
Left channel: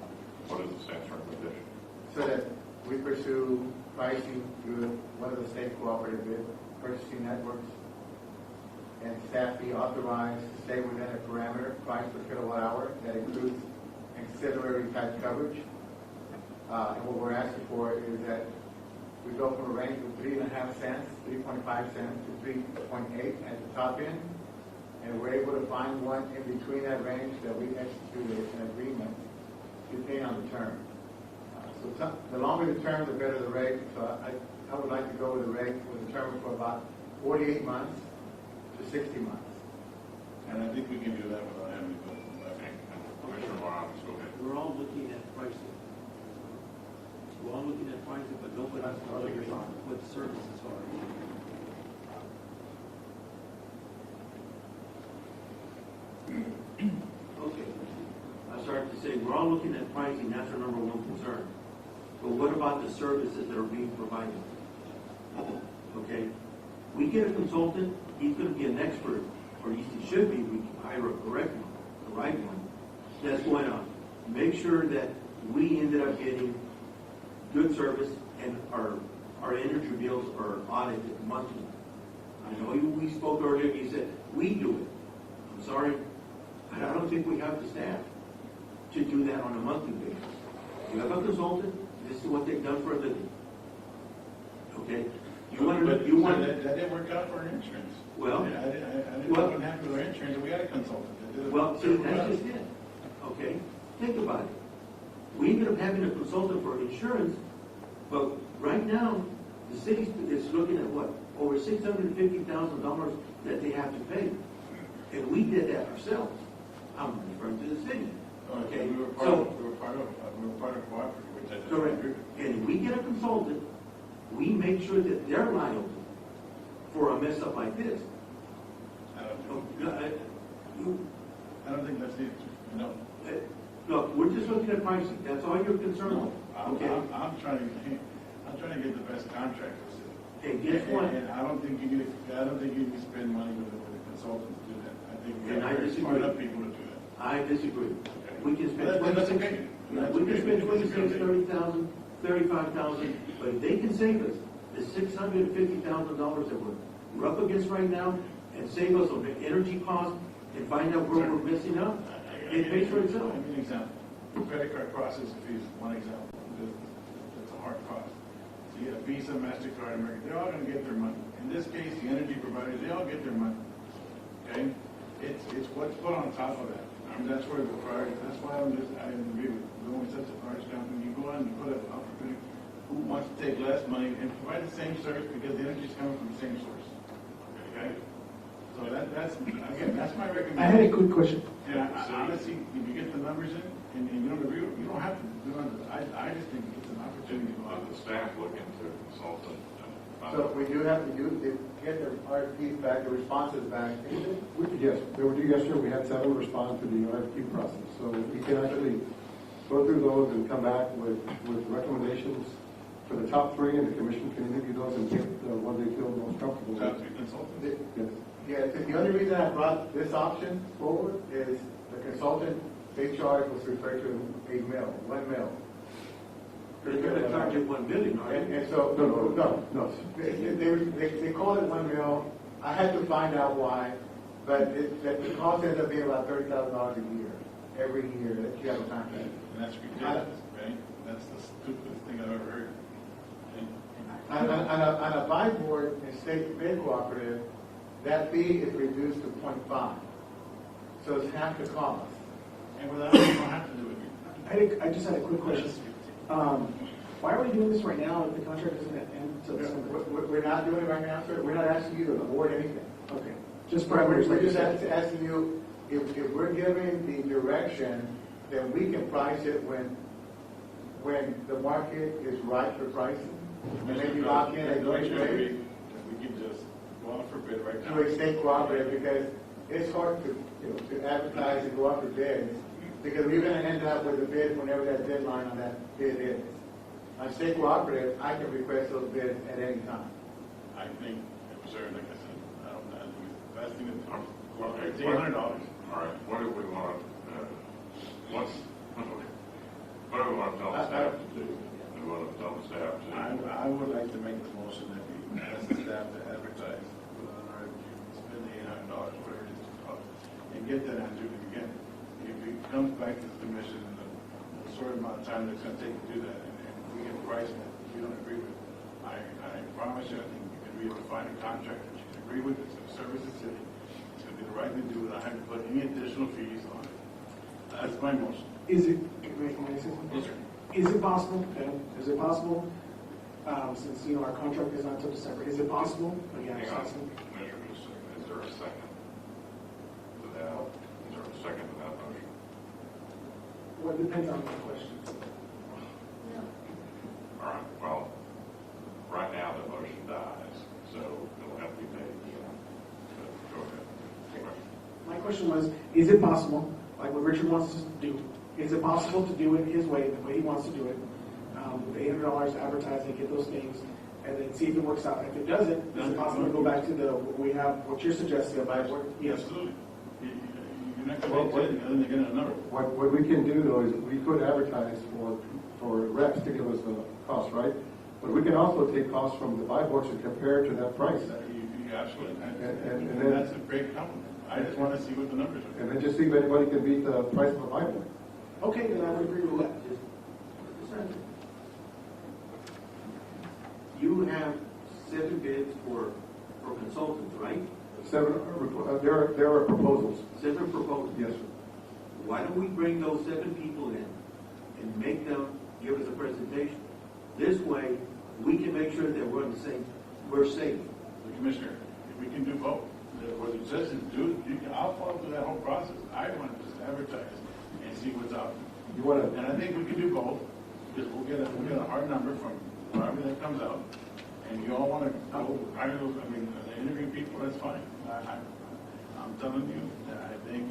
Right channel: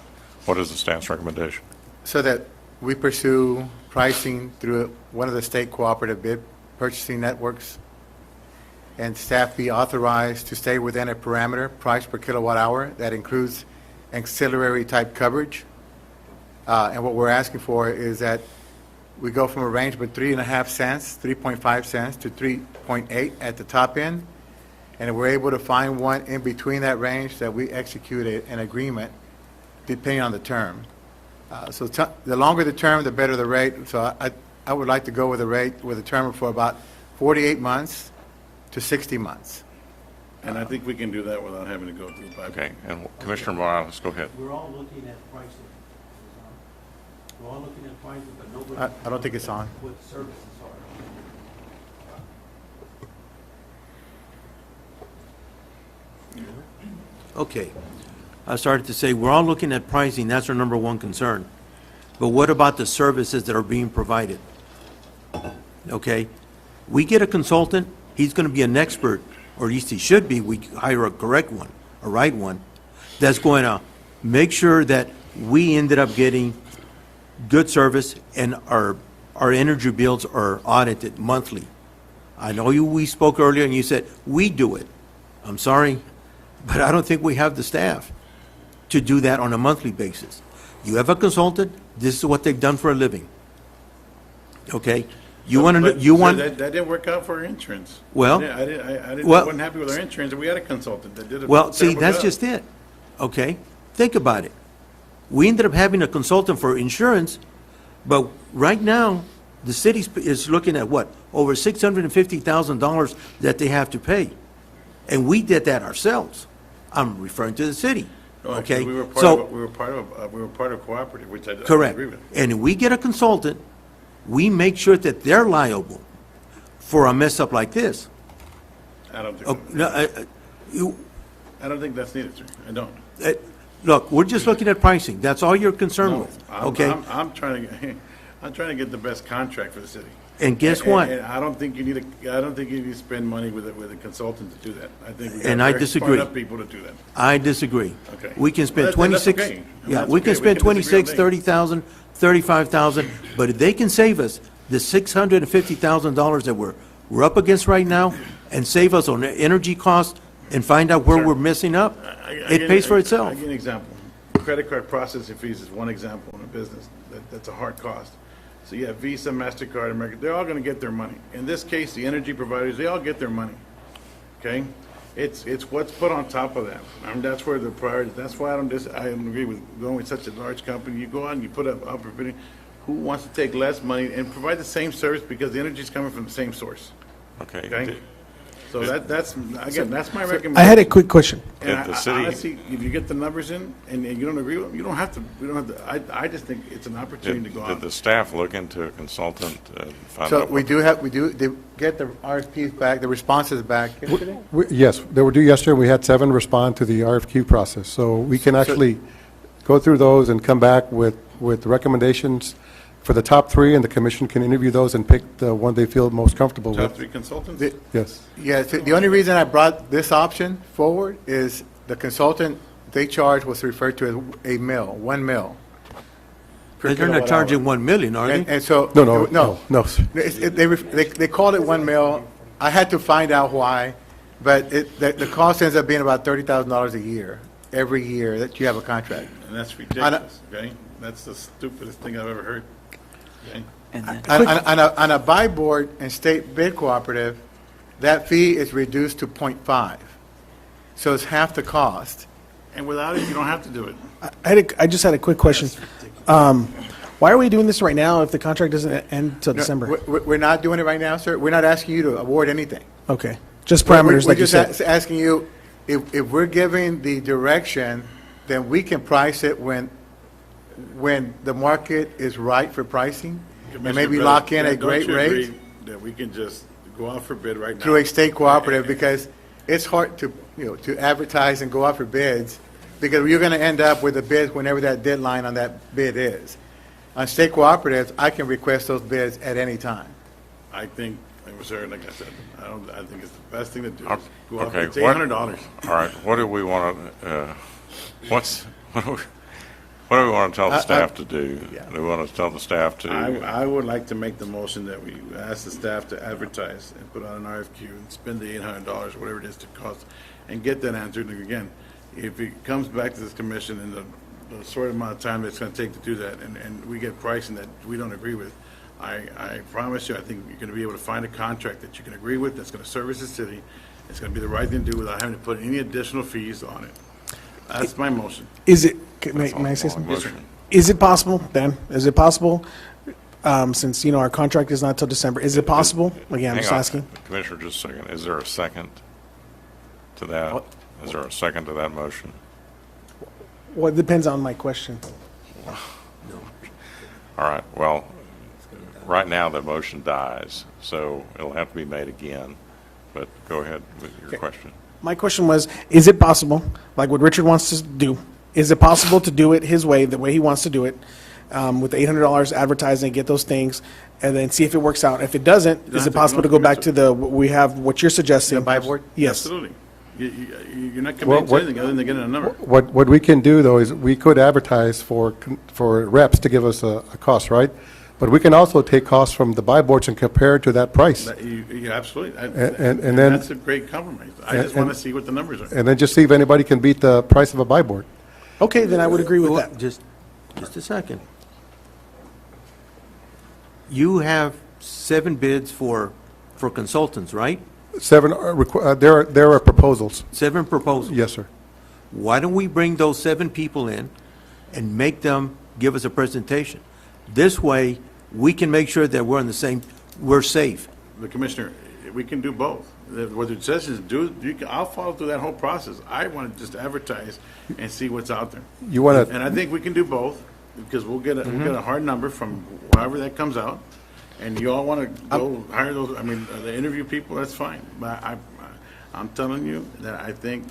What is the staff's recommendation? so that we pursue pricing through one of the state cooperative bid purchasing networks, and staff be authorized to stay within a parameter, price per kilowatt hour, that includes ancillary type coverage. And what we're asking for is that we go from a range of 3.5 cents, 3.5 cents to 3.8 at the top end. And if we're able to find one in between that range, that we execute an agreement depending on the term. So the longer the term, the better the rate. So I would like to go with a rate with a term for about 48 months to 60 months. And I think we can do that without having to go through the Okay, and Commissioner Morales, go ahead. We're all looking at pricing. We're all looking at pricing, but nobody... I don't think it's on. What services are. Okay. I started to say, we're all looking at pricing, that's our number one concern. But what about the services that are being provided? Okay? We get a consultant, he's going to be an expert, or at least he should be. We hire a correct one, a right one, that's going to make sure that we ended up getting good service and our energy bills are audited monthly. I know we spoke earlier and you said, we do it. I'm sorry, but I don't think we have the staff to do that on a monthly basis. You have a consultant, this is what they've done for a living. Okay? You want to, That didn't work out for our insurance. Well, Yeah, I wasn't happy with our insurance, and we had a consultant that did a well, see, terrible that's job. just it. Okay? Think about it. We ended up having a consultant for insurance, but right now, the city is looking at what? Over $650,000 that they have to pay. And we did that ourselves. I'm referring to the city. Okay? We were part So, of cooperative, which I correct. agree with. And if we get a consultant, we make sure that they're liable for a mess up like this. I don't think. Oh, no, I don't think that's needed, sir. I don't. Look, we're just looking at pricing. That's all you're concerned No, with, I'm- okay? I'm trying to get the best contract for the city. And guess what? And I don't think you need to spend money with a consultant to do that. I think we And got I very disagree. smart enough people to do that. I disagree. Okay. We can spend Well, then that's 26, okay. yeah, That's we okay. can spend We can disagree 26, on 30,000, 35,000, but if they can save us the $650,000 that we're up against right now and save us on energy costs and find out where we're messing up, it pays for itself. I'll give you an example. Credit card processing fees is one example in a business that's a hard cost. So you have Visa, MasterCard, American, they're all going to get their money. In this case, the energy providers, they all get their money, okay? It's what's put on top of that. I mean, that's where the priority, that's why I don't agree with going with such a large company. You go out and you put up for bidding. Who wants to take less money and provide the same service because the energy is coming from the same source? Okay? So that's my recommendation. I had a quick question. And honestly, if you get the numbers in and you don't agree with them, you don't have to, I just think it's an opportunity to go out. Did the staff look into a consultant? So they get the RFPs back, the responses back yesterday? Yes, they were due yesterday. We had 7 respond to the RFQ process. So we can actually go through those and come back with recommendations for the top 3, and the commission can interview those and pick the one they feel most comfortable with. Top 3 consultants? Yes. Yes, the only reason I brought this option forward is the consultant they charge was referred to as a mill, 1 mil. But they're not charging 1 million, are they? And so. No. They called it 1 mil. I had to find out why, but the cost ends up being about $30,000 a year, every year that you have a contract. And that's ridiculous, okay? That's the stupidest thing I've ever heard. On a buy board and state bid cooperative, that fee is reduced to 0.5. So it's half the cost. And without it, you don't have to do it. I just had a quick question. Why are we doing this right now if the contract doesn't end until December? We're not doing it right now, sir. We're not asking you to award anything. Okay, just parameters like you said. We're just asking you, if we're giving the direction, then we can price it when the market is right for pricing, and maybe lock in a great rate. That we can just go out for bid right now. Through a state cooperative, because it's hard to advertise and go out for bids, because you're going to end up with the bids whenever that deadline on that bid is. On state cooperatives, I can request those bids at any time. I think, sir, like I said, I think it's the best thing to do. Is go out Okay, for $800. all right, what do we want to, what do we want to tell the staff to do? Do we want to tell the staff to? I would like to make the motion that we ask the staff to advertise and put on an RFQ and spend the $800, whatever it is to cost, and get that answered. And again, if it comes back to this commission in the short amount of time it's going to take to do that, and we get pricing that we don't agree with, I promise you, I think you're going to be able to find a contract that you can agree with that's going to service the city. It's going to be the right thing to do without having to put any additional fees on it. That's my motion. Is it, may I say something? Yes, sir. Is it possible, Dan, is it possible, since, our contract is not till December, is it possible? Again, I'm just asking. Commissioner, just a second. Is there a second to that? Is there a second to that motion? Well, it depends on my question. All right, well, right now the motion dies, so it'll have to be made again. But go ahead with your question. My question was, is it possible, like what Richard wants to do, is it possible to do it his way, the way he wants to do it, with the $800 advertising, get those things, and then see if it works out? If it doesn't, is it possible to go back to what you're suggesting? Buy board? Yes. Absolutely. You're not committing to anything other than getting a number. What we can do, though, is we could advertise for reps to give us a cost, right? But we can also take costs from the buy boards and compare it to that price. Absolutely. And then that's a great compromise. I just want to see what the numbers are. And then just see if anybody can beat the price of a buy board. Okay, then I would agree with that. Just a second. You have 7 bids for consultants, right? 7, there are proposals. 7 proposals? Yes, sir. Why don't we bring those 7 people in and make them give us a presentation? This way, we can make sure that we're safe. The Commissioner, we can do both. Whether it says is I'll follow through that whole process. I want to just advertise and see what's out there. You want to? And I think we can do both, because we'll get a hard number from however that comes out. And you all want to go hire those, the interview people, that's fine. But I'm telling you that I think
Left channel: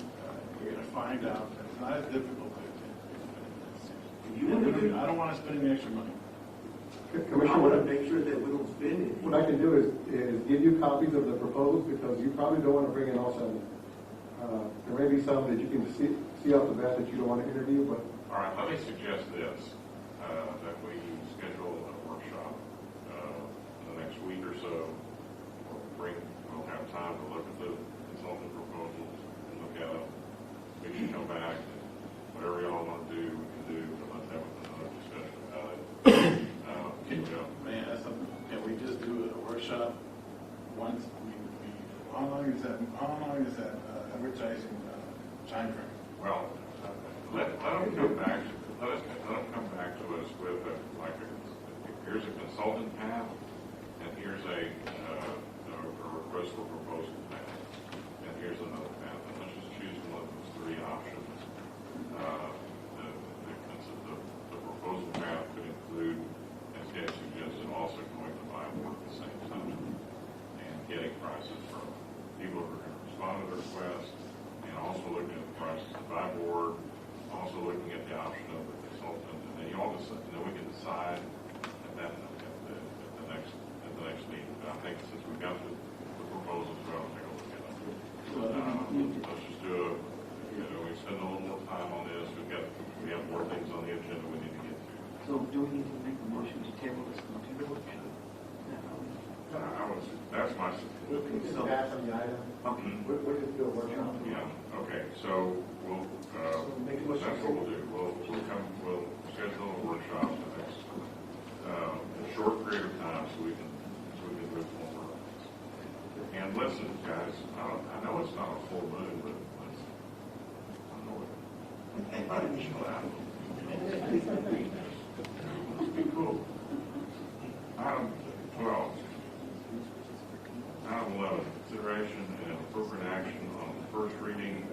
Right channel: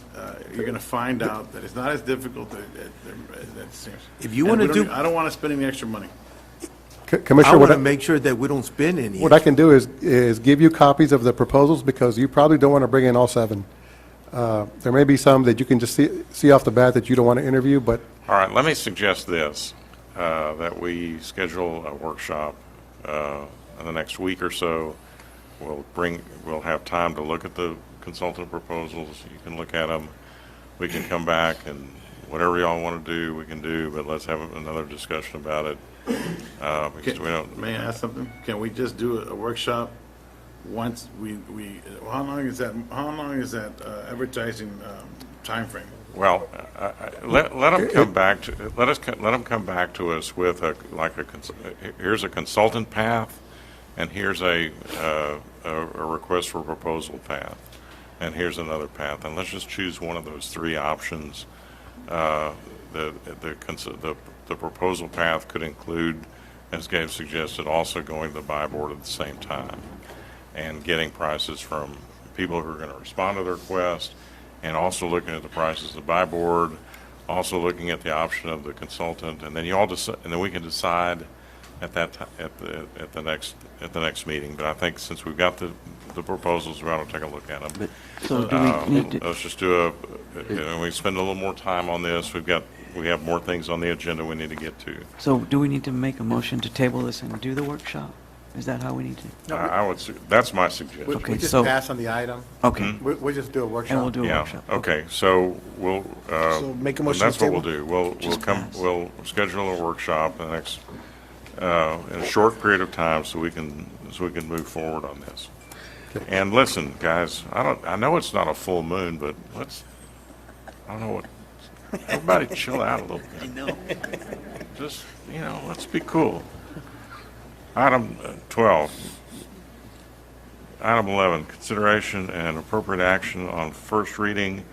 you're going to find out that it's not as difficult as it seems. If you want to do, I don't want to spend any extra money. Commissioner, I want to make sure that we don't spend any. What I can do is give you copies of the proposals, because you probably don't want to bring in all 7. There may be some that you can just see off the bat that you don't want to interview, but. All right, let me suggest this, that we schedule a workshop in the next week or so. We'll have time to look at the consultant proposals. You can look at them. We can come back, and whatever y'all want to do, we can do, but let's have another discussion about it. Because we don't. May I ask something? Can we just do a workshop once how long is that advertising timeframe? Well, let them come back to, let them come back to us with here's a consultant path, and here's a request for proposal path, and here's another path, and let's just choose one of those three options. The proposal path could include, as Gabe suggested, also going to the buy board at the same time and getting prices from people who are going to respond to the request, and also looking at the prices of the buy board, also looking at the option of the consultant, and then and then we can decide at that at the next meeting. But I think since we've got the proposals, we ought to take a look at them. So do we need to? Let's just do we spend a little more time on this. We have more things on the agenda we need to get to. So do we need to make a motion to table this and do the workshop? Is that how we need to? That's my suggestion. We just pass on the item. Okay. We'll just do a workshop. And we'll do a workshop. Okay, so we'll, So make a motion that's to what we'll table? do. We'll schedule a workshop in the next, in a short period of time so we can move forward on this. And listen, guys, I know it's not a full moon, but I don't know what, everybody chill out a little bit. I know. Just, let's be cool. Item 12. Item 11, consideration and appropriate action on first reading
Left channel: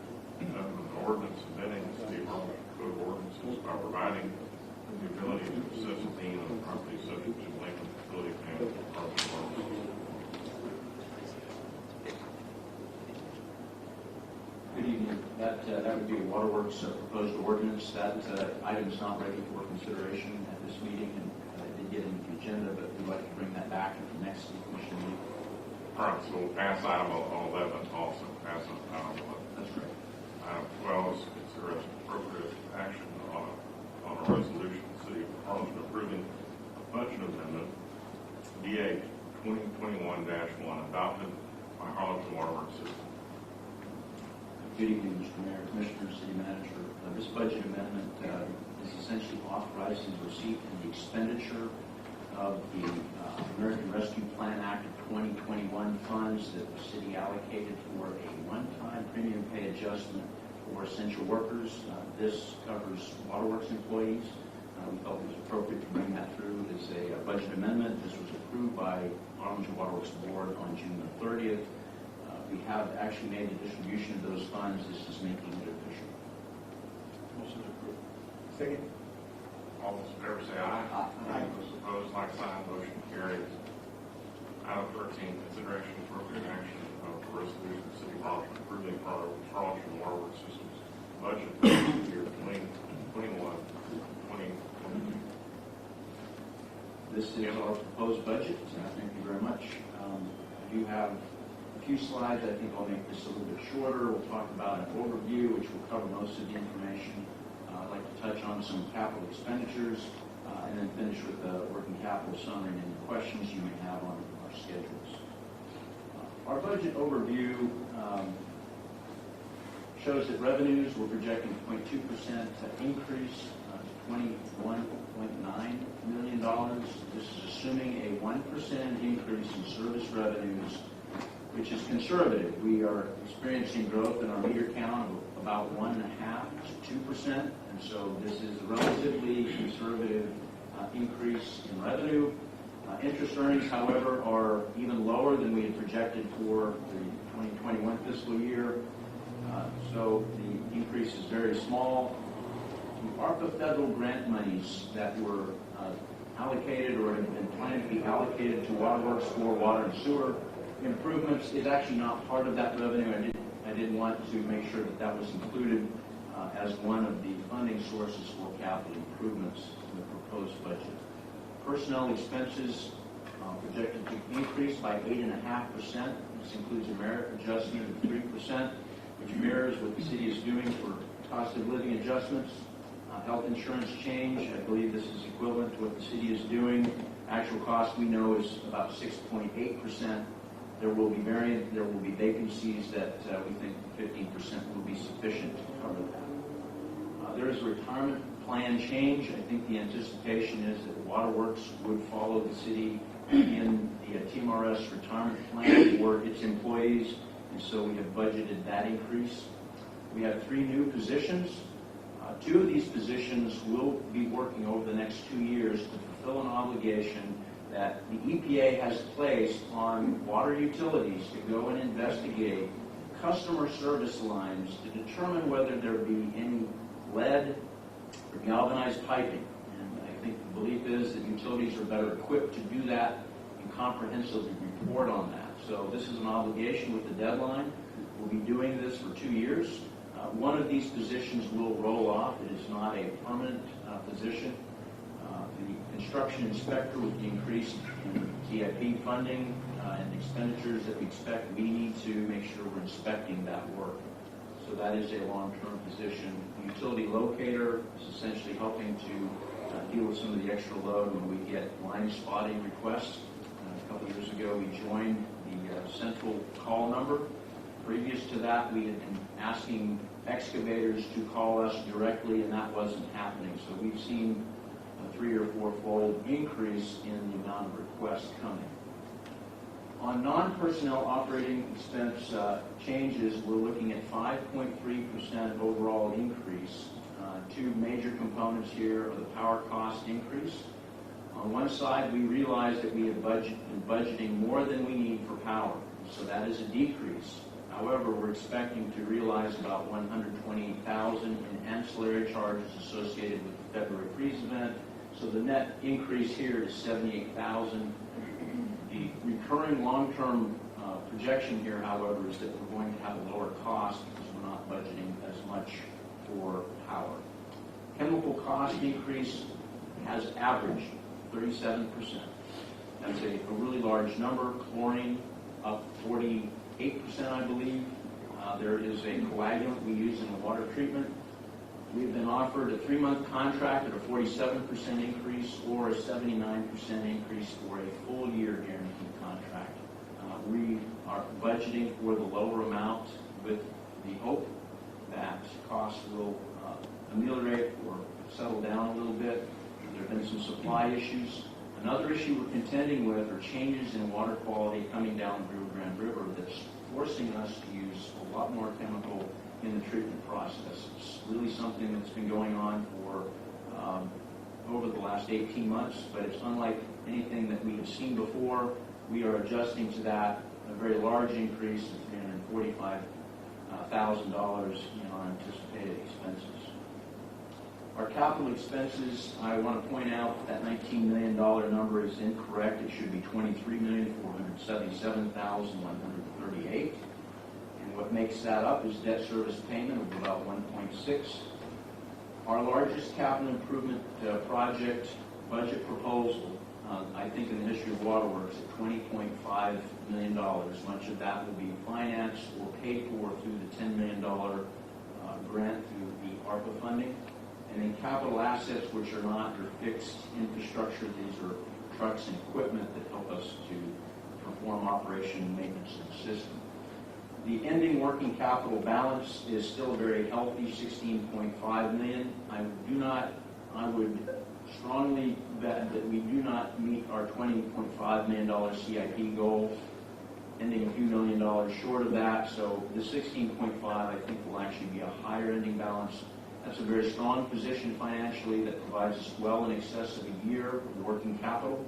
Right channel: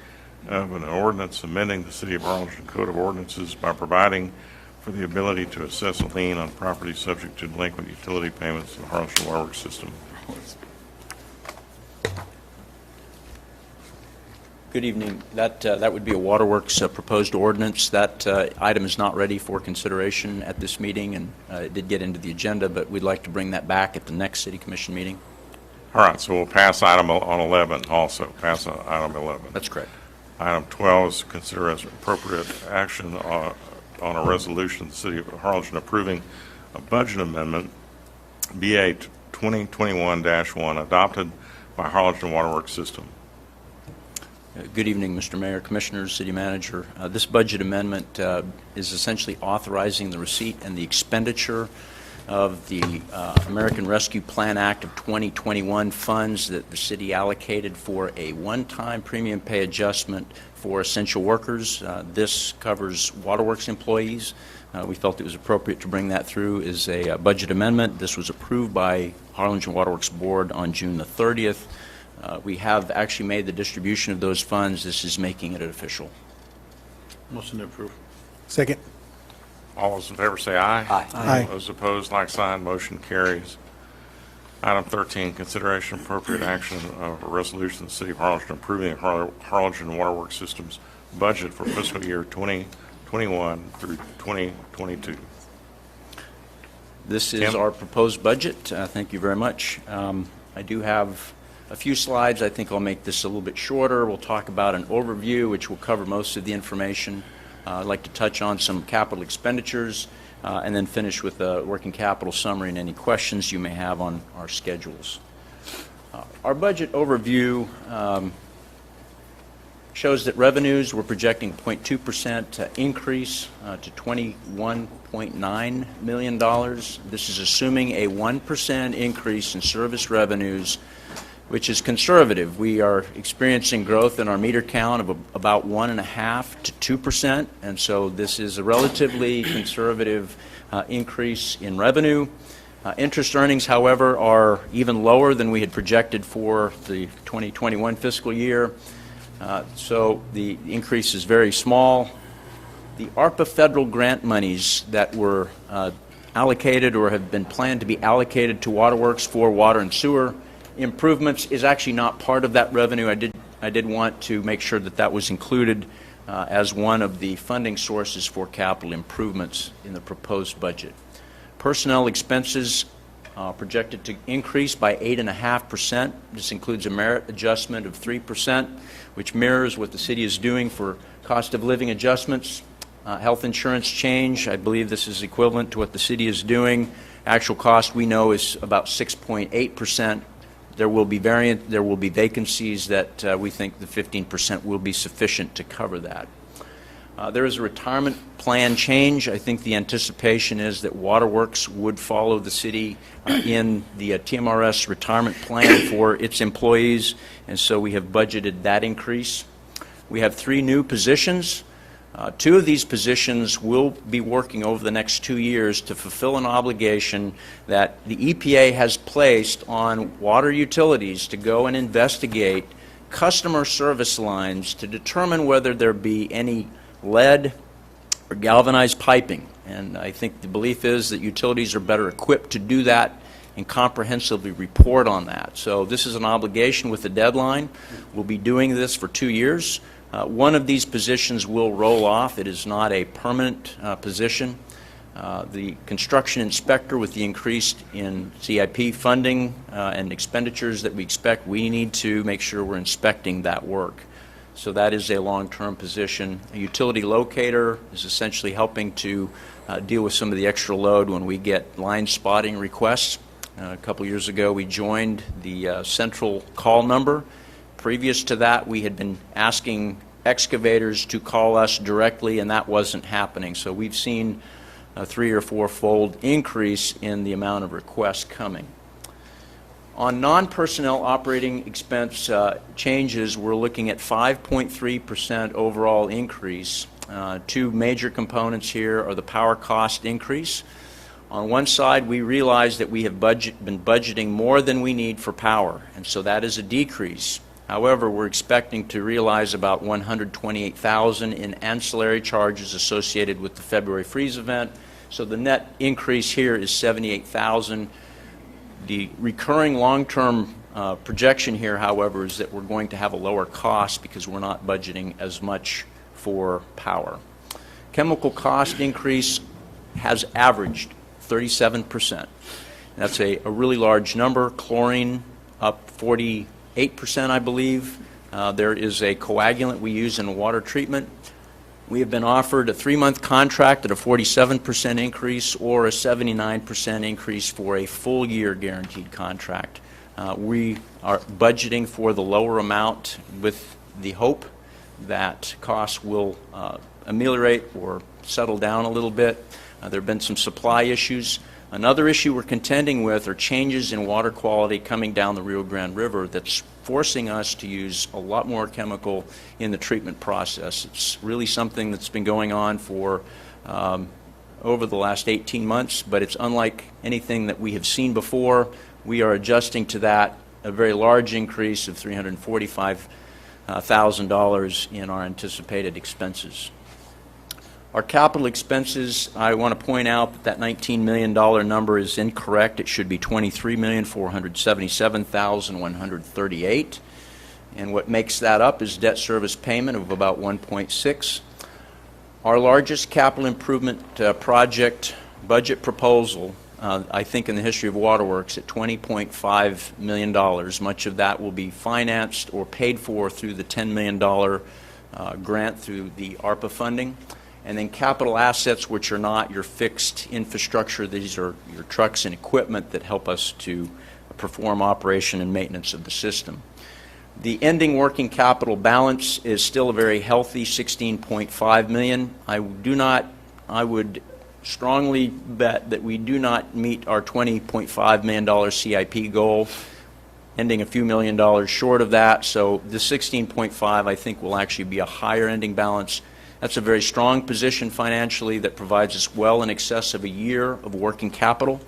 of an ordinance amending the City of Harlingen Code of Ordinances by providing for the ability to assess a lien on property subject to delinquent utility payments in the Harlingen Waterworks system. Good evening. That would be a Waterworks proposed ordinance. That item is not ready for consideration at this meeting, and it did get into the agenda, but we'd like to bring that back at the next City Commission meeting. All right, so we'll pass item on 11 also. Pass item 11. That's correct. Item 12 is consider as appropriate action on a resolution of the City of Harlingen approving a budget amendment, BA 2021-1, adopted by Harlingen Waterworks System. Good evening, Mr. Mayor, Commissioners, City Manager. This budget amendment is essentially authorizing the receipt and the expenditure of the American Rescue Plan Act of 2021 funds that the city allocated for a one-time premium pay adjustment for essential workers. This covers Waterworks employees. We felt it was appropriate to bring that through as a budget amendment. This was approved by Harlingen Waterworks Board on June the 30th. We have actually made the distribution of those funds. This is making it official. Motion to approve. Second. All those in favor say aye. Aye. Aye. Those opposed, like sign. Motion carries. Item 13, consideration of appropriate action of a resolution of the City of Harlingen approving Harlingen Waterworks Systems budget for fiscal year 2021 through 2022. This is Tim? our proposed budget. Thank you very much. I do have a few slides. I think I'll make this a little bit shorter. We'll talk about an overview, which will cover most of the information. I'd like to touch on some capital expenditures and then finish with a working capital summary and any questions you may have on our schedules. Our budget overview shows that revenues we're projecting 0.2% increase to $21.9 million. This is assuming a 1% increase in service revenues, which is conservative. We are experiencing growth in our meter count of about 1.5% to 2%, and so this is a relatively conservative increase in revenue. Interest earnings, however, are even lower than we had projected for the 2021 fiscal year, so the increase is very small. The ARPA federal grant monies that were allocated or have been planned to be allocated to Waterworks for water and sewer improvements is actually not part of that revenue. I did want to make sure that that was included as one of the funding sources for capital improvements in the proposed budget. Personnel expenses projected to increase by 8.5%. This includes a merit adjustment of 3%, which mirrors what the city is doing for cost of living adjustments. Health insurance change, I believe this is equivalent to what the city is doing. Actual cost we know is about 6.8%. There will be vacancies that we think the 15% will be sufficient to cover that. There is a retirement plan change. I think the anticipation is that Waterworks would follow the city in the TMRS retirement plan for its employees, and so we have budgeted that increase. We have 3 new positions. 2 of these positions will be working over the next 2 years to fulfill an obligation that the EPA has placed on water utilities to go and investigate customer service lines to determine whether there be any lead or galvanized piping. And I think the belief is that utilities are better equipped to do that and comprehensively report on that. So this is an obligation with a deadline. We'll be doing this for 2 years. One of these positions will roll off. It is not a permanent position. The construction inspector, with the increase in CIP funding and expenditures that we expect, we need to make sure we're inspecting that work. So that is a long-term position. A utility locator is essentially helping to deal with some of the extra load when we get line spotting requests. A couple years ago, we joined the central call number. Previous to that, we had been asking excavators to call us directly, and that wasn't happening. So we've seen a 3- or 4-fold increase in the amount of requests coming. On non-personnel operating expense changes, we're looking at 5.3% overall increase. 2 major components here are the power cost increase. On one side, we realize that we have been budgeting more than we need for power, and so that is a decrease. However, we're expecting to realize about $128,000 in ancillary charges associated with the February freeze event. So the net increase here is $78,000. The recurring long-term projection here, however, is that we're going to have a lower cost because we're not budgeting as much for power. Chemical cost increase has averaged 37%. That's a really large number. Chlorine up 48%, I believe. There is a coagulant we use in water treatment. We have been offered a 3-month contract at a 47% increase or a 79% increase for a full year guaranteed contract. We are budgeting for the lower amount with the hope that costs will ameliorate or settle down a little bit. There have been some supply issues. Another issue we're contending with are changes in water quality coming down the Rio Grande River that's forcing us to use a lot more chemical in the treatment process. It's really something that's been going on for over the last 18 months, but it's unlike anything that we have seen before. We are adjusting to that, a very large increase of $345,000 in our anticipated expenses. Our capital expenses, I want to point out that $19 million number is incorrect. It should be $23,477,138. And what makes that up is debt service payment of about 1.6. Our largest capital improvement project budget proposal, I think in the history of Waterworks, at $20.5 million. Much of that will be financed or paid for through the $10 million grant through the ARPA funding. And then capital assets, which are not your fixed infrastructure. These are your trucks and equipment that help us to perform operation and maintenance of the system. The ending working capital balance is still a very healthy $16.5 million. I would strongly bet that we do not meet our $20.5 million CIP goal, ending a few million dollars short of that. So the 16.5, I think, will actually be a higher ending balance. That's a very strong position financially that provides us well in excess of a year of working capital.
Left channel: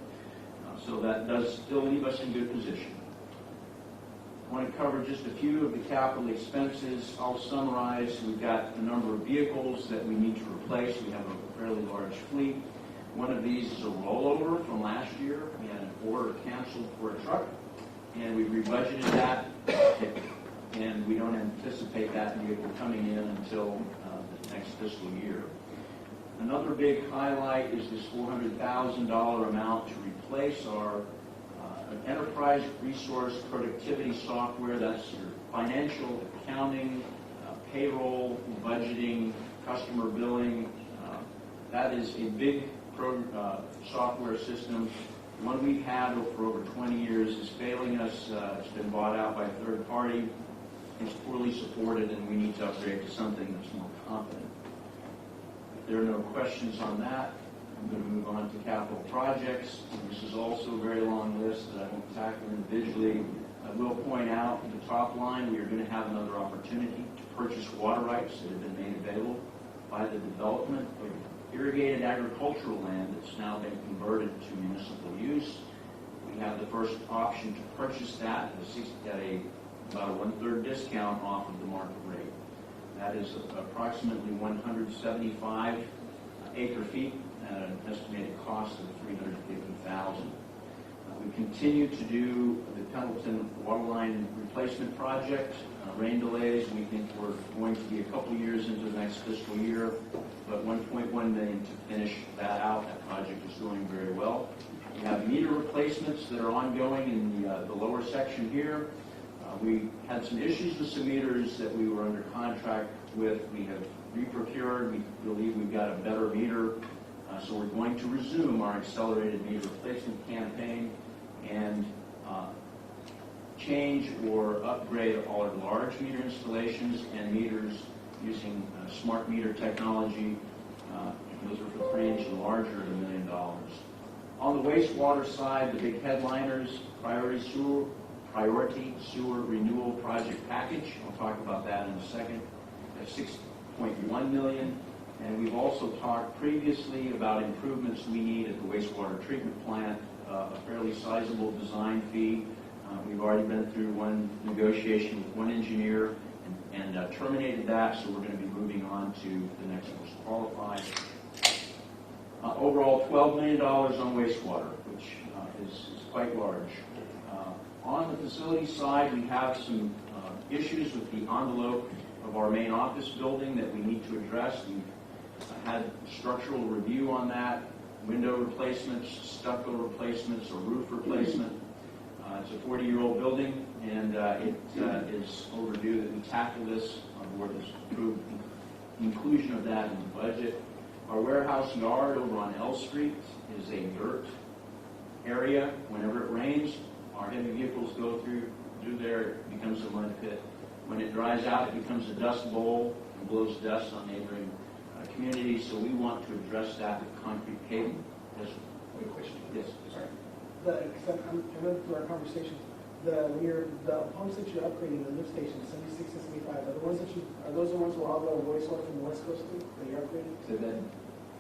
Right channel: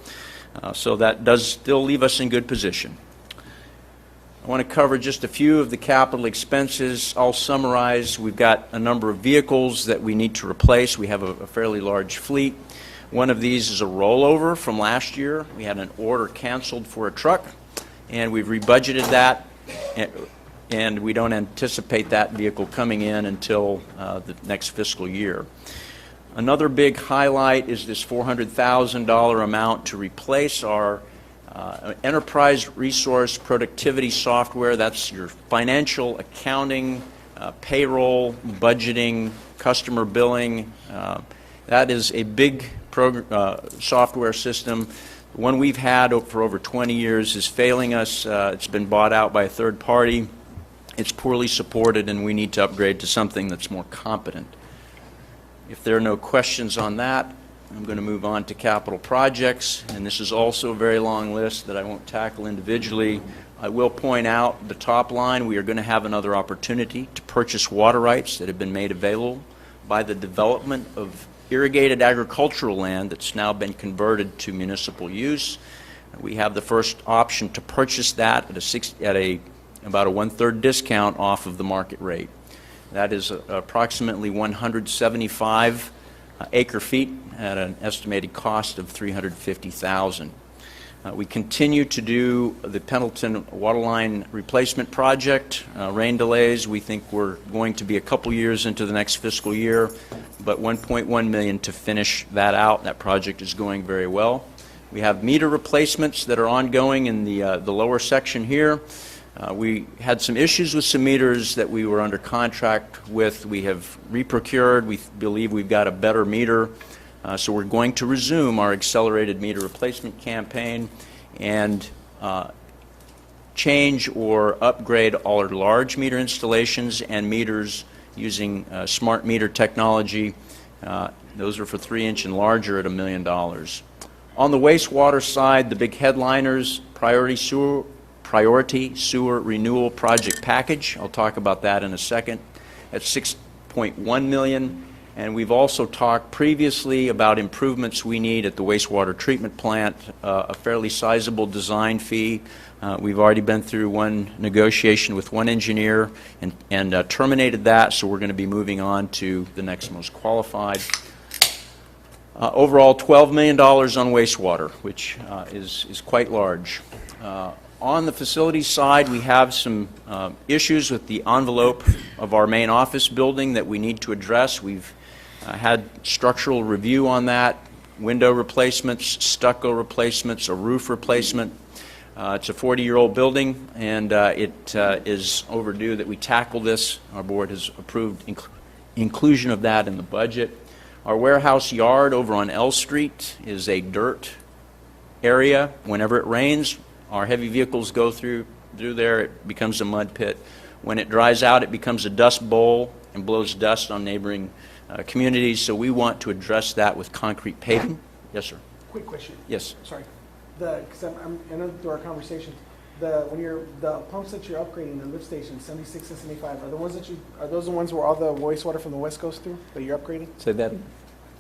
So that does still leave us in good position. I want to cover just a few of the capital expenses. I'll summarize. We've got a number of vehicles that we need to replace. We have a fairly large fleet. One of these is a rollover from last year. We had an order canceled for a truck, and we've rebudgeted that. And we don't anticipate that vehicle coming in until the next fiscal year. Another big highlight is this $400,000 amount to replace our enterprise resource productivity software. That's your financial accounting, payroll, budgeting, customer billing. That is a big software system. The one we've had for over 20 years is failing us. It's been bought out by a third party. It's poorly supported, and we need to upgrade to something that's more competent. If there are no questions on that, I'm going to move on to capital projects, and this is also a very long list that I won't tackle individually. I will point out the top line, we are going to have another opportunity to purchase water rights that have been made available by the development of irrigated agricultural land that's now been converted to municipal use. We have the first option to purchase that at about a 1/3 discount off of the market rate. That is approximately 175 acre feet at an estimated cost of $350,000. We continue to do the Pendleton waterline replacement project. Rain delays, we think we're going to be a couple years into the next fiscal year, but $1.1 million to finish that out. That project is going very well. We have meter replacements that are ongoing in the lower section here. We had some issues with some meters that we were under contract with. We have reprocured. We believe we've got a better meter. So we're going to resume our accelerated meter replacement campaign and change or upgrade all our large meter installations and meters using smart meter technology. Those are for 3-inch and larger at $1 million. On the wastewater side, the big headliners, priority sewer renewal project package. I'll talk about that in a second. At $6.1 million. And we've also talked previously about improvements we need at the wastewater treatment plant, a fairly sizable design fee. We've already been through one negotiation with one engineer and terminated that, so we're going to be moving on to the next most qualified. Overall, $12 million on wastewater, which is quite large. On the facilities side, we have some issues with the envelope of our main office building that we need to address. We've had structural review on that, window replacements, stucco replacements, a roof replacement. It's a 40-year-old building, and it is overdue that we tackle this. Our board has approved inclusion of that in the budget. Our warehouse yard over on L Street is a dirt area. Whenever it rains, our heavy vehicles go through there. It becomes a mud pit. When it dries out, it becomes a dust bowl and blows dust on neighboring communities. So we want to address that with concrete paving. Yes, sir. Quick question. Yes. Sorry. Because I know through our conversations, the pumps that you're upgrading, the lift stations, 76 and 75, are those the ones where all the wastewater from the west goes through that you're upgrading? Say that.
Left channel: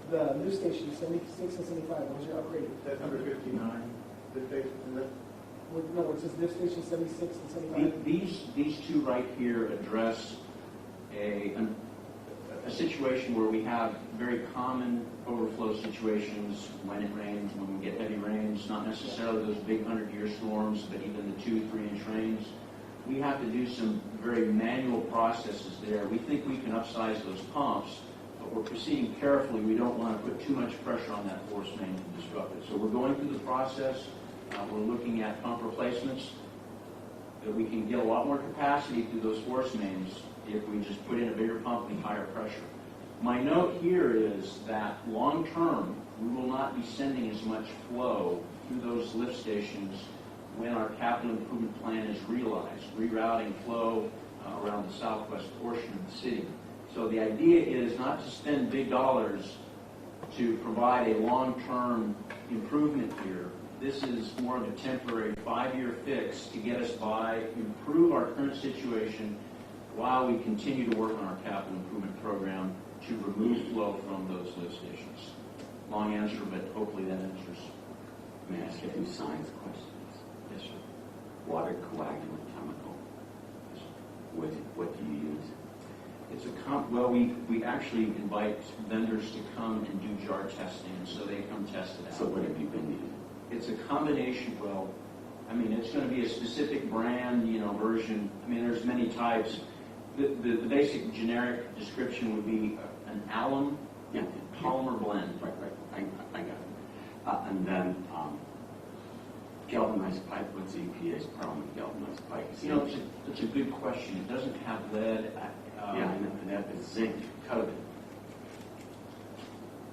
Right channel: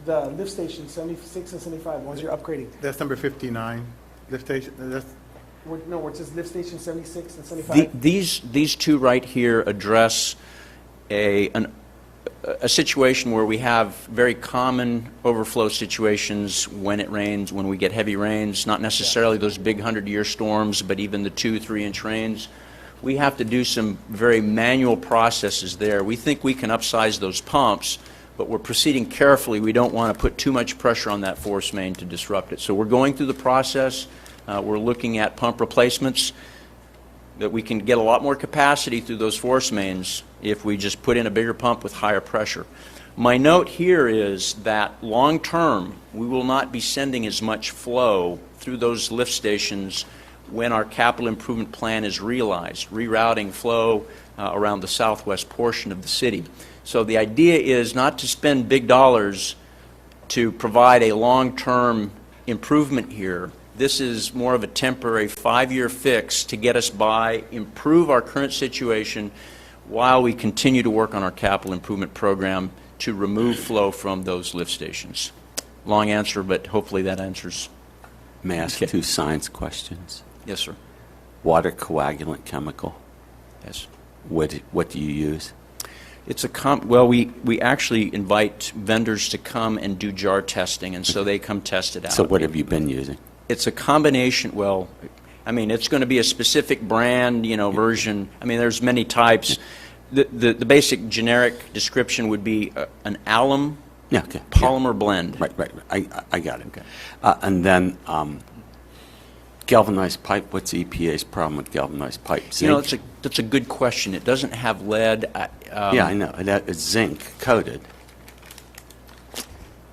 The lift stations, 76 and 75, the ones you're upgrading. That's number 59, lift station, that's... No, where it says lift station 76 and 75. These two right here address a situation where we have very common overflow situations when it rains, when we get heavy rains, not necessarily those big 100-year storms, but even the 2-3-inch rains. We have to do some very manual processes there. We think we can upsize those pumps, but we're proceeding carefully. We don't want to put too much pressure on that force main to disrupt it. So we're going through the process. We're looking at pump replacements that we can get a lot more capacity through those force mains if we just put in a bigger pump with higher pressure. My note here is that long term, we will not be sending as much flow through those lift stations when our capital improvement plan is realized, rerouting flow around the southwest portion of the city. So the idea is not to spend big dollars to provide a long-term improvement here. This is more of a temporary 5-year fix to get us by, improve our current situation while we continue to work on our capital improvement program to remove flow from those lift stations. Long answer, but hopefully that answers. May I ask 2 science questions? Yes, sir. Water coagulant chemical. Yes. What do you use? It's well, we actually invite vendors to come and do jar testing, and so they come test it out. So what have you been using? It's a combination, well, I mean, it's going to be a specific brand, version. I mean, there's many types. The basic generic description would be an alum polymer blend. Right. I got it. Okay. And then galvanized pipe. What's EPA's problem with galvanized pipe? Zinc? That's a good question. It doesn't have lead. Yeah, I know. It's zinc coated.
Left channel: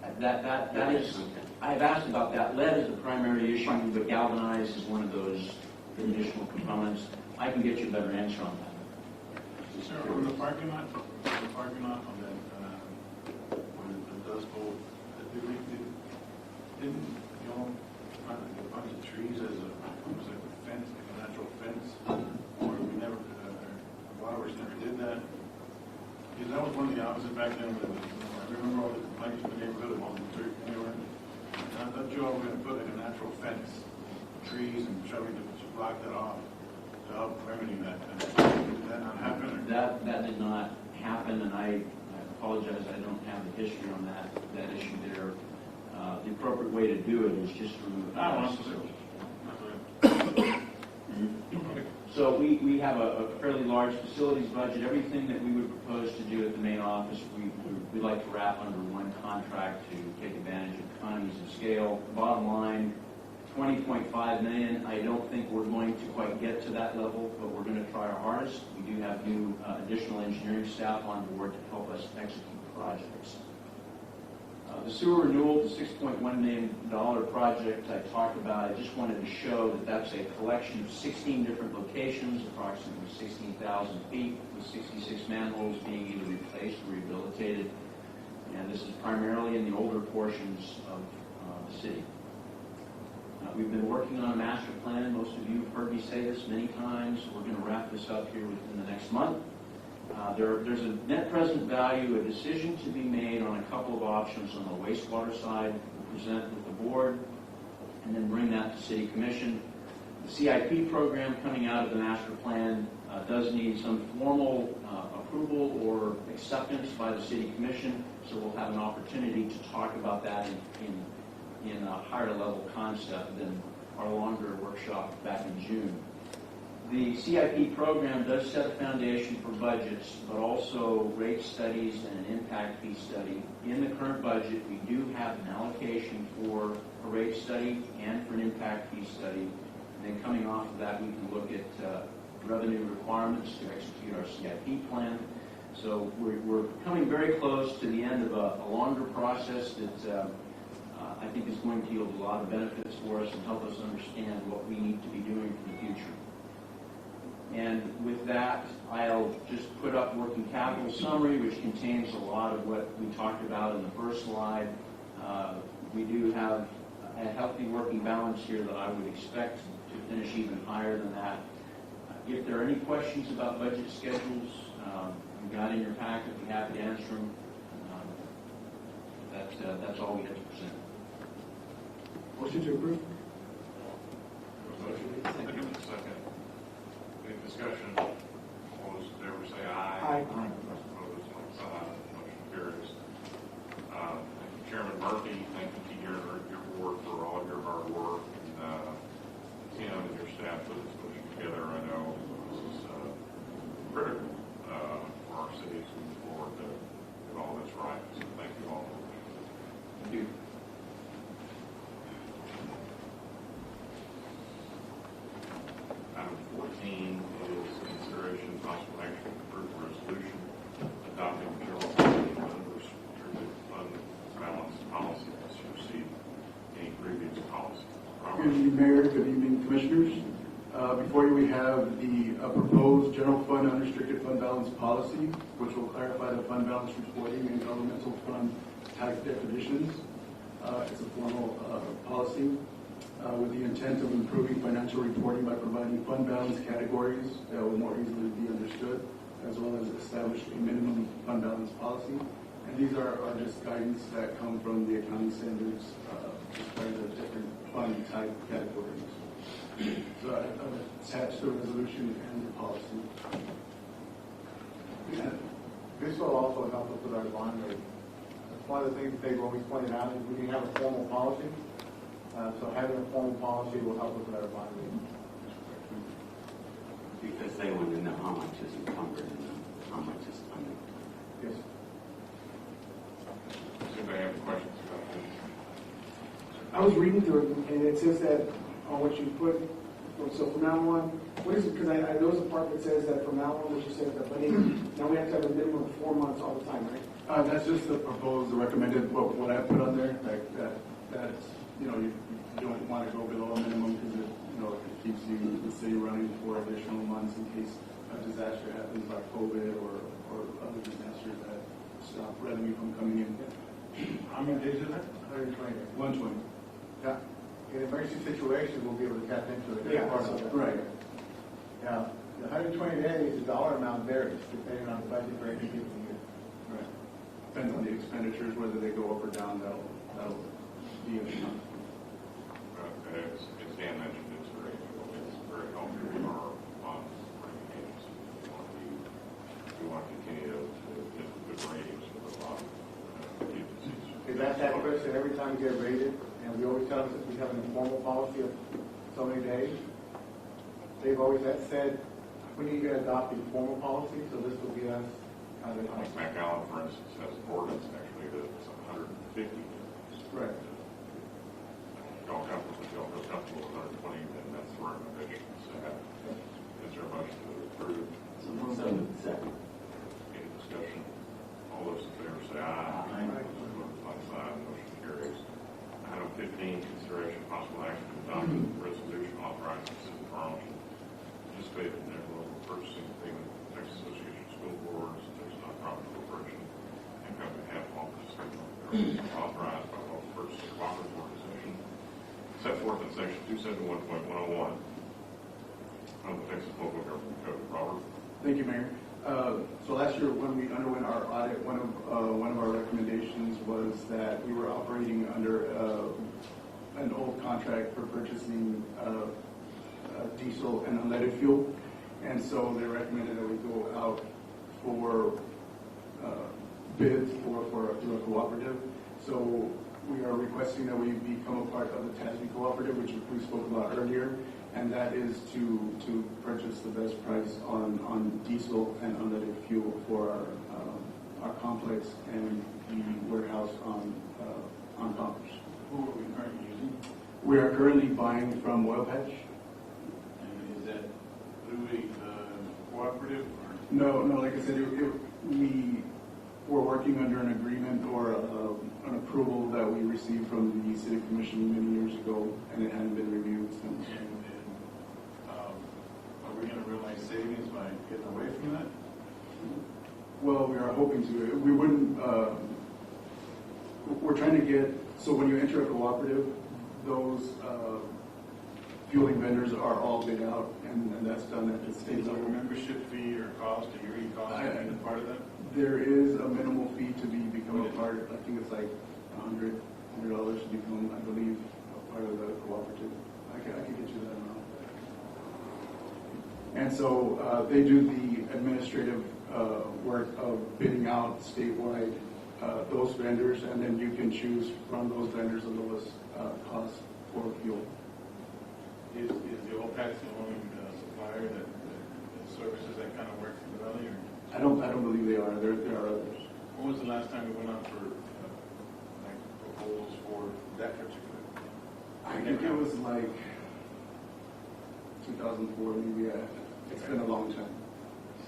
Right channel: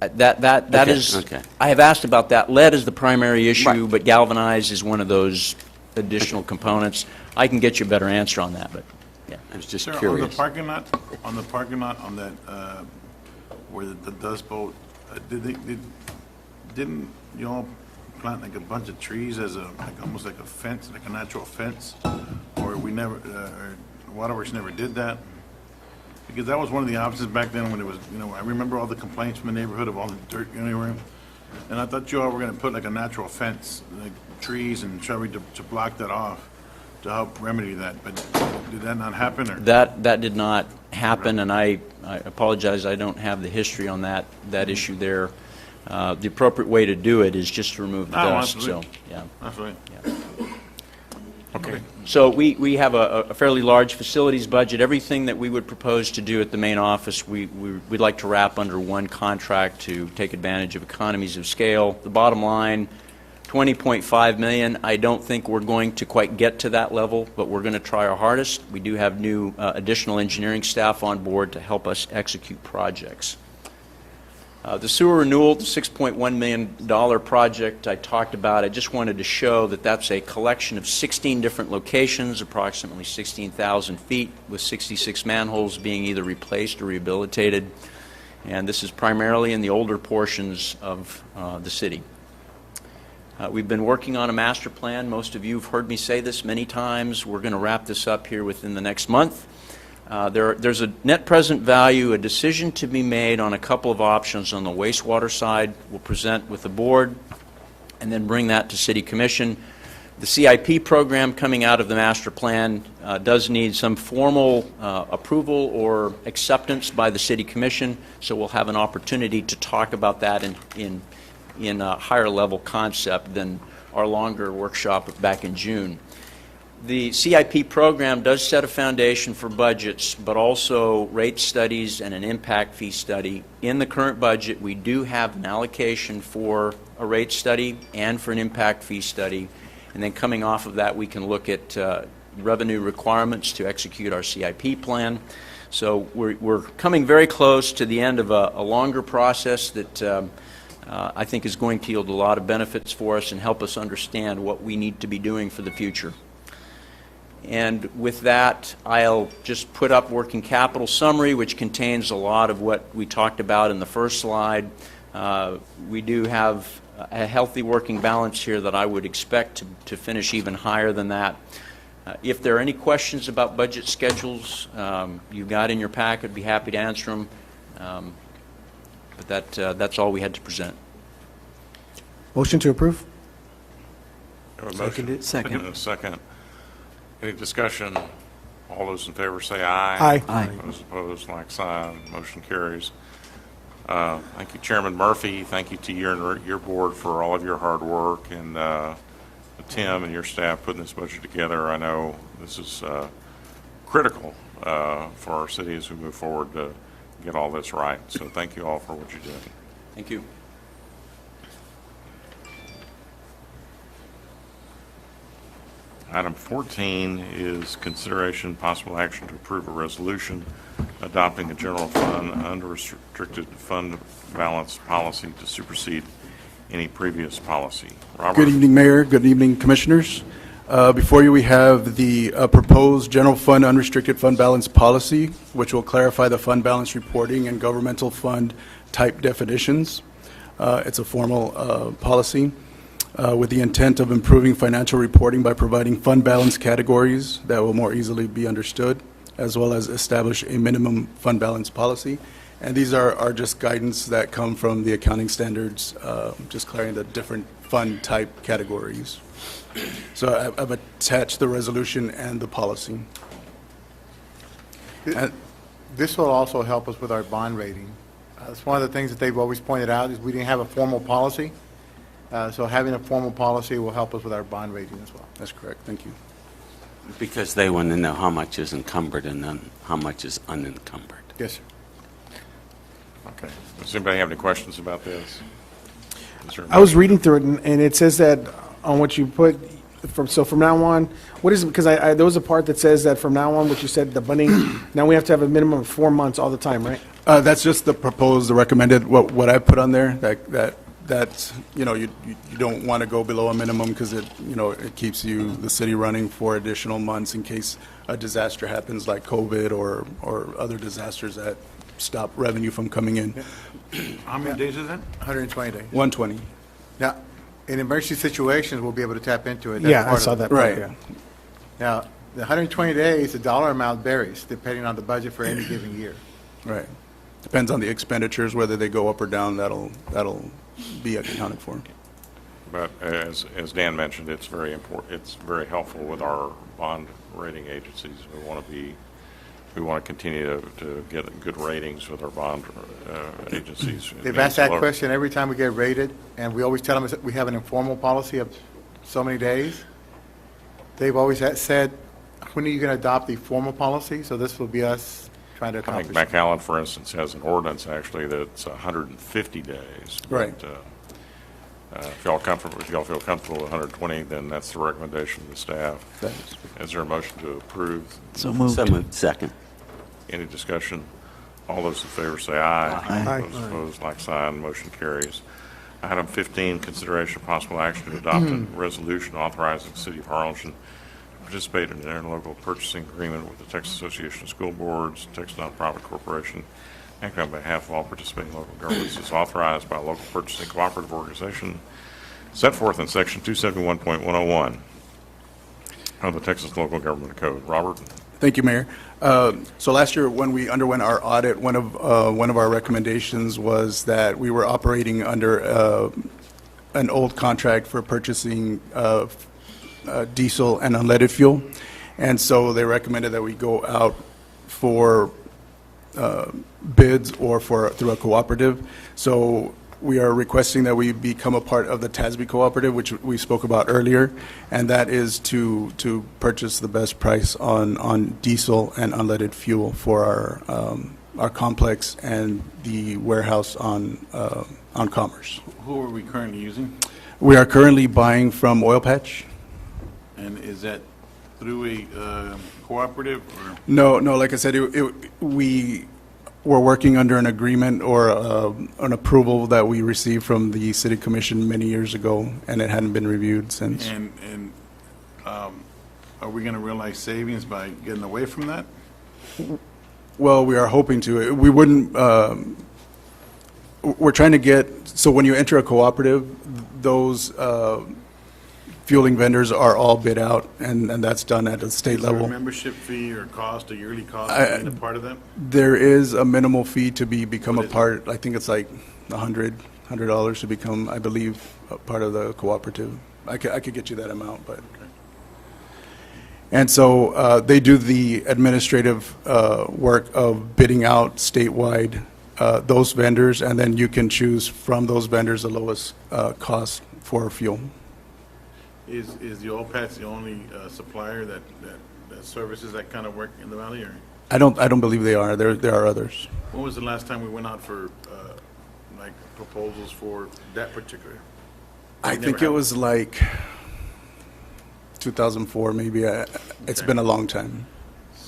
That is. Okay. I have asked about that. Lead is the primary issue, but galvanized is one of those additional components. I can get you a better answer on that, but yeah. I was just Sir, curious. on the parking lot, on that where the Dust Bowl, didn't you all plant like a bunch of trees as almost like a fence, like a natural fence? Or we never, or Waterworks never did that? Because that was one of the options back then when it was, I remember all the complaints from the neighborhood of all the dirt anywhere. And I thought you all were gonna put like a natural fence, like trees and shrubbery to block that off, to help remedy that, but did that not happen, or? That did not happen, and I apologize, I don't have the history on that issue there. The appropriate way to do it is just to remove the dust, so, yeah. That's right. Okay. So we have a fairly large facilities budget. Everything that we would propose to do at the main office, we'd like to wrap under one contract to take advantage of economies of scale. The bottom line, $20.5 million. I don't think we're going to quite get to that level, but we're going to try our hardest. We do have new additional engineering staff on board to help us execute projects. The sewer renewal, the $6.1 million project I talked about, I just wanted to show that that's a collection of 16 different locations, approximately 16,000 feet, with 66 manholes being either replaced or rehabilitated. And this is primarily in the older portions of the city. We've been working on a master plan. Most of you have heard me say this many times. We're going to wrap this up here within the next month. There's a net present value, a decision to be made on a couple of options on the wastewater side. We'll present with the board and then bring that to City Commission. The CIP program coming out of the master plan does need some formal approval or acceptance by the City Commission, so we'll have an opportunity to talk about that in a higher level concept than our longer workshop back in June. The CIP program does set a foundation for budgets, but also rate studies and an impact fee study. In the current budget, we do have an allocation for a rate study and for an impact fee study. And then coming off of that, we can look at revenue requirements to execute our CIP plan. So we're coming very close to the end of a longer process that I think is going to yield a lot of benefits for us and help us understand what we need to be doing for the future. And with that, I'll just put up working capital summary, which contains a lot of what we talked about in the first slide. We do have a healthy working balance here that I would expect to finish even higher than that. If there are any questions about budget schedules, you've got in your pack, I'd be happy to answer them. But that's all we had to present. Motion to approve? Second. Any discussion? All those in favor say aye. Aye. Aye. Those opposed, like sign. Motion carries. Thank you, Chairman Murphy. Thank you to you and your board for all of your hard work, and Tim and your staff putting this budget together. I know this is critical for our city as we move forward to get all this right. So thank you all for what you did. Thank you. Item 14 is consideration possible action to approve a resolution adopting a general fund unrestricted fund balance policy to supersede any previous policy. Robert? Good evening, Mayor. Good evening, Commissioners. Before you, we have the proposed general fund unrestricted fund balance policy, which will clarify the fund balance reporting and governmental fund type definitions. It's a formal policy with the intent of improving financial reporting by providing fund balance categories that will more easily be understood, as well as establish a minimum fund balance policy. And these are just guidance that come from the accounting standards, just clarifying the different fund type categories. So I've attached the resolution and the policy. And this will also help us with our bond rating. It's one of the things that they've always pointed out is we didn't have a formal policy. So having a formal policy will help us with our bond rating as well. That's correct. Thank you. Because they want to know how much is encumbered and then how much is unencumbered. Yes, sir. Okay. Does anybody have any questions about this? I was reading through it, and it says that on what you put, from now on, what is it? Because there was a part that says that from now on, what you said, the funding, now we have to have a minimum of 4 months all the time, right? That's just the proposed, the recommended, what I put on there, that's, you don't want to go below a minimum because it keeps the city running for additional months in case a disaster happens like COVID or other disasters that stop revenue from coming in. How many days is that? 120 days. 120. Now, in emergency situations, we'll be able to tap into it. That's Yeah, I part of saw it. that. Right. Yeah. Now, the 120 days, the dollar amount varies depending on the budget for any given year. Right. Depends on the expenditures, whether they go up or down, that'll be accounted for. But as Dan mentioned, it's very important, it's very helpful with our bond rating agencies. We want to continue to get good ratings with our bond agencies. They've asked that question every time we get rated, and we always tell them that we have an informal policy of so many days. They've always said, when are you going to adopt the formal policy? So this will be us trying to I think accomplish. McAllen, for instance, has an ordinance actually that's 150 days. Right. But, if y'all feel comfortable with 120, then that's the recommendation of the staff. That Is there a motion to approve? So moved. Second. Any discussion? All those in favor say aye. Aye. Those opposed, like sign. Motion carries. Item 15, consideration of possible action to adopt a resolution authorizing the City of Harlingen to participate in an interlocal purchasing agreement with the Texas Association of School Boards, Texas Nonprofit Corporation, acting on behalf of all participating local governments as authorized by a local purchasing cooperative organization set forth in Section 271.101 of the Texas Local Government Code. Robert? Thank you, Mayor. So last year, when we underwent our audit, one of our recommendations was that we were operating under an old contract for purchasing diesel and unleaded fuel, and so they recommended that we go out for bids or through a cooperative. So we are requesting that we become a part of the TASB cooperative, which we spoke about earlier, and that is to purchase the best price on diesel and unleaded fuel for our complex and the warehouse on Commerce. Who are we currently using? We are currently buying from Oil Patch. And is that through a cooperative or? No, like I said, we were working under an agreement or an approval that we received from the City Commission many years ago, and it hadn't been reviewed since. And are we going to realize savings by getting away from that? Well, we are hoping to. We wouldn't, we're trying to get, so when you enter a cooperative, those fueling vendors are all bid out, and that's done at the state Is there level. a membership fee or cost, a yearly cost to be a part of that? There is a minimal fee to become a part. I think it's like $100 to become, I believe, a part of the cooperative. I could get you that amount, but. And so they do the administrative work of bidding out statewide those vendors, and then you can choose from those vendors the lowest cost for fuel. Is the Oil Patch the only supplier that services that kind of work in the valley, or? I don't believe they are. There are others. When was the last time we went out for like proposals for that particular? I think it was like 2004, maybe. It's been a long time.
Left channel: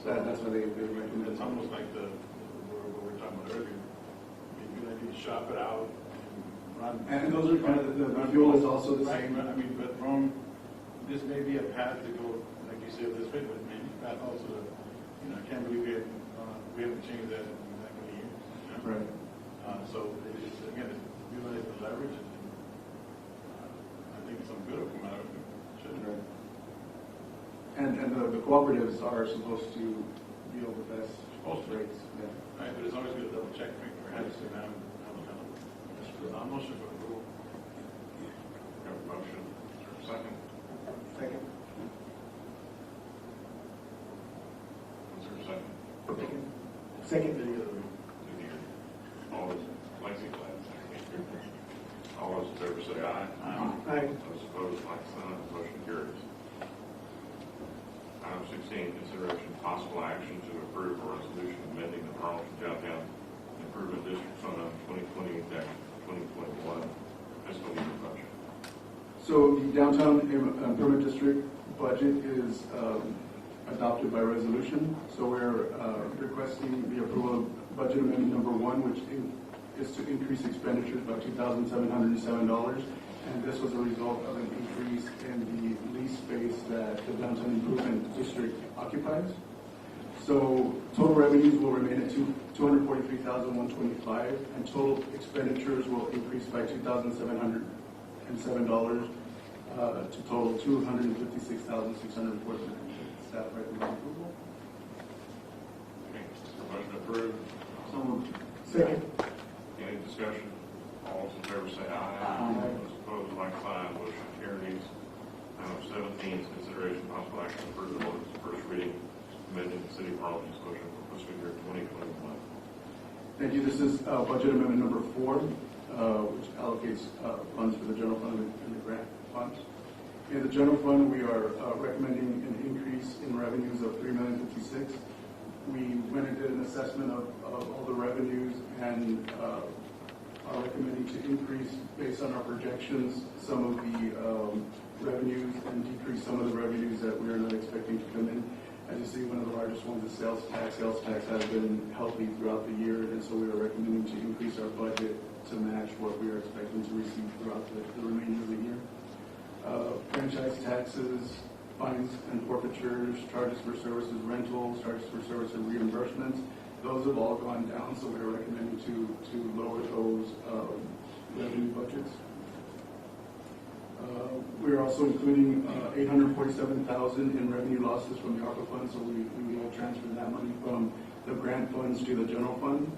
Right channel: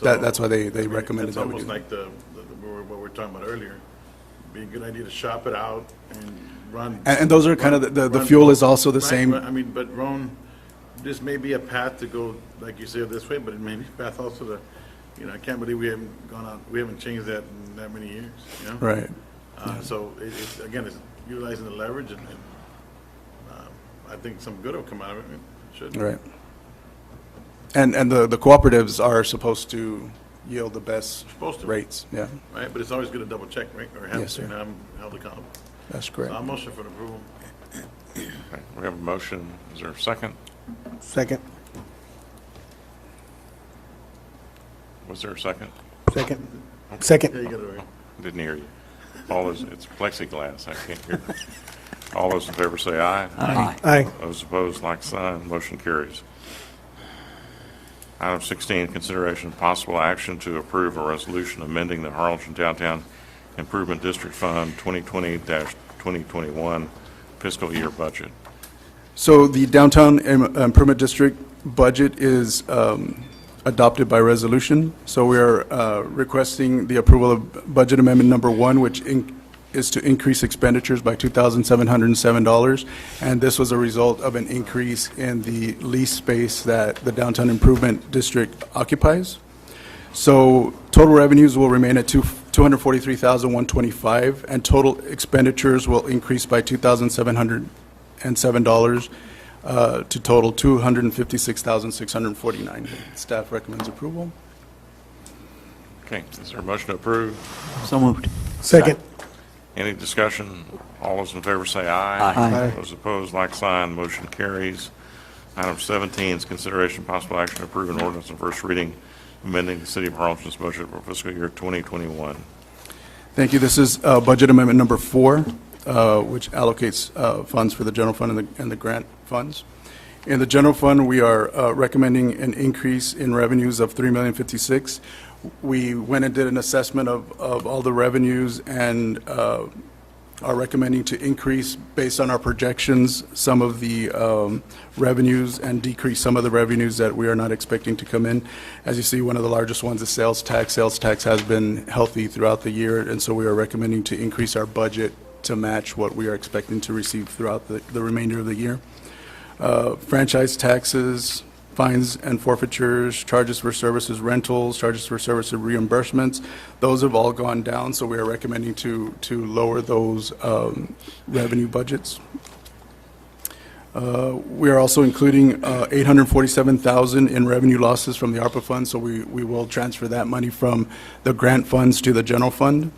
That's why they recommended It's that we almost do. like what we were talking about earlier. Be a good idea to shop it out and run. And those are kind of, the fuel is also the Right, same. but, I mean, but Ron, this may be a path to go, like you said, this way, but it may be a path also to, I can't believe we haven't gone out, we haven't changed that in that many years, Right. So it's, again, it's utilizing the leverage, and I think some good will come out of it. It should. Right. And the cooperatives are supposed to yield the best rates, yeah. Right, but it's always good to double check, right, or have, Yes, sir. I'm held accountable. That's correct. So I'll motion for approval. We have a motion. Is there a second? Second. Was there a second? Second. Second. There you go. Didn't hear you. All those, it's plexiglass, I can't hear. All those in favor say aye. Aye. Aye. Those opposed, like sign. Motion carries. Item 16, consideration of possible action to approve a resolution amending the Harlingen Downtown Improvement District Fund 2020-2021 fiscal year budget. So the Downtown Improvement District budget is adopted by resolution. So we are requesting the approval of budget amendment number 1, which is to increase expenditures by $2,707. And this was a result of an increase in the lease space that the Downtown Improvement District occupies. So total revenues will remain at $243,125, and total expenditures will increase by $2,707 to total $256,649. Staff recommends approval. Okay, is there a motion to approve? So moved. Second. Any discussion? All those in favor say aye. Aye. Those opposed, like sign, motion carries. Item 17 is consideration possible action to approve an ordinance on first reading, amending the City of Harlingen's budget for fiscal year 2021. Thank you. This is budget amendment number 4, which allocates funds for the general fund and the grant funds. In the general fund, we are recommending an increase in revenues of $3,056,000. We went and did an assessment of all the revenues and are recommending to increase, based on our projections, some of the revenues and decrease some of the revenues that we are not expecting to come in. As you see, one of the largest ones is sales tax. Sales tax has been healthy throughout the year, and so we are recommending to increase our budget to match what we are expecting to receive throughout the remainder of the year. Franchise taxes, fines and forfeitures, charges for services rentals, charges for services reimbursements, those have all gone down, so we are recommending to lower those revenue budgets. We are also including $847,000 in revenue losses from the ARPA fund, so we will transfer that money from the grant funds to the general fund.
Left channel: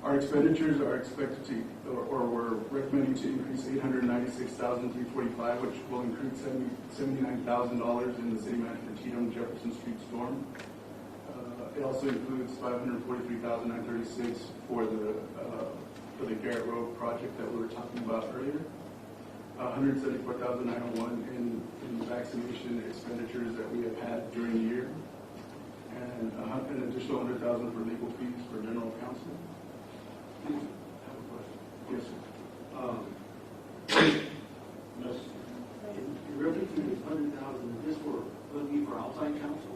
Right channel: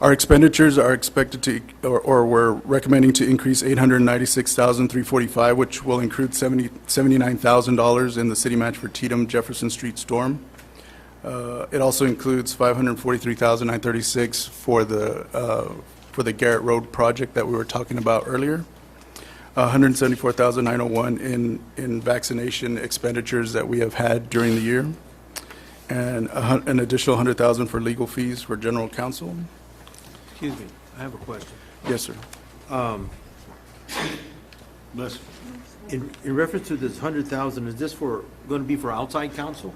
Our expenditures are expected to, or we're recommending to increase $896,345, which will include $79,000 in the city match for Tatum Jefferson Street storm. It also includes $543,936 for the Garrett Road project that we were talking about earlier. $174,901 in vaccination expenditures that we have had during the year, and an additional $100,000 for legal fees for general counsel. Excuse me, I have a question. Yes, sir. In reference to this 100,000, is this going to be for outside counsel?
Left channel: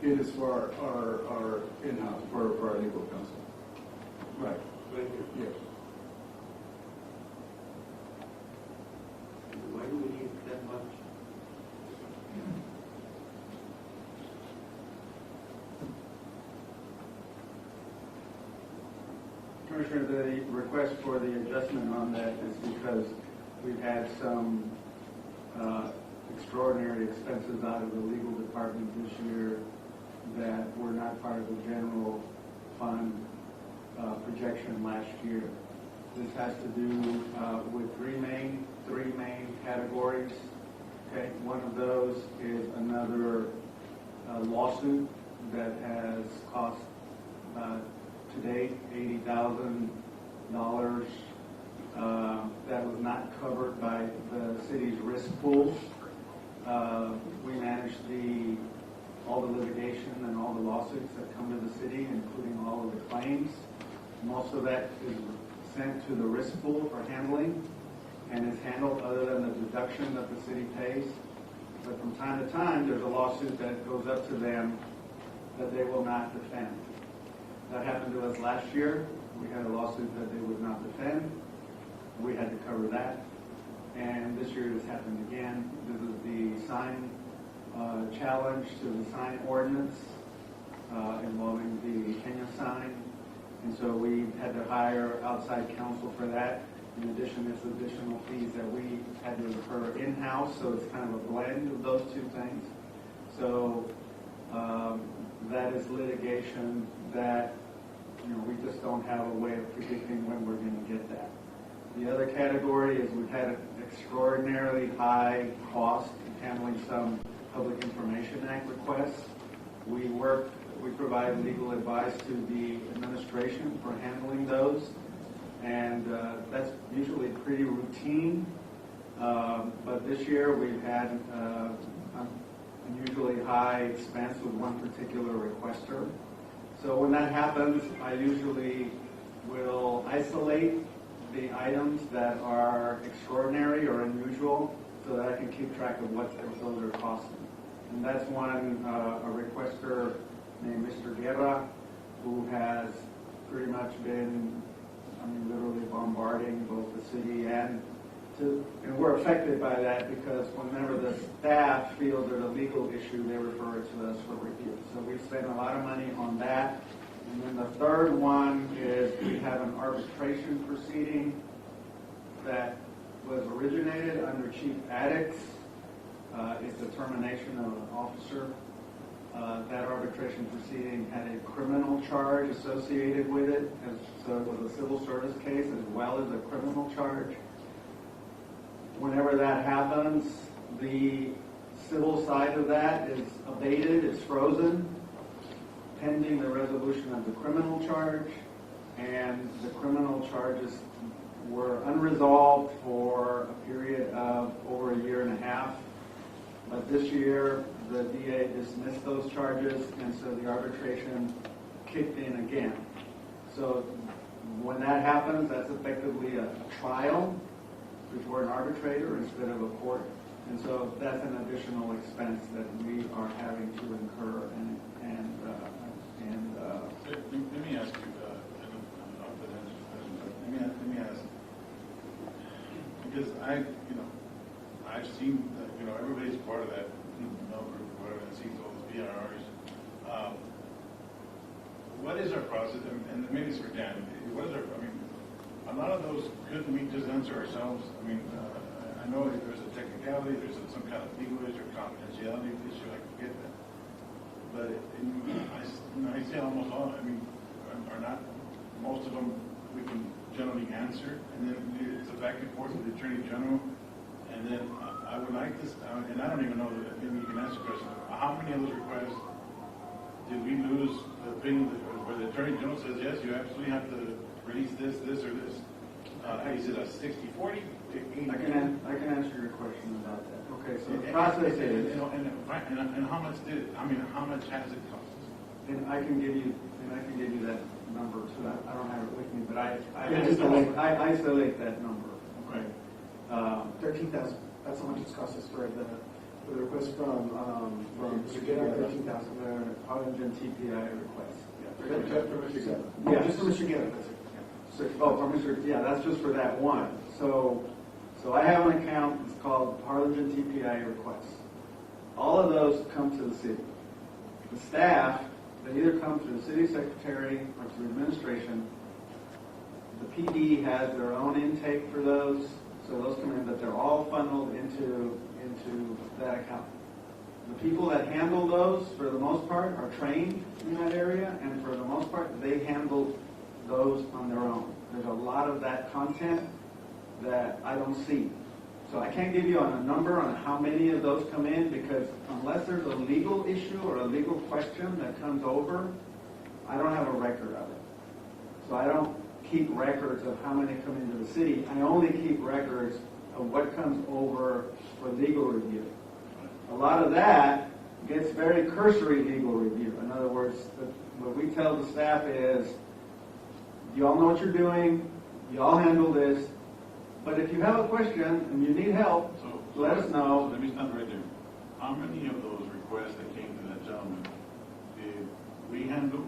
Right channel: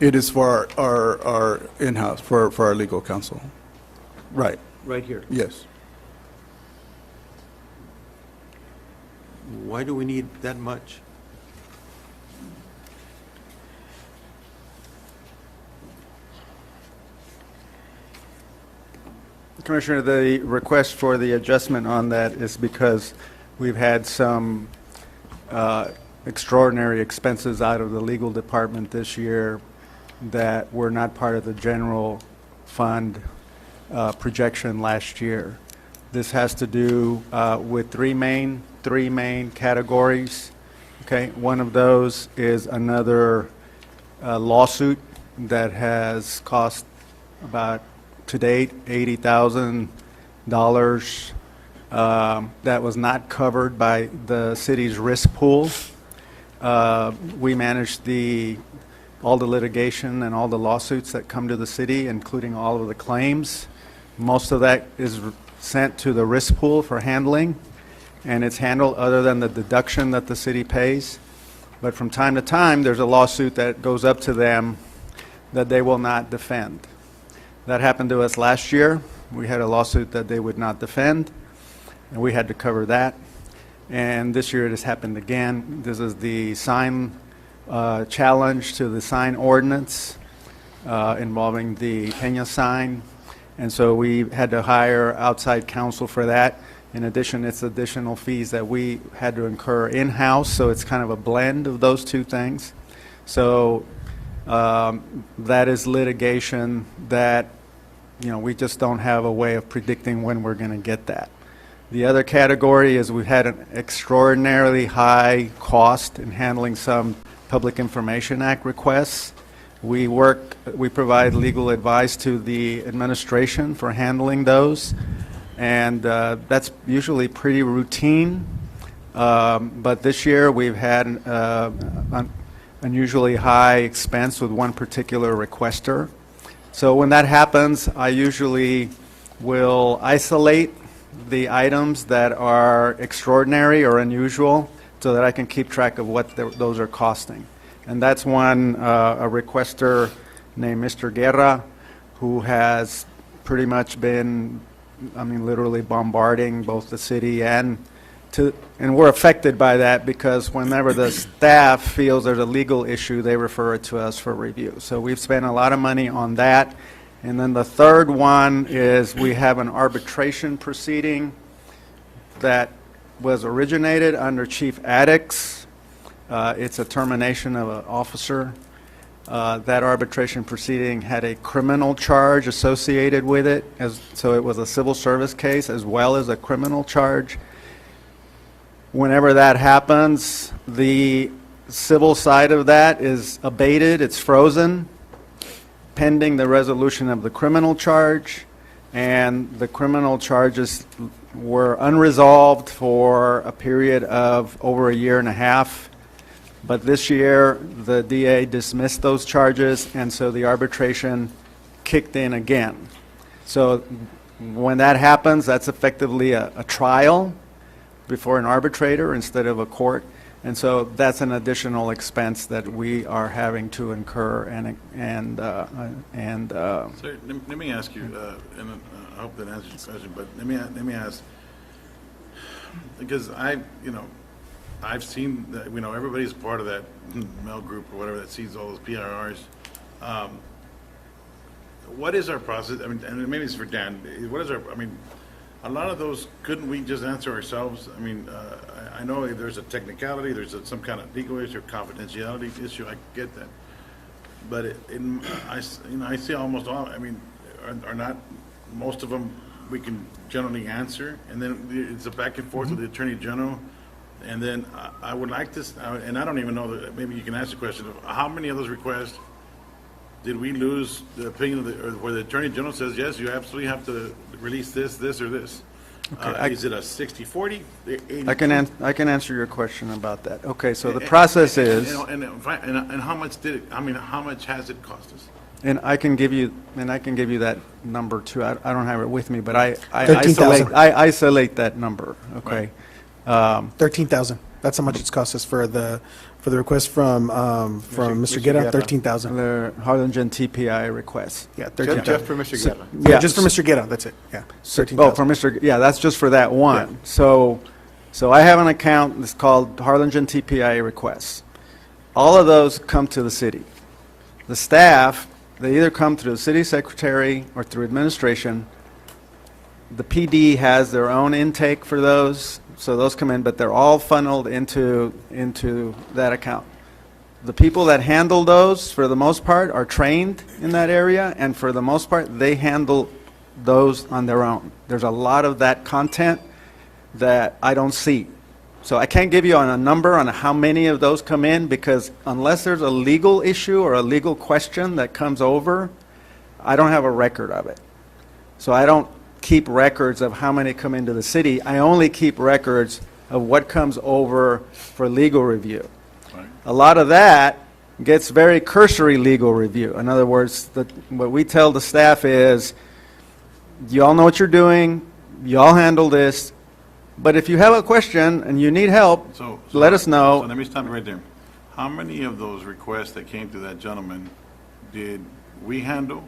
It is for our in-house, for our legal counsel. Right. Right here? Yes. Why do we need that much? Commissioner, the request for the adjustment on that is because we've had some extraordinary expenses out of the legal department this year that were not part of the general fund projection last year. This has to do with three main categories. Okay, one of those is another lawsuit that has cost about, to date, $80,000 that was not covered by the city's risk pool. We manage all the litigation and all the lawsuits that come to the city, including all of the claims. Most of that is sent to the risk pool for handling, and it's handled other than the deduction that the city pays. But from time to time, there's a lawsuit that goes up to them that they will not defend. That happened to us last year. We had a lawsuit that they would not defend, and we had to cover that. And this year it has happened again. This is the sign challenge to the sign ordinance involving the Peña sign. And so we had to hire outside counsel for that. In addition, it's additional fees that we had to incur in-house, so it's kind of a blend of those two things. So that is litigation that, we just don't have a way of predicting when we're going to get that. The other category is we've had an extraordinarily high cost in handling some Public Information Act requests. We provide legal advice to the administration for handling those, and that's usually pretty routine. But this year we've had an unusually high expense with one particular requester. So when that happens, I usually will isolate the items that are extraordinary or unusual so that I can keep track of what those are costing. And that's one, a requester named Mr. Guerra, who has pretty much been, literally bombarding both the city and and we're affected by that because whenever the staff feels there's a legal issue, they refer it to us for review. So we've spent a lot of money on that. And then the third one is we have an arbitration proceeding that was originated under Chief Addicts. It's a termination of an officer. That arbitration proceeding had a criminal charge associated with it, so it was a civil service case as well as a criminal charge. Whenever that happens, the civil side of that is abated, it's frozen, pending the resolution of the criminal charge, and the criminal charges were unresolved for a period of over a year and a half. But this year, the DA dismissed those charges, and so the arbitration kicked in again. So when that happens, that's effectively a trial before an arbitrator instead of a court. And so that's an additional expense that we are having to incur. So let me ask you, and I hope that answers your question, but let me ask, because I've seen that, everybody's part of that mail group or whatever that sees all those PRRs. What is our process? I mean, and maybe it's for Dan. What is a lot of those, couldn't we just answer ourselves? I mean, I know there's a technicality, there's some kind of legal issue, confidentiality issue, I get that. But I see almost all, are not, most of them we can generally answer, and then it's a back and forth with the Attorney General. And then I would like this, and I don't even know that, maybe you can answer the question, how many of those requests did we lose the opinion of or where the Attorney General says, yes, you absolutely have to release this, or this? Okay, is it a 60-40? I can answer your question about that. Okay, so the process is, and how much did it? How much has it cost us? and I can give you that number too. I don't have it with me, but I 13,000. isolate that number. Okay. Right. 13,000. That's how much it's cost us for the request from Mr. Guerra. 13,000. The Harlingen TPI request. Yeah, 13,000. Just for Mr. Guerra. Yeah, just for Mr. Guerra. That's it. Yeah. 13,000. That's just for that one. Yeah. So I have an account that's called Harlingen TPI requests. All of those come to the city. The staff, they either come through the city secretary or through administration. The PD has their own intake for those, so those come in, but they're all funneled into that account. The people that handle those, for the most part, are trained in that area, and for the most part, they handle those on their own. There's a lot of that content that I don't see. So I can't give you a number on how many of those come in, because unless there's a legal issue or a legal question that comes over, I don't have a record of it. So I don't keep records of how many come into the city. I only keep records of what comes over for legal review. Right. A lot of that gets very cursory legal review. In other words, what we tell the staff is, you all know what you're doing, you all handle this, but if you have a question and you need help, let us know. So let me stop right there. How many of those requests that came to that gentleman did we handle?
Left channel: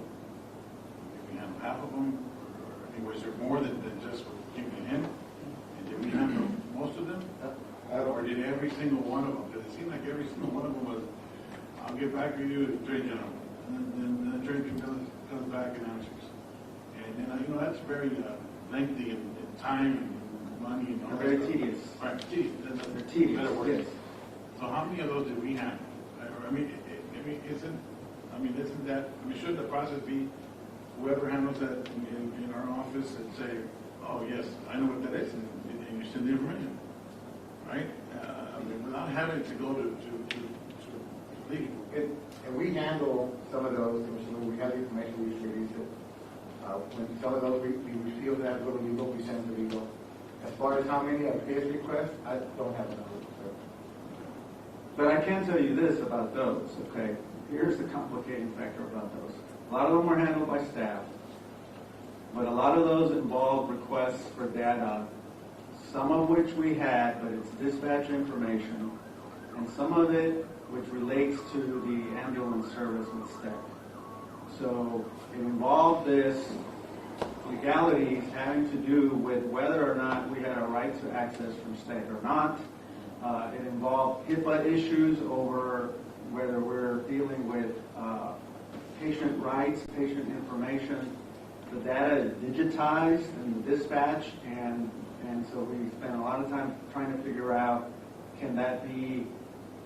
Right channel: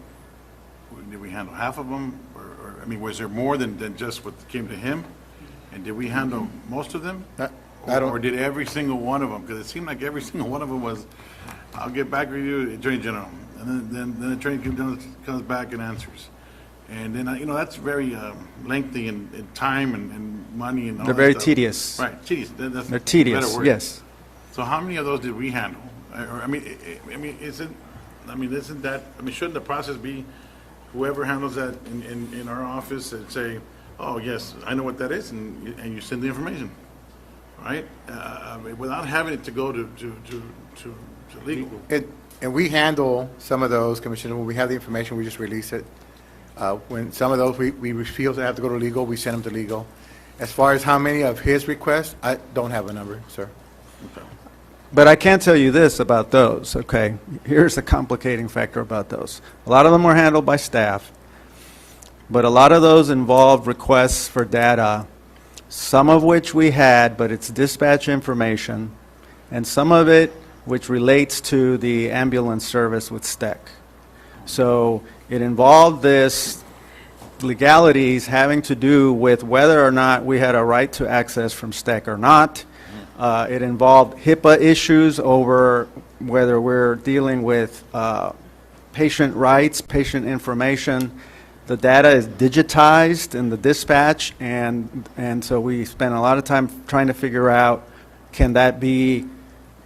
Did we handle half of them? Was there more than just what came to him? And did we handle most of them? Or did every single one of them? Because it seemed like every single one of them was, I'll get back with you, Attorney General. And then the Attorney General comes back and answers. And then, that's very lengthy in time and money and all They're that very stuff. tedious. Right, tedious. That's They're a tedious, better word. yes. So how many of those did we handle? Shouldn't the process be whoever handles that in our office that say, oh, yes, I know what that is, and you send the information, right? Without having it to go to legal. And we handle some of those, Commissioner, when we have the information, we just release it. When some of those we feel to have to go to legal, we send them to legal. As far as how many of his requests, I don't have a number, sir. But I can tell you this about those, okay? Here's the complicating factor about those. A lot of them were handled by staff, but a lot of those involved requests for data, some of which we had, but it's dispatch information, and some of it which relates to the ambulance service with STEC. So it involved this legalities having to do with whether or not we had a right to access from STEC or not. It involved HIPAA issues over whether we're dealing with patient rights, patient information. The data is digitized in the dispatch, and so we spent a lot of time trying to figure out, can that be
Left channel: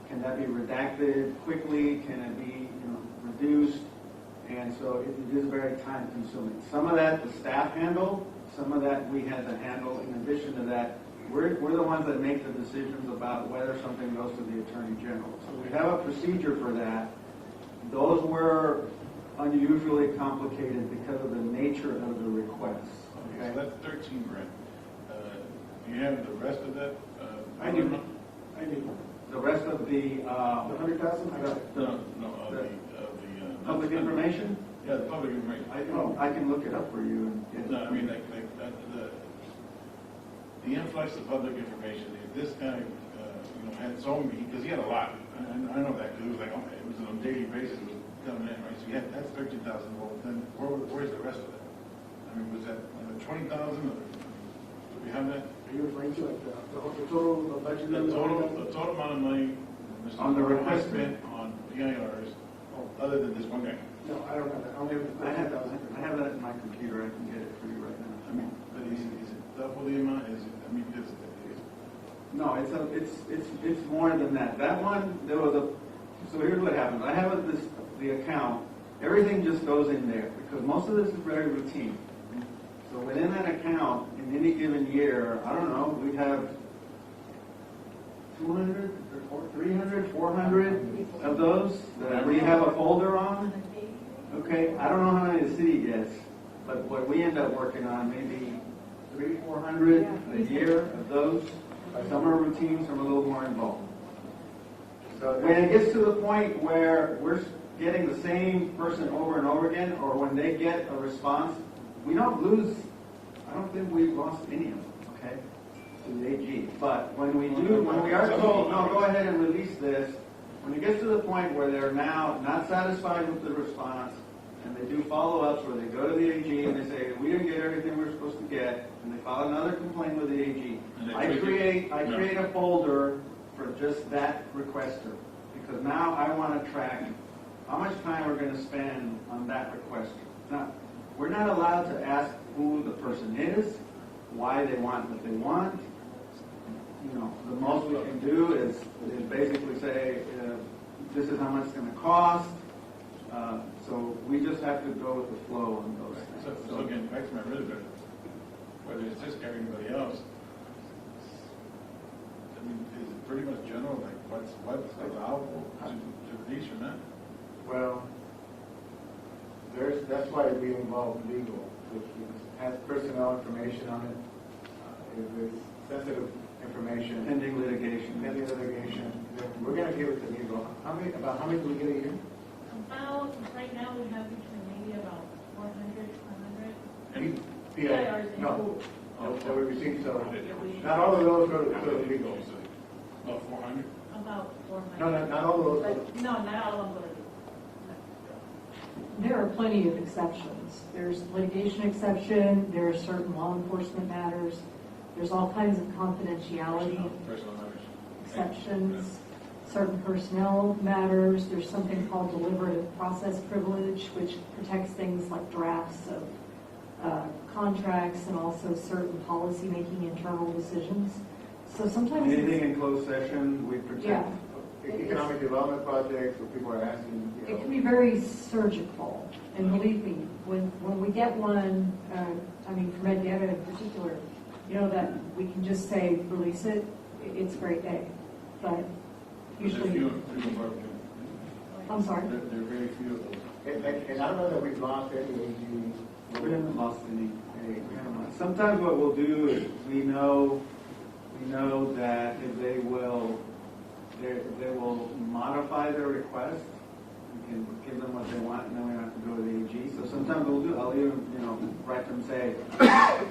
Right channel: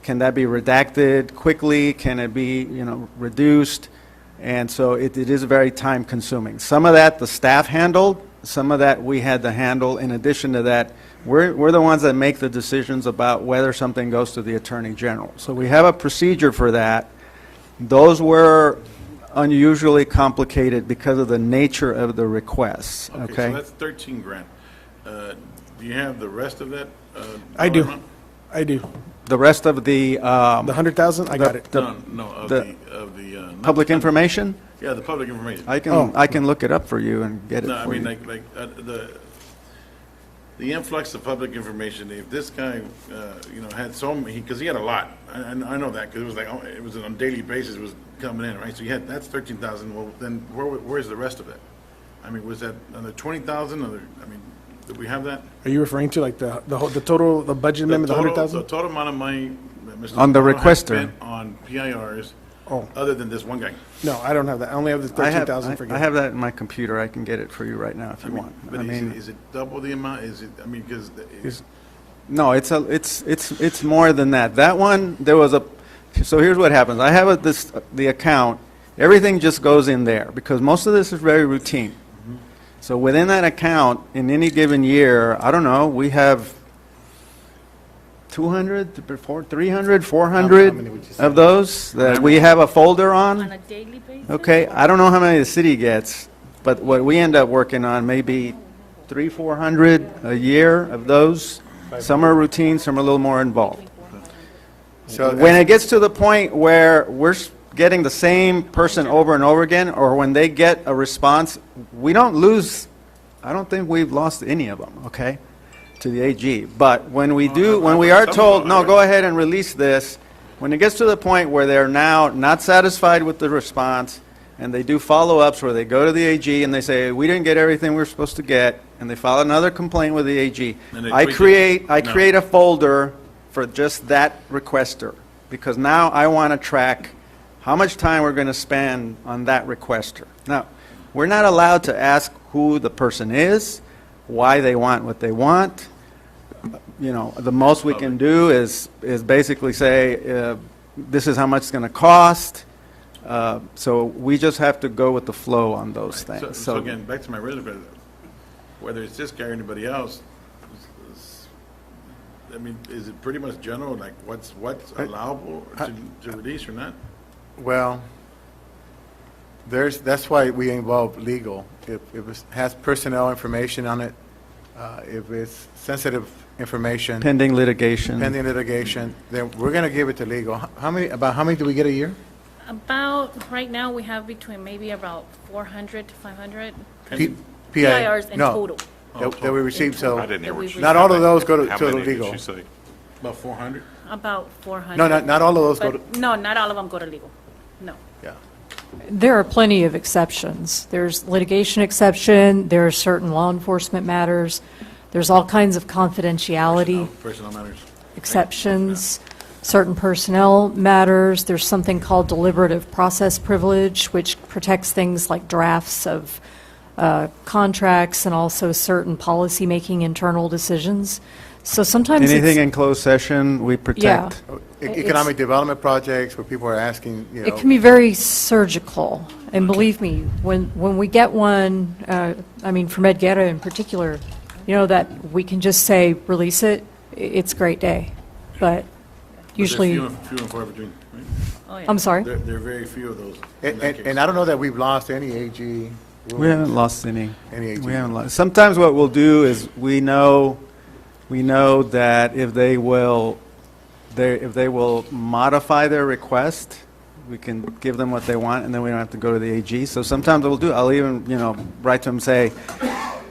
redacted quickly? Can it be, reduced? And so it is very time consuming. Some of that the staff handled, some of that we had to handle. In addition to that, we're the ones that make the decisions about whether something goes to the Attorney General. So we have a procedure for that. Those were unusually complicated because of the nature of the requests, okay? So that's 13 grand. Do you have the rest of that? I do. I do. The rest of the... The 100,000, I got it. No, of the Public information? Yeah, the public information. I can look it up for you and get it No, I for mean, you. the influx of public information, if this guy, had so many, because he had a lot. I know that, because it was like, it was on a daily basis, it was coming in, right? So that's 13,000. Well, then where's the rest of it? I mean, was that another 20,000? Did we have that? Are you referring to like the total, the budget amendment, the 100,000? The total amount of money that Mr. On the Zamora has requester. spent on PIRs, other than this one guy. No, I don't have that. I only have the 13,000 for. I have that in my computer. I can get it for you right now if you want. But is it double the amount? Is it? I mean, because No, it's more than that. That one, there was a, so here's what happens. I have the account, everything just goes in there because most of this is very routine. So within that account, in any given year, I don't know, we have 200, 300, 400 of those that we have a folder on. On a daily basis? Okay, I don't know how many the city gets, but what we end up working on, maybe 300, 400 a year of those. Some are routine, some are a little more involved. So when it gets to the point where we're getting the same person over and over again, or when they get a response, we don't lose, I don't think we've lost any of them, okay, to the AG. But when we do, when we are told, no, go ahead and release this, when it gets to the point where they're now not satisfied with the response, and they do follow-ups where they go to the AG and they say, we didn't get everything we're supposed to get, and they file another complaint with the AG. I create a folder for just that requester, because now I want to track how much time we're going to spend on that requester. Now, we're not allowed to ask who the person is, why they want what they want. The most we can do is basically say, this is how much it's going to cost. So we just have to go with the flow on those things. So again, back to my original, whether it's this guy or anybody else, I mean, is it pretty much general, like what's allowable to release or not? Well, that's why we involve legal. If it has personnel information on it, if it's sensitive information. Pending litigation, then we're going to give it to legal. How many do we get a year? About, right now, we have between maybe about 400 to 500 PIRs in total. That we receive, so I didn't hear what you not said. all of those go to How the many did legal. you say? About 400? About 400. No, not all of those go But no, not all of them go to legal. No. There are plenty of exceptions. There's litigation exception, there are certain law enforcement matters, there's all kinds of confidentiality Personnel matters. exceptions, certain personnel matters. There's something called deliberative process privilege, which protects things like drafts of contracts and also certain policy-making internal decisions. So sometimes anything it's, in closed session, we protect. Economic development projects where people are asking, it can be very surgical. And believe me, when we get one, for Medguerra in particular, that we can just say, release it, it's a great day. But usually... Few and far between, right? I'm sorry? There are very few of those. And I don't know that we've lost any AG. We haven't lost any. AG. We haven't lost. Sometimes what we'll do is we know that if they will modify their request, we can give them what they want, and then we don't have to go to the AG. So sometimes I'll even, write to them and say,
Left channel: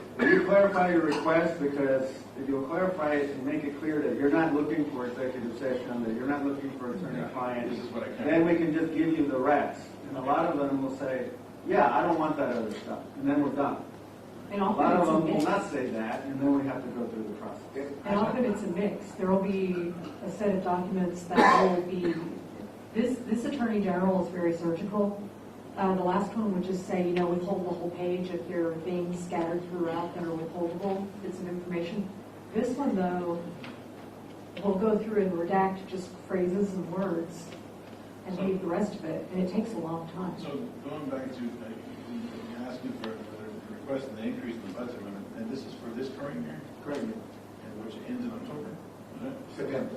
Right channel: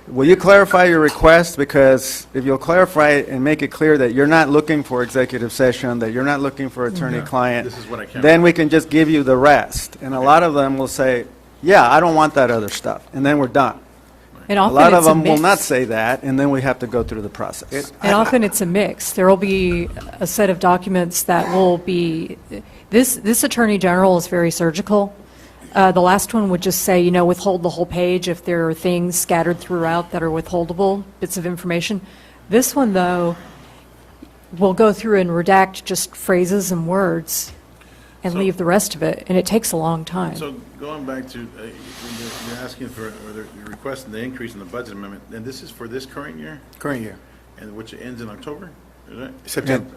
will you clarify your request? Because if you'll clarify it and make it clear that you're not looking for executive session, that you're not looking for attorney-client, This is what I can't then we can just give you the rest. And a lot of them will say, yeah, I don't want that other stuff, and then we're done. And A often lot of it's a them will not mix. say that, and then we have to go through the process. And often it's a mix. There will be a set of documents that will be, this Attorney General is very surgical. The last one would just say, withhold the whole page if there are things scattered throughout that are withholdable, bits of information. This one, though, will go through and redact just phrases and words and leave the rest of it, and it takes a long time. So going back to, you're asking for, or you're requesting the increase in the budget amendment, and this is for this current year? Current year. And which ends in October, is it? September.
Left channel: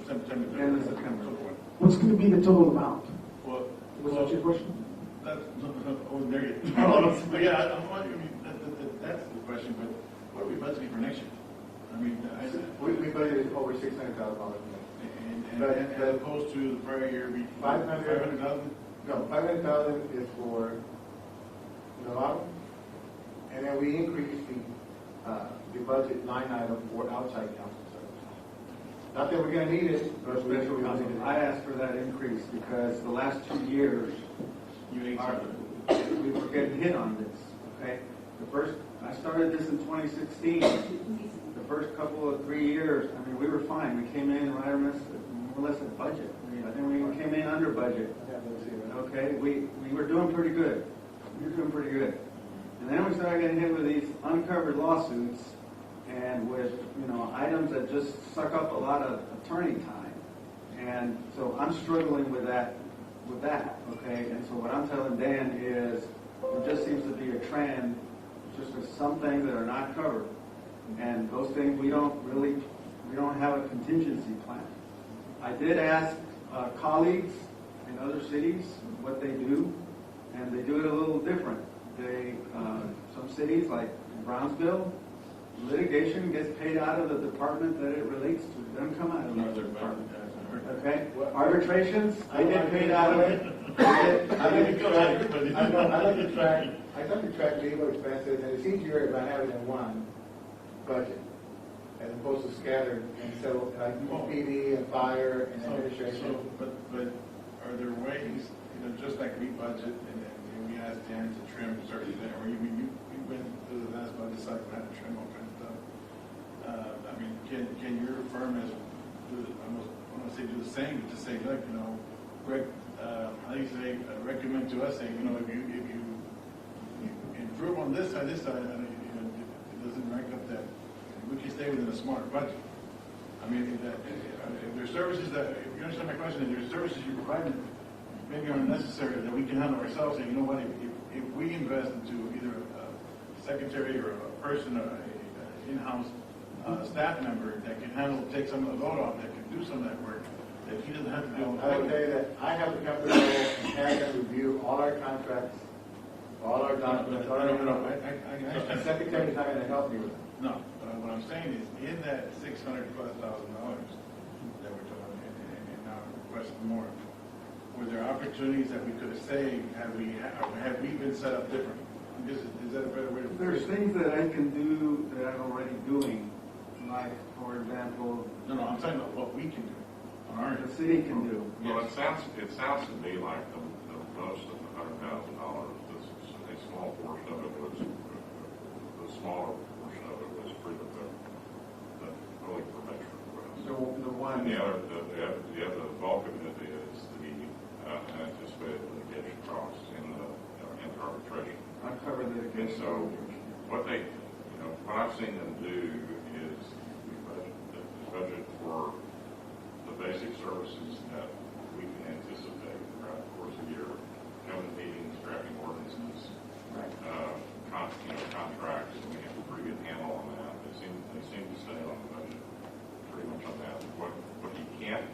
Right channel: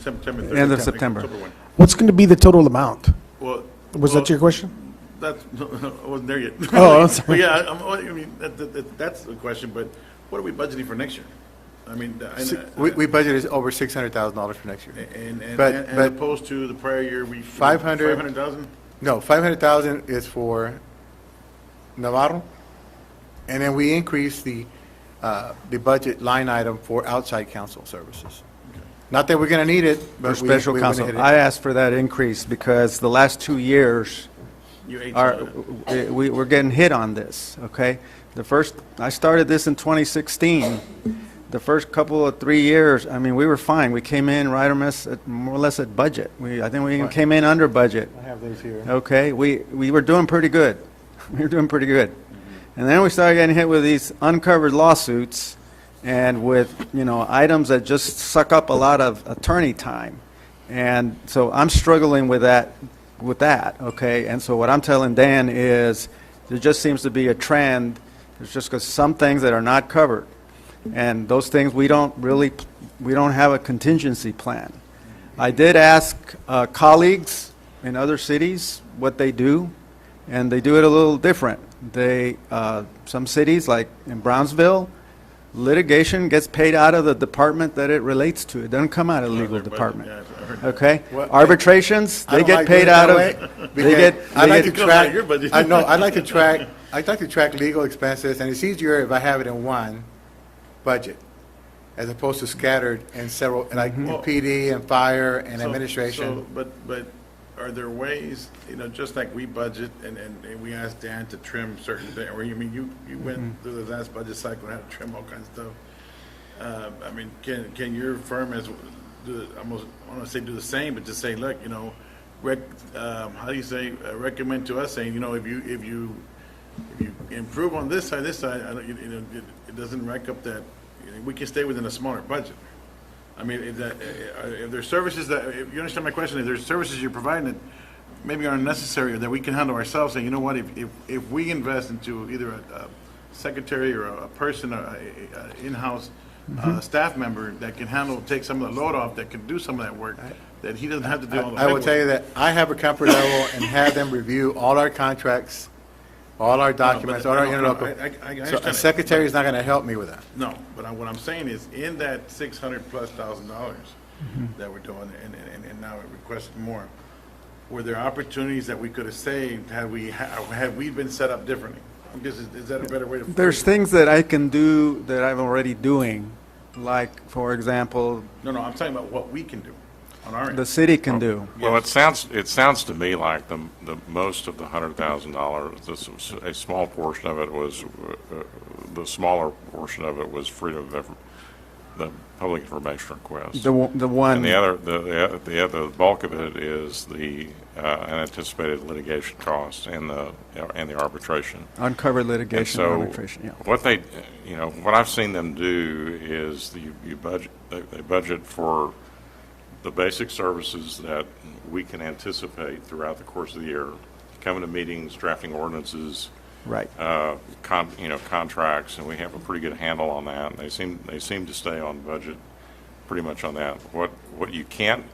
September 30th. End of September. October 1. What's going to be the total amount? Well. Was that your question? That's, I wasn't there yet. Oh, I'm sorry. But yeah, I mean, that's the question, but what are we budgeting for next year? I mean, We budgeted over $600,000 for next year. and But as opposed to the prior year, we. 500,000? No, 500,000 is for Navarro, and then we increased the budget line item for outside counsel services. Not that we're going to need it, For but special we counsel, went ahead I and- asked for that increase because the last 2 years we're getting hit on this, okay? I started this in 2016. The first couple of 3 years, I mean, we were fine. We came in right more or less at budget. I think we even came in under budget. I have those here. Okay, we were doing pretty good. We were doing pretty good. And then we started getting hit with these uncovered lawsuits and with, items that just suck up a lot of attorney time. And so I'm struggling with that, okay? And so what I'm telling Dan is there just seems to be a trend. There's just some things that are not covered. And those things we don't have a contingency plan. I did ask colleagues in other cities what they do, and they do it a little different. Some cities, like in Brownsville, litigation gets paid out of the department that it relates to. It doesn't come out of the legal department. Okay? Arbitrations, they get paid out of. I'd like to track legal expenses, and it's easier if I have it in one budget, as opposed to scattered in several, like PD and fire and administration. But are there ways, just like we budget and we asked Dan to trim certain things, or you went through the last budget cycle and had to trim all kinds of stuff. I mean, can your firm almost, I don't want to say do the same, but just say, look, how do you say, recommend to us saying, if you improve on this side, it doesn't rack up that, we can stay within a smaller budget. I mean, if there's services if you understand my question, if there's services you're providing that maybe aren't necessary or that we can handle ourselves, saying, if we invest into either a secretary or a person, a in-house staff member that can take some of the load off, that can do some of that work, that he doesn't have to do all the I will paperwork. tell you that I have a comfort level and have them review all our contracts, all our documents, all our interlocal. I So understand a that. secretary is not going to help me with that. No, but what I'm saying is, in that $600,000+ that we're doing, and now requesting more, were there opportunities that we could have saved had we been set up differently? Is that a better way to? There's things that I can do that I'm already doing, like, for example, No, I'm talking about what we can do on our end. the city can do. Well, it sounds to me like the most of the $100,000, a small portion of it was, the smaller portion of it was freedom of the public information request. The one. And the other bulk of it is the unanticipated litigation costs and the arbitration. Uncovered litigation and And so arbitration, yeah. what I've seen them do is they budget for the basic services that we can anticipate throughout the course of the year, coming to meetings, drafting ordinances, right, contracts, and we have a pretty good handle on that. And they seem to stay on budget, pretty much on that. What you can't,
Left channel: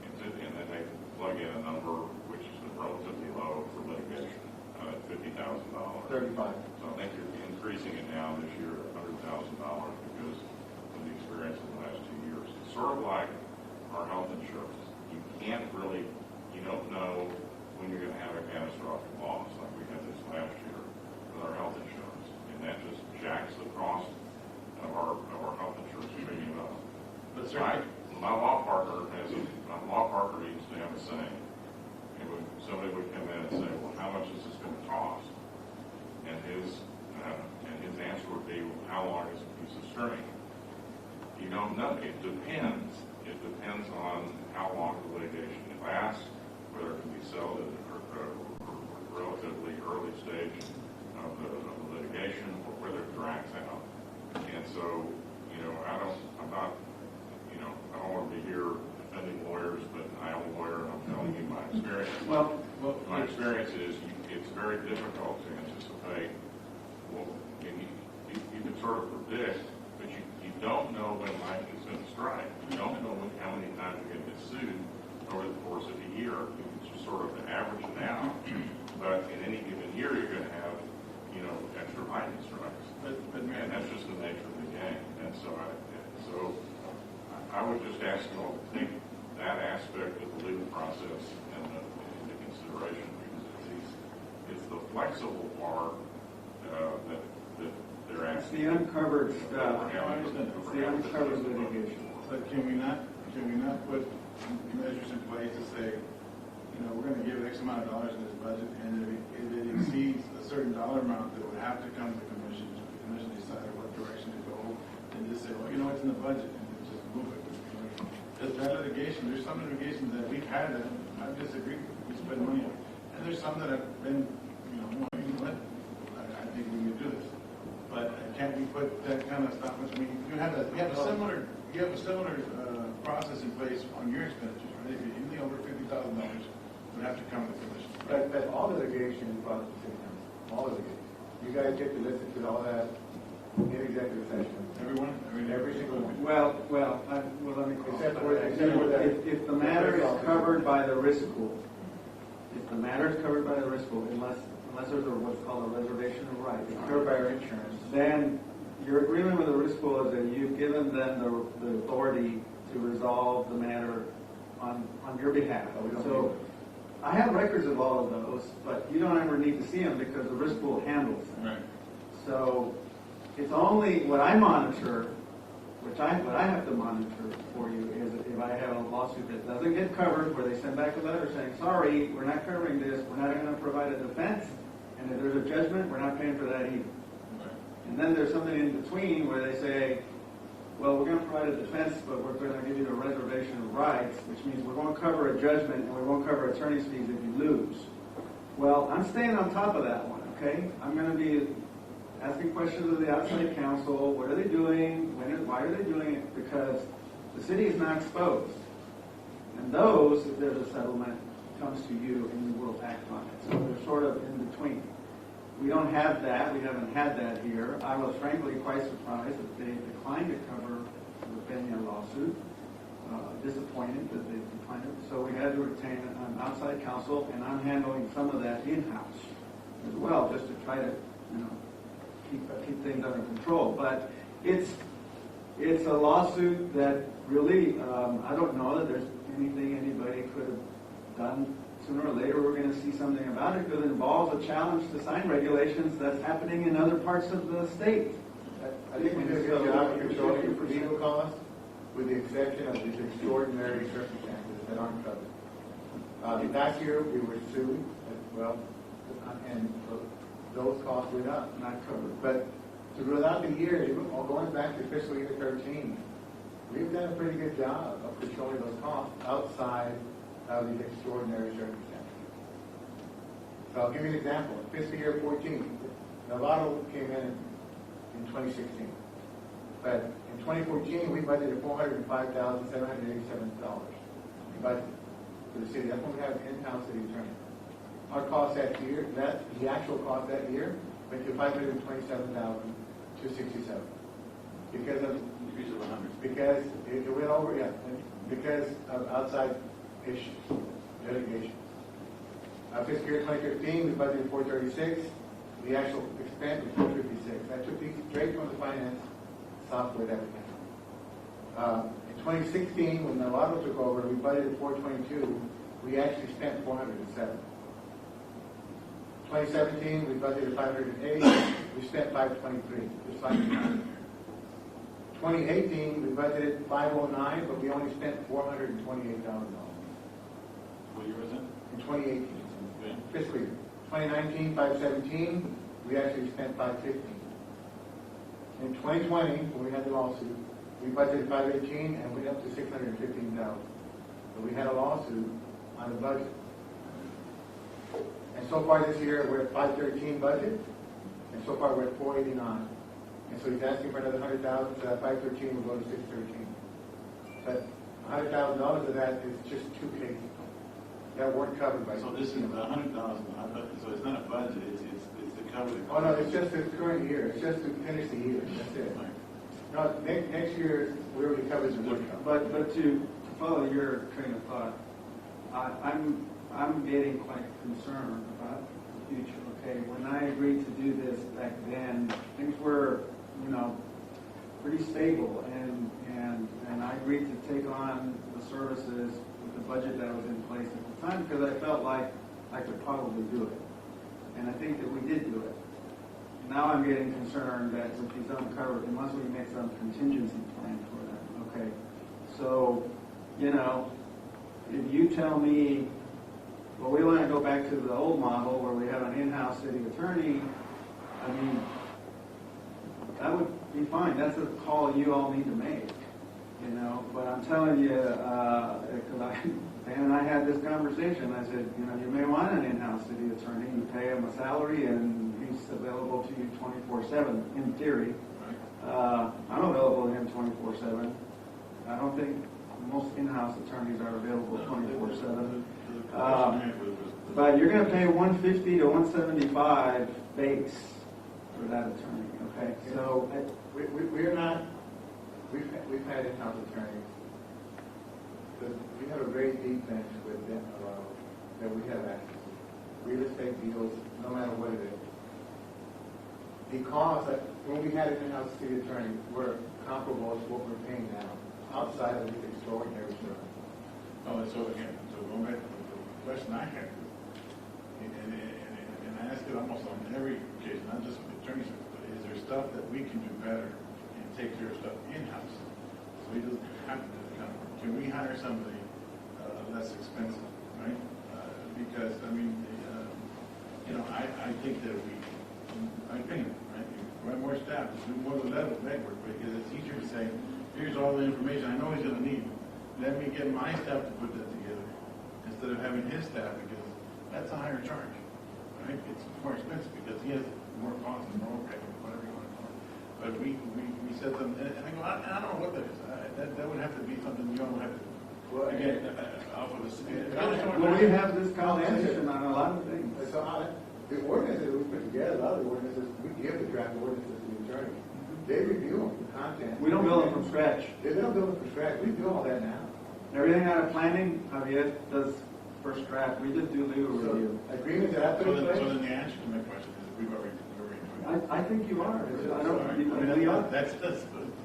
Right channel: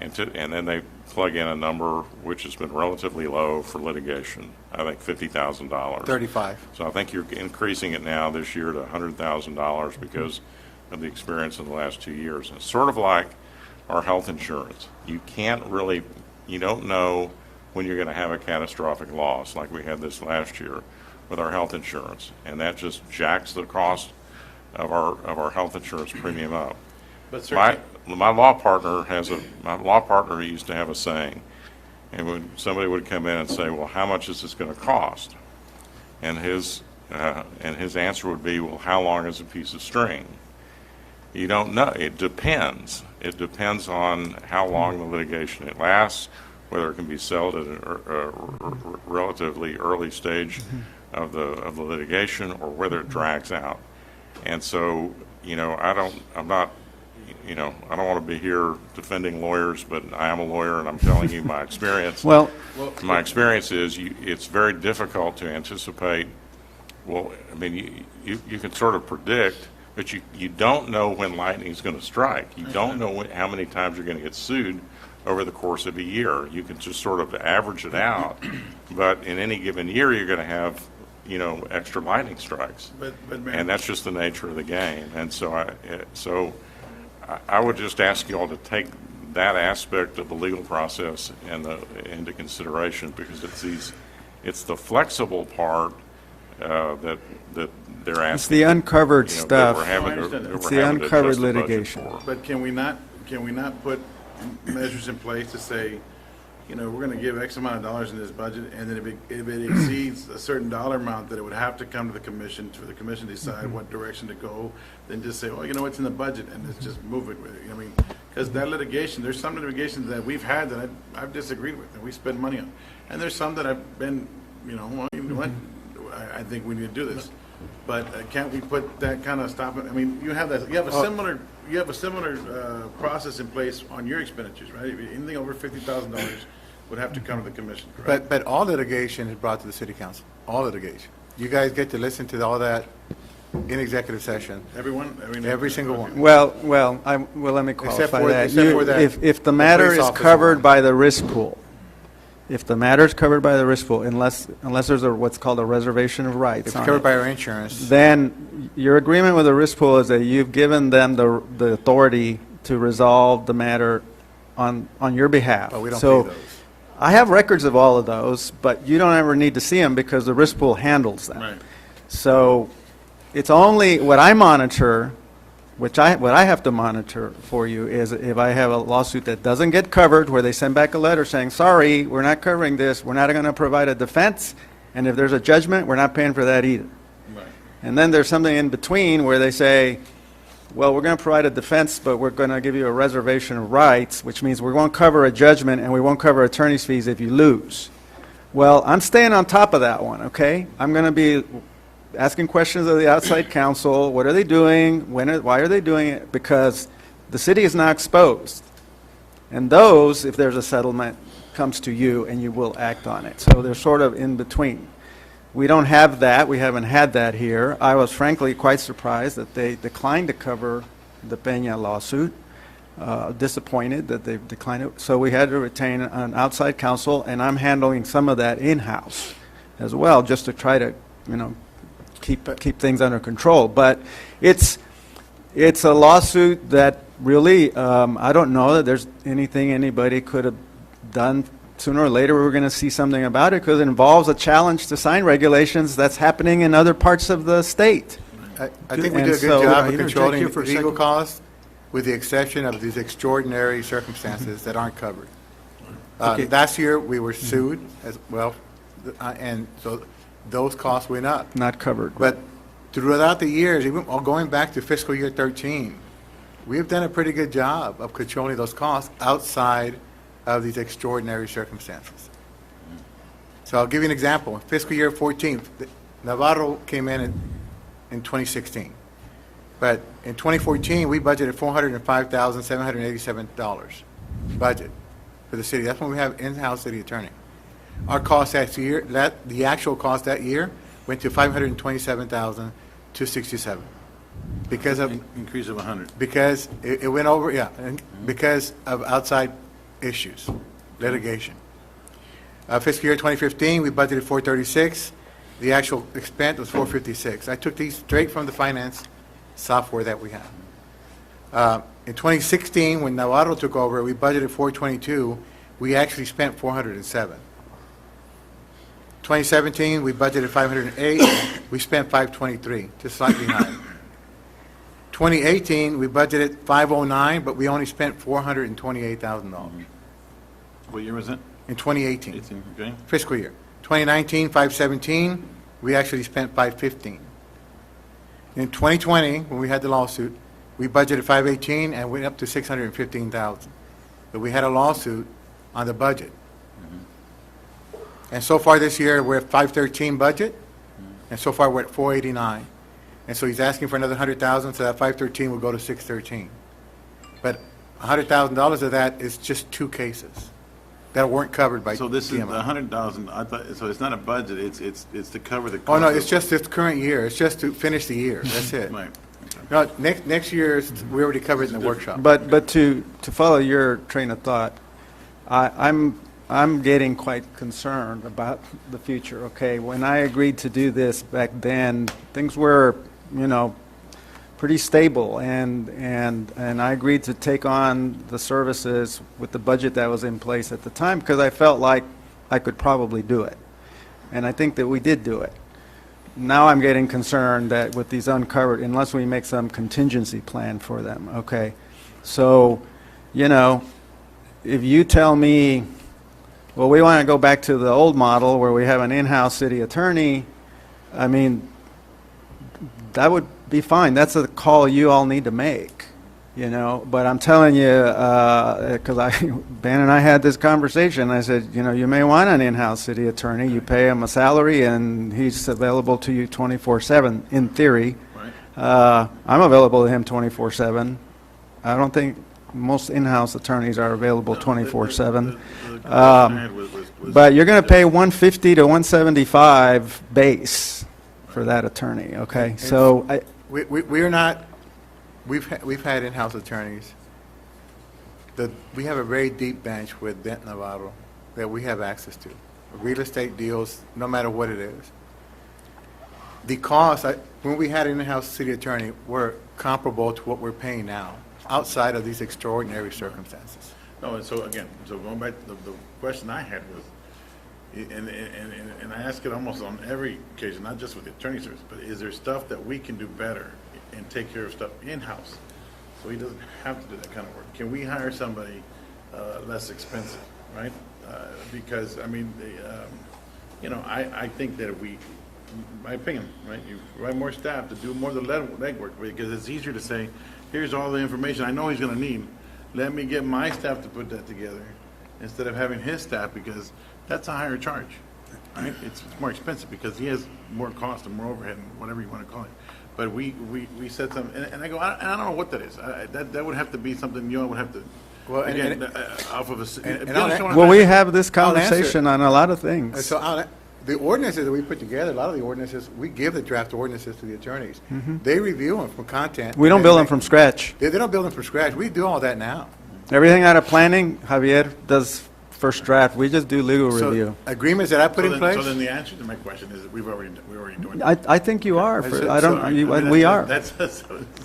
and then they plug in a number which has been relatively low for litigation. I think $50,000. 35. So I think you're increasing it now this year to $100,000 because of the experience in the last 2 years. It's sort of like our health insurance. You don't know when you're going to have a catastrophic loss like we had this last year with our health insurance, and that just jacks the cost of our health insurance premium up. But certainly, My law partner used to have a saying, and when somebody would come in and say, well, how much is this going to cost? And his And his answer would be, well, how long is a piece of string? You don't know. It depends. It depends on how long the litigation it lasts, whether it can be settled at a relatively early stage of the litigation, or whether it drags out. And so, I don't want to be here defending lawyers, but I am a lawyer, and I'm telling you my experience. Well, my experience is it's very difficult to anticipate. Well, I mean, you can sort of predict, but you don't know when lightning is going to strike. You don't know how many times you're going to get sued over the course of a year. You can just sort of average it out, but in any given year, you're going to have, extra lightning strikes. And that's just the nature of the game. And so I would just ask you all to take that aspect of the legal process into consideration, because it's the flexible part that they're asking. It's the uncovered that stuff. we're having It's to the uncovered adjust the budget litigation. for. But can we not put measures in place to say, we're going to give X amount of dollars in this budget, and then if it exceeds a certain dollar amount, that it would have to come to the commission, for the commission to decide what direction to go, then just say, well, it's in the budget, and let's just move it with it. I mean, because that litigation, there's some litigations that we've had that I've disagreed with, and we spend money on. And there's some that I've been, well, you know what, I think we need to do this. But can't we put that kind of stop? I mean, you have a similar process in place on your expenditures, right? If anything over $50,000 would have to come to the commission, right? But all litigation is brought to the city council, all litigation. You guys get to listen to all that in executive session. Everyone? Every single one. Well, let me qualify that. Except for that If the matter police is officer covered one. by the risk pool, unless there's what's called a reservation of rights It's on covered it, by our insurance. then your agreement with the risk pool is that you've given them the authority to resolve the matter on your behalf. But we don't So pay those. I have records of all of those, but you don't ever need to see them because the risk pool handles them. Right. So it's only what I monitor, what I have to monitor for you is if I have a lawsuit that doesn't get covered, where they send back a letter saying, sorry, we're not covering this, we're not going to provide a defense, and if there's a judgment, we're not paying for that either. Right. And then there's something in between where they say, well, we're going to provide a defense, but we're going to give you a reservation of rights, which means we won't cover a judgment and we won't cover attorney's fees if you lose. Well, I'm staying on top of that one, okay? I'm going to be asking questions of the outside counsel. What are they doing? Why are they doing it? Because the city is now exposed. And those, if there's a settlement, comes to you and you will act on it. So they're sort of in between. We don't have that. We haven't had that here. I was frankly quite surprised that they declined to cover the Peña lawsuit. Disappointed that they declined it. So we had to retain an outside counsel, and I'm handling some of that in-house as well, just to try to, keep things under control. But it's a lawsuit that really, I don't know that there's anything anybody could have done. Sooner or later, we're going to see something about it because it involves a challenge to sign regulations that's happening in other parts of the state. I think we do a good job of controlling legal costs, with the exception of these extraordinary circumstances that aren't covered. Last year, we were sued as well, and so those costs went up. Not covered. But throughout the years, even going back to fiscal year 13, we've done a pretty good job of controlling those costs outside of these extraordinary circumstances. So I'll give you an example. In fiscal year 14, Navarro came in 2016. But in 2014, we budgeted $405,787 budget for the city. That's when we have in-house city attorney. Our cost that year, the actual cost that year went to $527,267 because of increase of 100. Because it went over, and because of outside issues, litigation. Fiscal year 2015, we budgeted $436. The actual expense was $456. I took these straight from the finance software that we have. In 2016, when Navarro took over, we budgeted $422. We actually spent $407. 2017, we budgeted $508. We spent $523, just slightly higher. 2018, we budgeted $509, but we only spent $428,000. What year was it? In 2018. Okay. Fiscal year. 2019, $517. we actually spent 515. In 2020, when we had the lawsuit, we budgeted 518 and went up to 615,000. But we had a lawsuit on the budget. And so far this year, we're at 513 budget, and so far we're at 489. And so he's asking for another 100,000, so that 513 will go to 613. But $100,000 of that is just 2 cases that weren't covered by So this is the DMO. 100,000, I thought, so it's not a budget, it's to cover the cost. Oh, no, of- it's just this current year. It's just to finish the year. That's it. Right. No, next year, we already covered in the workshop. But to follow your train of thought, I'm getting quite concerned about the future, okay? When I agreed to do this back then, things were, pretty stable, and I agreed to take on the services with the budget that was in place at the time because I felt like I could probably do it. And I think that we did do it. Now I'm getting concerned that with these uncovered, unless we make some contingency plan for them, okay? So, if you tell me, well, we want to go back to the old model where we have an in-house city attorney, I mean, that would be fine. That's a call you all need to make, But I'm telling you, because Ben and I had this conversation, I said, you may want an in-house city attorney. You pay him a salary, and he's available to you 24/7, in theory. I'm available to him 24/7. I don't think most in-house attorneys are available 24/7. But you're going to pay $150 to $175 base for that attorney, okay? So We are not, we've had in-house attorneys. We have a very deep bench with Dent Navarro that we have access to. Real estate deals, no matter what it is. The costs, when we had an in-house city attorney, were comparable to what we're paying now, outside of these extraordinary circumstances. No, and so again, going back, the question I had was, and I ask it almost on every occasion, not just with the attorney service, but is there stuff that we can do better and take care of stuff in-house? So he doesn't have to do that kind of work. Can we hire somebody less expensive, right? Because, I mean, I think that if we, my opinion, right, you provide more staff to do more of the legwork, because it's easier to say, here's all the information I know he's going to need. Let me get my staff to put that together instead of having his staff, because that's a higher charge, right? It's more expensive because he has more cost and more overhead, whatever you want to call it. But we said something, and I go, I don't know what that is. That would have to be something you all would have to, Well, again, off of a. well, we have this conversation on a lot of things. And so the ordinances that we put together, a lot of the ordinances, we give the draft ordinances to the attorneys. They review them for content. We don't build them from scratch. They don't build them from scratch. We do all that now. Everything out of planning, Javier does first draft. We just do legal review. Agreements that I put in place? So then the answer to my question is, we're already doing that. I think you are. We are.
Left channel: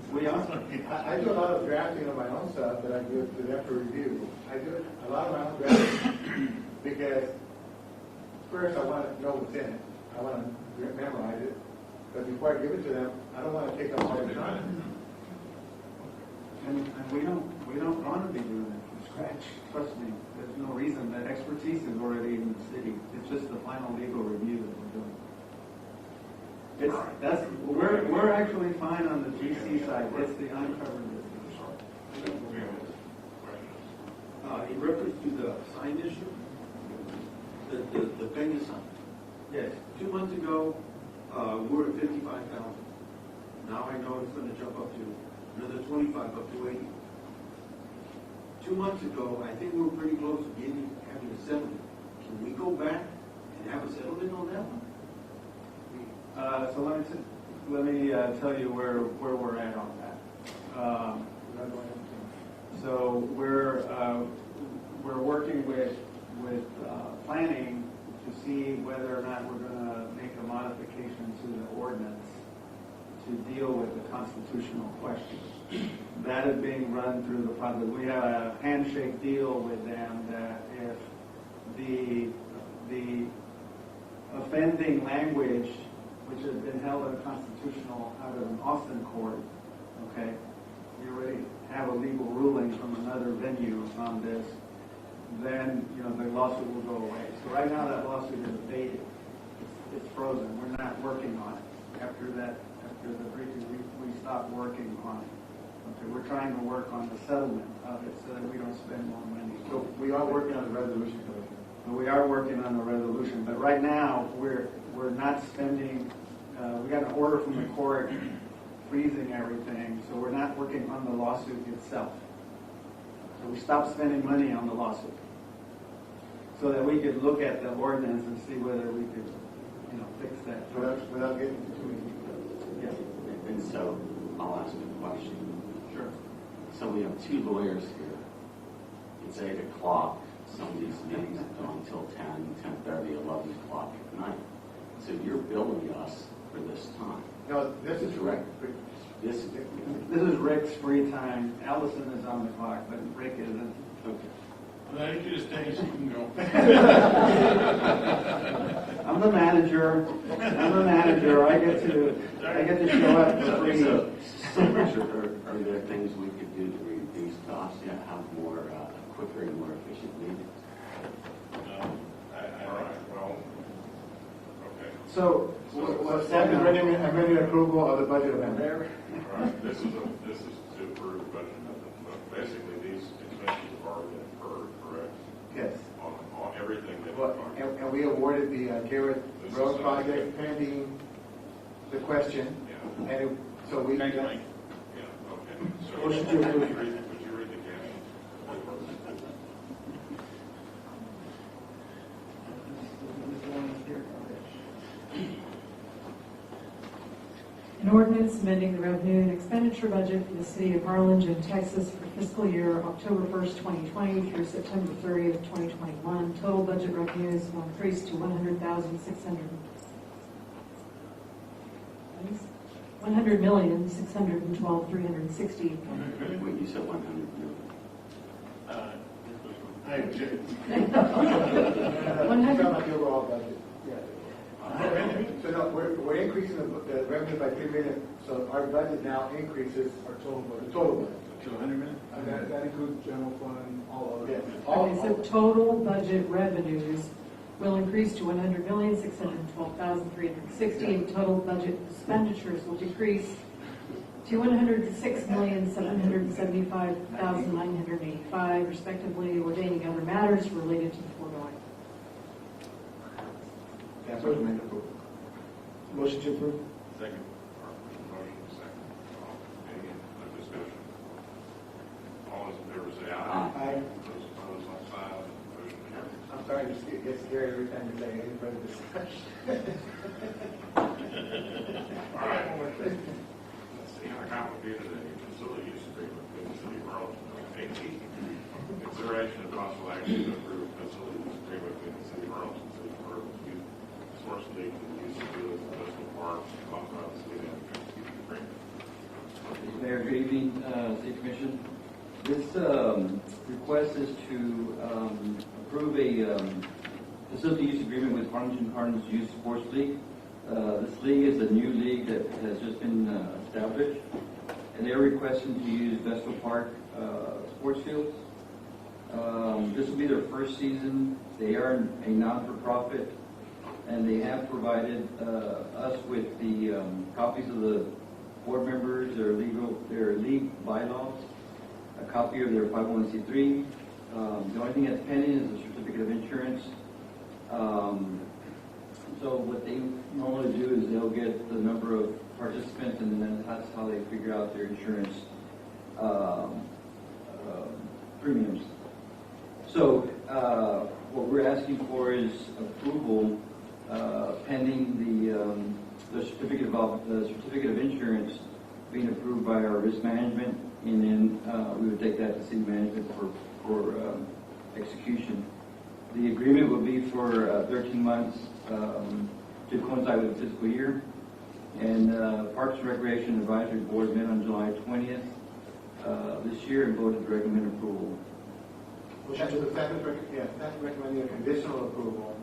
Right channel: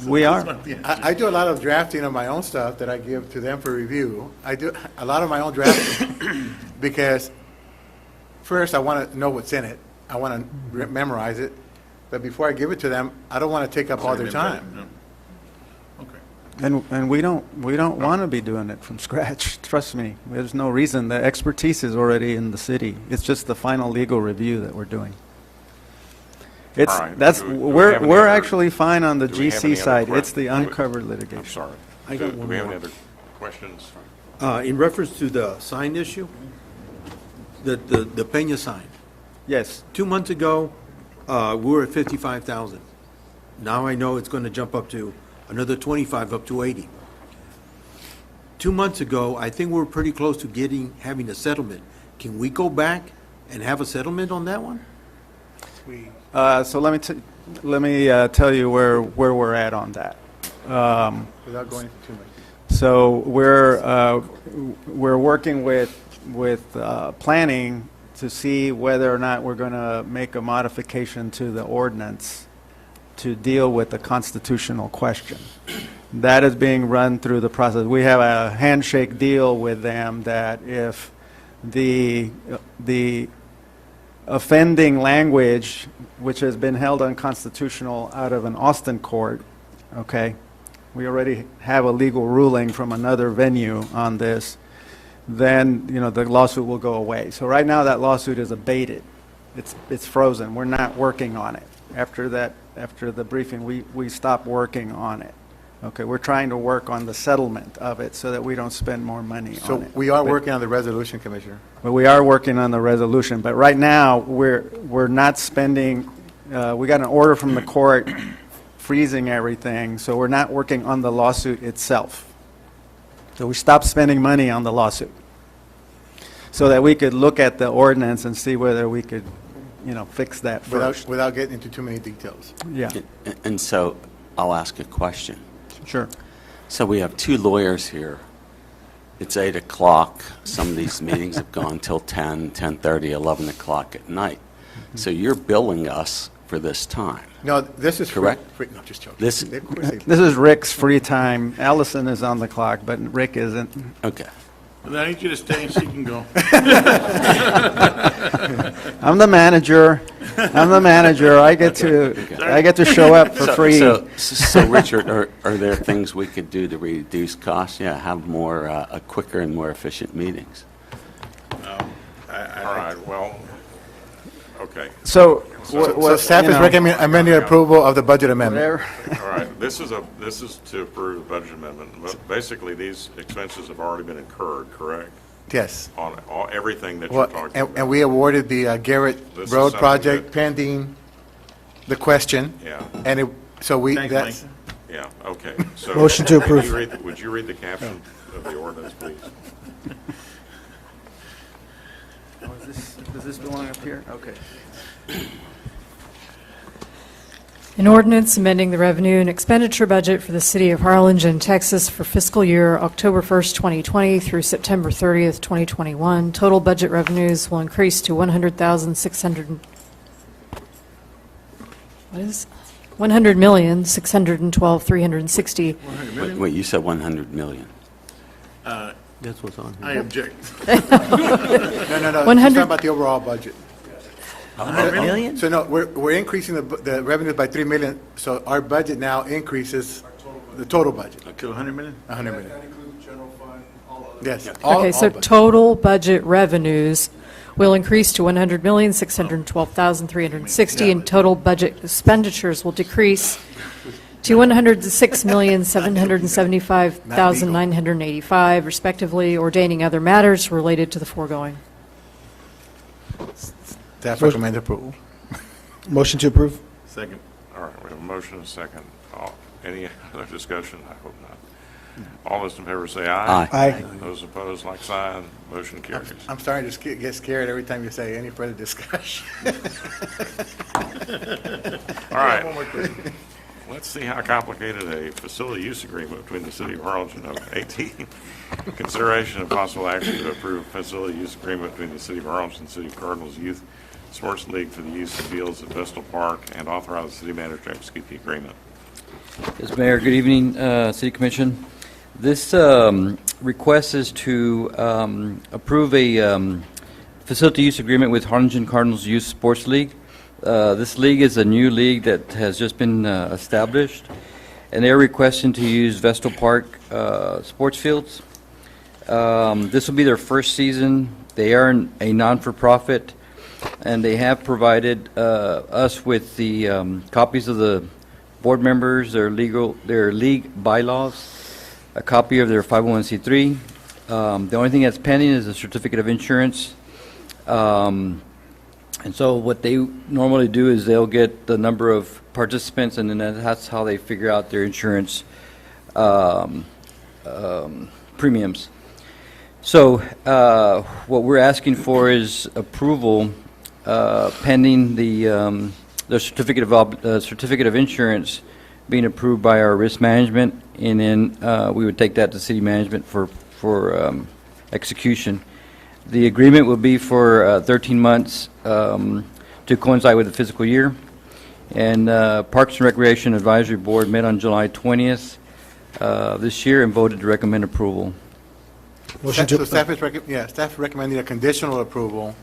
We are. I do a lot of drafting of my own stuff that I give to them for review. I do a lot of my own drafting because first I want to know what's in it. I want to memorize it. But before I give it to them, I don't want to take up all their time. And we don't want to be doing it from scratch. Trust me. There's no reason. The expertise is already in the city. It's just the final legal review that we're doing. It's All right. we're actually fine on the do we have any GC other side. que- It's the do we- uncovered litigation. I'm sorry. I got Do one we have more. any other questions? In reference to the sign issue, the Peña sign. Yes. 2 months ago, we were at 55,000. Now I know it's going to jump up to another 25, up to 80. 2 months ago, I think we were pretty close to having a settlement. Can we go back and have a settlement on that one? So let me tell you where we're at on that. Without going into too much. So we're working with planning to see whether or not we're going to make a modification to the ordinance to deal with the constitutional question. That is being run through the process. We have a handshake deal with them that if the offending language, which has been held unconstitutional out of an Austin court, okay, we already have a legal ruling from another venue on this, then, the lawsuit will go away. So right now, that lawsuit is abated, it's frozen. We're not working on it. After the briefing, we stopped working on it. Okay, we're trying to work on the settlement of it so that we don't spend more money on it. So we are working on the resolution, Commissioner. But we are working on the resolution, but right now, we're not spending, we got an order from the court freezing everything, so we're not working on the lawsuit itself. So we stopped spending money on the lawsuit, so that we could look at the ordinance and see whether we could, fix that first. Without getting into too many details. Yeah. And so I'll ask a question. Sure. So we have two lawyers here. It's 8 o'clock. Some of these meetings have gone till 10, 10:30, 11 o'clock at night. So you're billing us for this time. No, this is correct. Free, no, just joking. This This is Rick's free time. Allison is on the clock, but Rick isn't. Okay. Well, I need you to stay so you can go. I'm the manager. I get to show up for free. So Richard, are there things we could do to reduce costs? Yeah, have more, quicker and more efficient meetings. All right, well, okay. So staff is recommending amending approval of the budget amendment. All right, this is to approve the budget amendment. But basically, these expenses have already been incurred, correct? Yes. On everything that you're Well, talking about. and we awarded the Garrett This is Road something project that- pending the question. Yeah. And that's, Yeah, okay. So Motion to approve. Would you read the caption of the ordinance, please? Does this belong up here? Okay. An ordinance amending the revenue and expenditure budget for the city of Harlingen, Texas for fiscal year October 1st, 2020 through September 30th, 2021. Total budget revenues will increase to $100,612,360. Wait, you said 100 million. That's what's on I object. no, she's 100 talking about the overall budget. 100 million? So no, we're increasing the revenues by 3 million, so our budget now increases the total budget. To 100 million? 100 million. That includes general fund, all other. Yes. Okay, so budget. total budget revenues will increase to $100,612,360, and total budget expenditures will decrease to $106,775,985, respectively, ordaining other matters related to the foregoing. Staff recommend approval. Motion to approve? Second. All right, we have a motion and a second. Any other discussion? I hope not. All those in favor say aye. Aye. Those opposed, like sign. Motion carries. I'm starting to get scared every time you say any further discussion. All right. Let's see how complicated a facility use agreement between the city of Harlingen of 18. Consideration and possible action to approve facility use agreement between the city of Harlingen and the city of Cardinals Youth Sports League for the use of fields at Vestal Park, and authorize the city manager to execute the agreement. Yes, Mayor, good evening, City Commission. This request is to approve a facility use agreement with Harlingen Cardinals Youth Sports League. This league is a new league that has just been established, and they're requesting to use Vestal Park sports fields. This will be their first season. They are a non-for-profit, and they have provided us with the copies of the board members, their league bylaws, a copy of their 501c3. The only thing that's pending is a certificate of insurance. And so what they normally do is they'll get the number of participants, and then that's how they figure out their insurance premiums. So what we're asking for is approval pending the certificate of insurance being approved by our risk management, and then we would take that to city management for execution. The agreement will be for 13 months to coincide with the fiscal year. And Parks and Recreation Advisory Board met on July 20th this year and voted to recommend approval. So staff is staff recommending a conditional approval.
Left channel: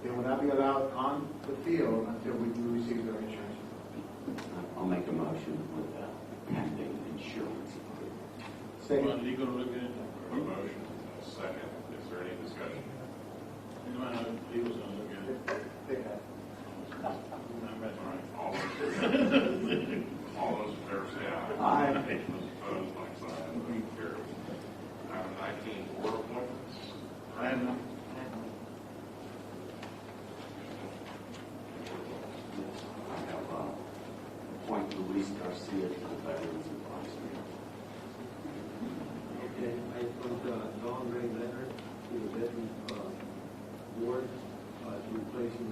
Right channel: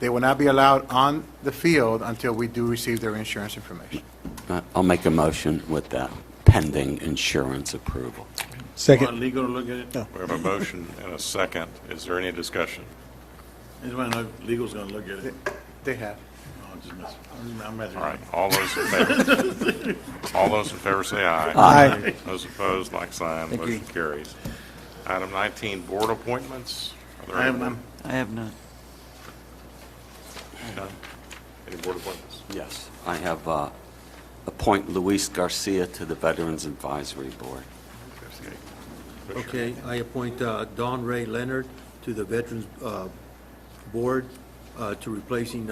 They will not be allowed on the field until we do receive their insurance information. I'll make a motion with that pending insurance approval. Second. Legal to look at it? We have a motion and a second. Is there any discussion? I just want to know if legal's going to look at it. They have. All right, all those in favor? All those in favor say aye. Aye. Those opposed, like sign, Thank you. motion carries. Item 19, board appointments. Are there I have any- none. I have none. None? Any board appointments? Yes. I have appoint Luis Garcia to the Veterans Advisory Board. Okay, I appoint Don Ray Leonard to the Veterans Board to replacing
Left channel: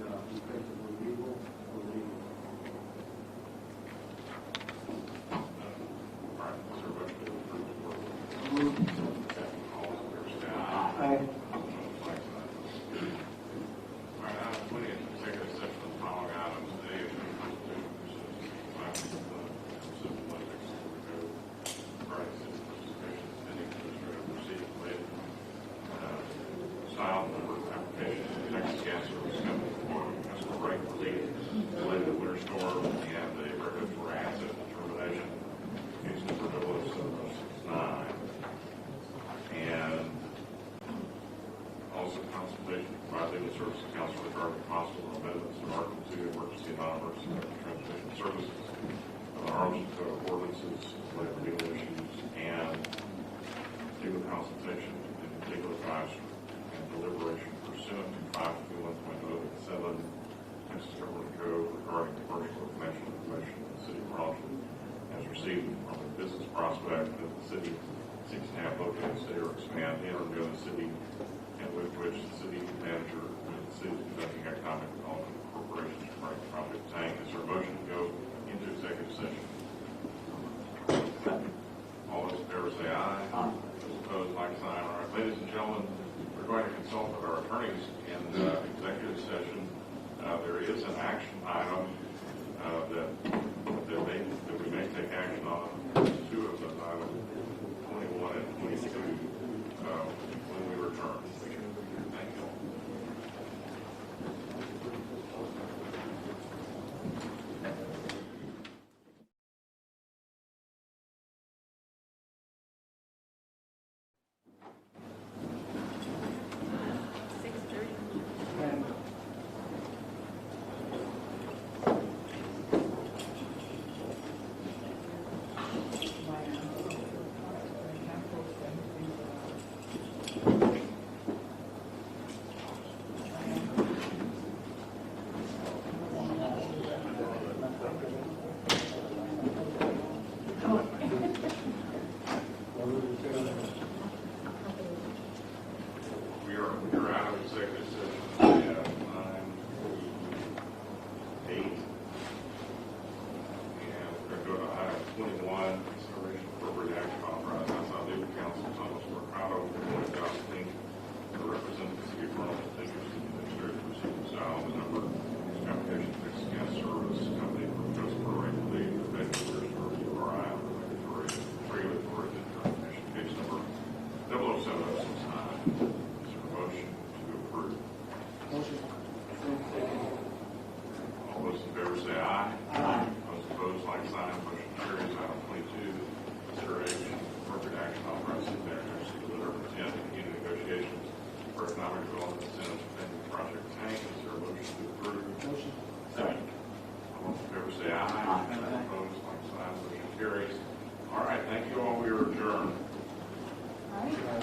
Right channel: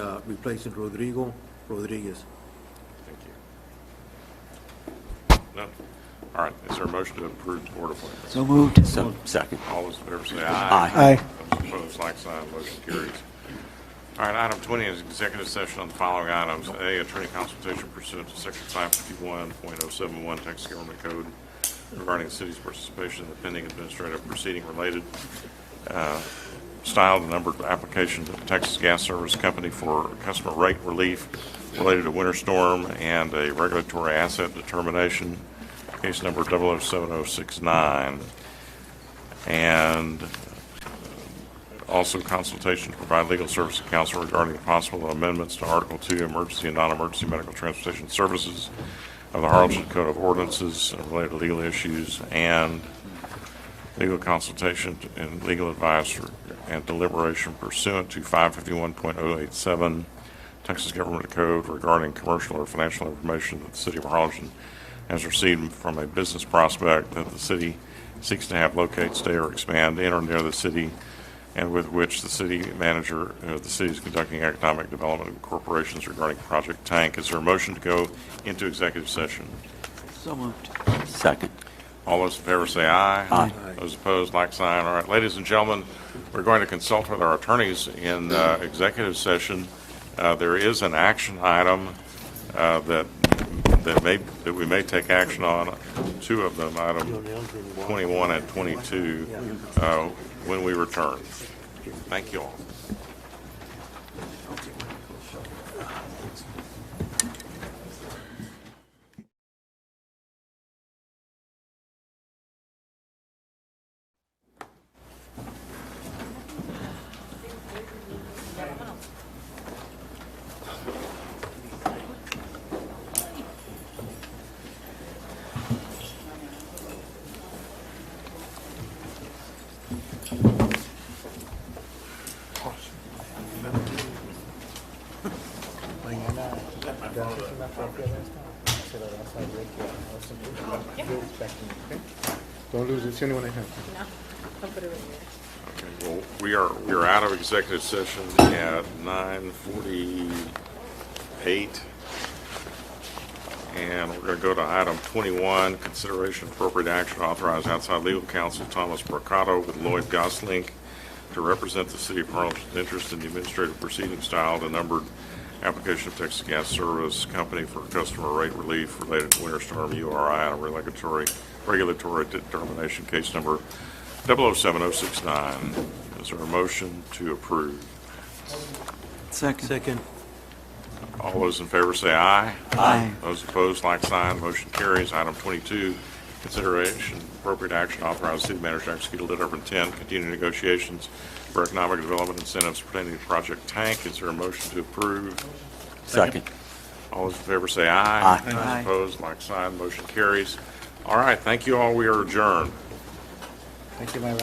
Rodrigo Rodriguez. No? All right, is there a motion to approve board appointments? So moved. So, second. All those in favor say aye. Aye. Opposed, like sign, motion carries. All right, item 20 is executive session on the following items. A, attorney consultation pursuant to section 551.071 Texas Government Code regarding the city's participation in the pending administrative proceeding related style and numbered application to the Texas Gas Service Company for customer rate relief related to winter storm and a regulatory asset determination, case number 007069. And also consultation to provide legal service to counsel regarding the possible amendments to Article 2, Emergency and Non-Emergency Medical Transportation Services of the Harlingen Code of Ordinances related to legal issues, and legal consultation and legal advice and deliberation pursuant to 551.087 Texas Government Code regarding commercial or financial information that the city of Harlingen has received from a business prospect that the city seeks to have locate, stay, or expand in or near the city, and with which the city manager of the city is conducting economic development corporations regarding Project Tank. Is there a motion to go into executive session? So moved. Second. All those in favor say aye. Aye. Those opposed, like sign. All right, ladies and gentlemen, we're going to consult with our attorneys in executive session. There is an action item that we may take action on, two of them, item 21 and 22, when we return. Thank you all. Don't lose it, it's the only one I have. Well, we're out of executive session at 9:48. And we're going to go to item 21, consideration of appropriate action to authorize outside legal counsel Thomas Mercado with Lloyd Gosling to represent the city of Harlingen's interest in the administrative proceeding style, the numbered application of Texas Gas Service Company for customer rate relief related to winter storm URI and regulatory determination, case number 007069. Is there a motion to approve? Second. All those in favor say aye. Aye. Those opposed, like sign. Motion carries. Item 22, consideration appropriate action to authorize the city manager to execute a letter of intent, continue negotiations for economic development incentives pertaining to Project Tank. Is there a motion to approve? Second. All those in favor say aye. Aye. Those opposed, like sign. Motion carries. All right, thank you all. We are adjourned. Thank you, Myra.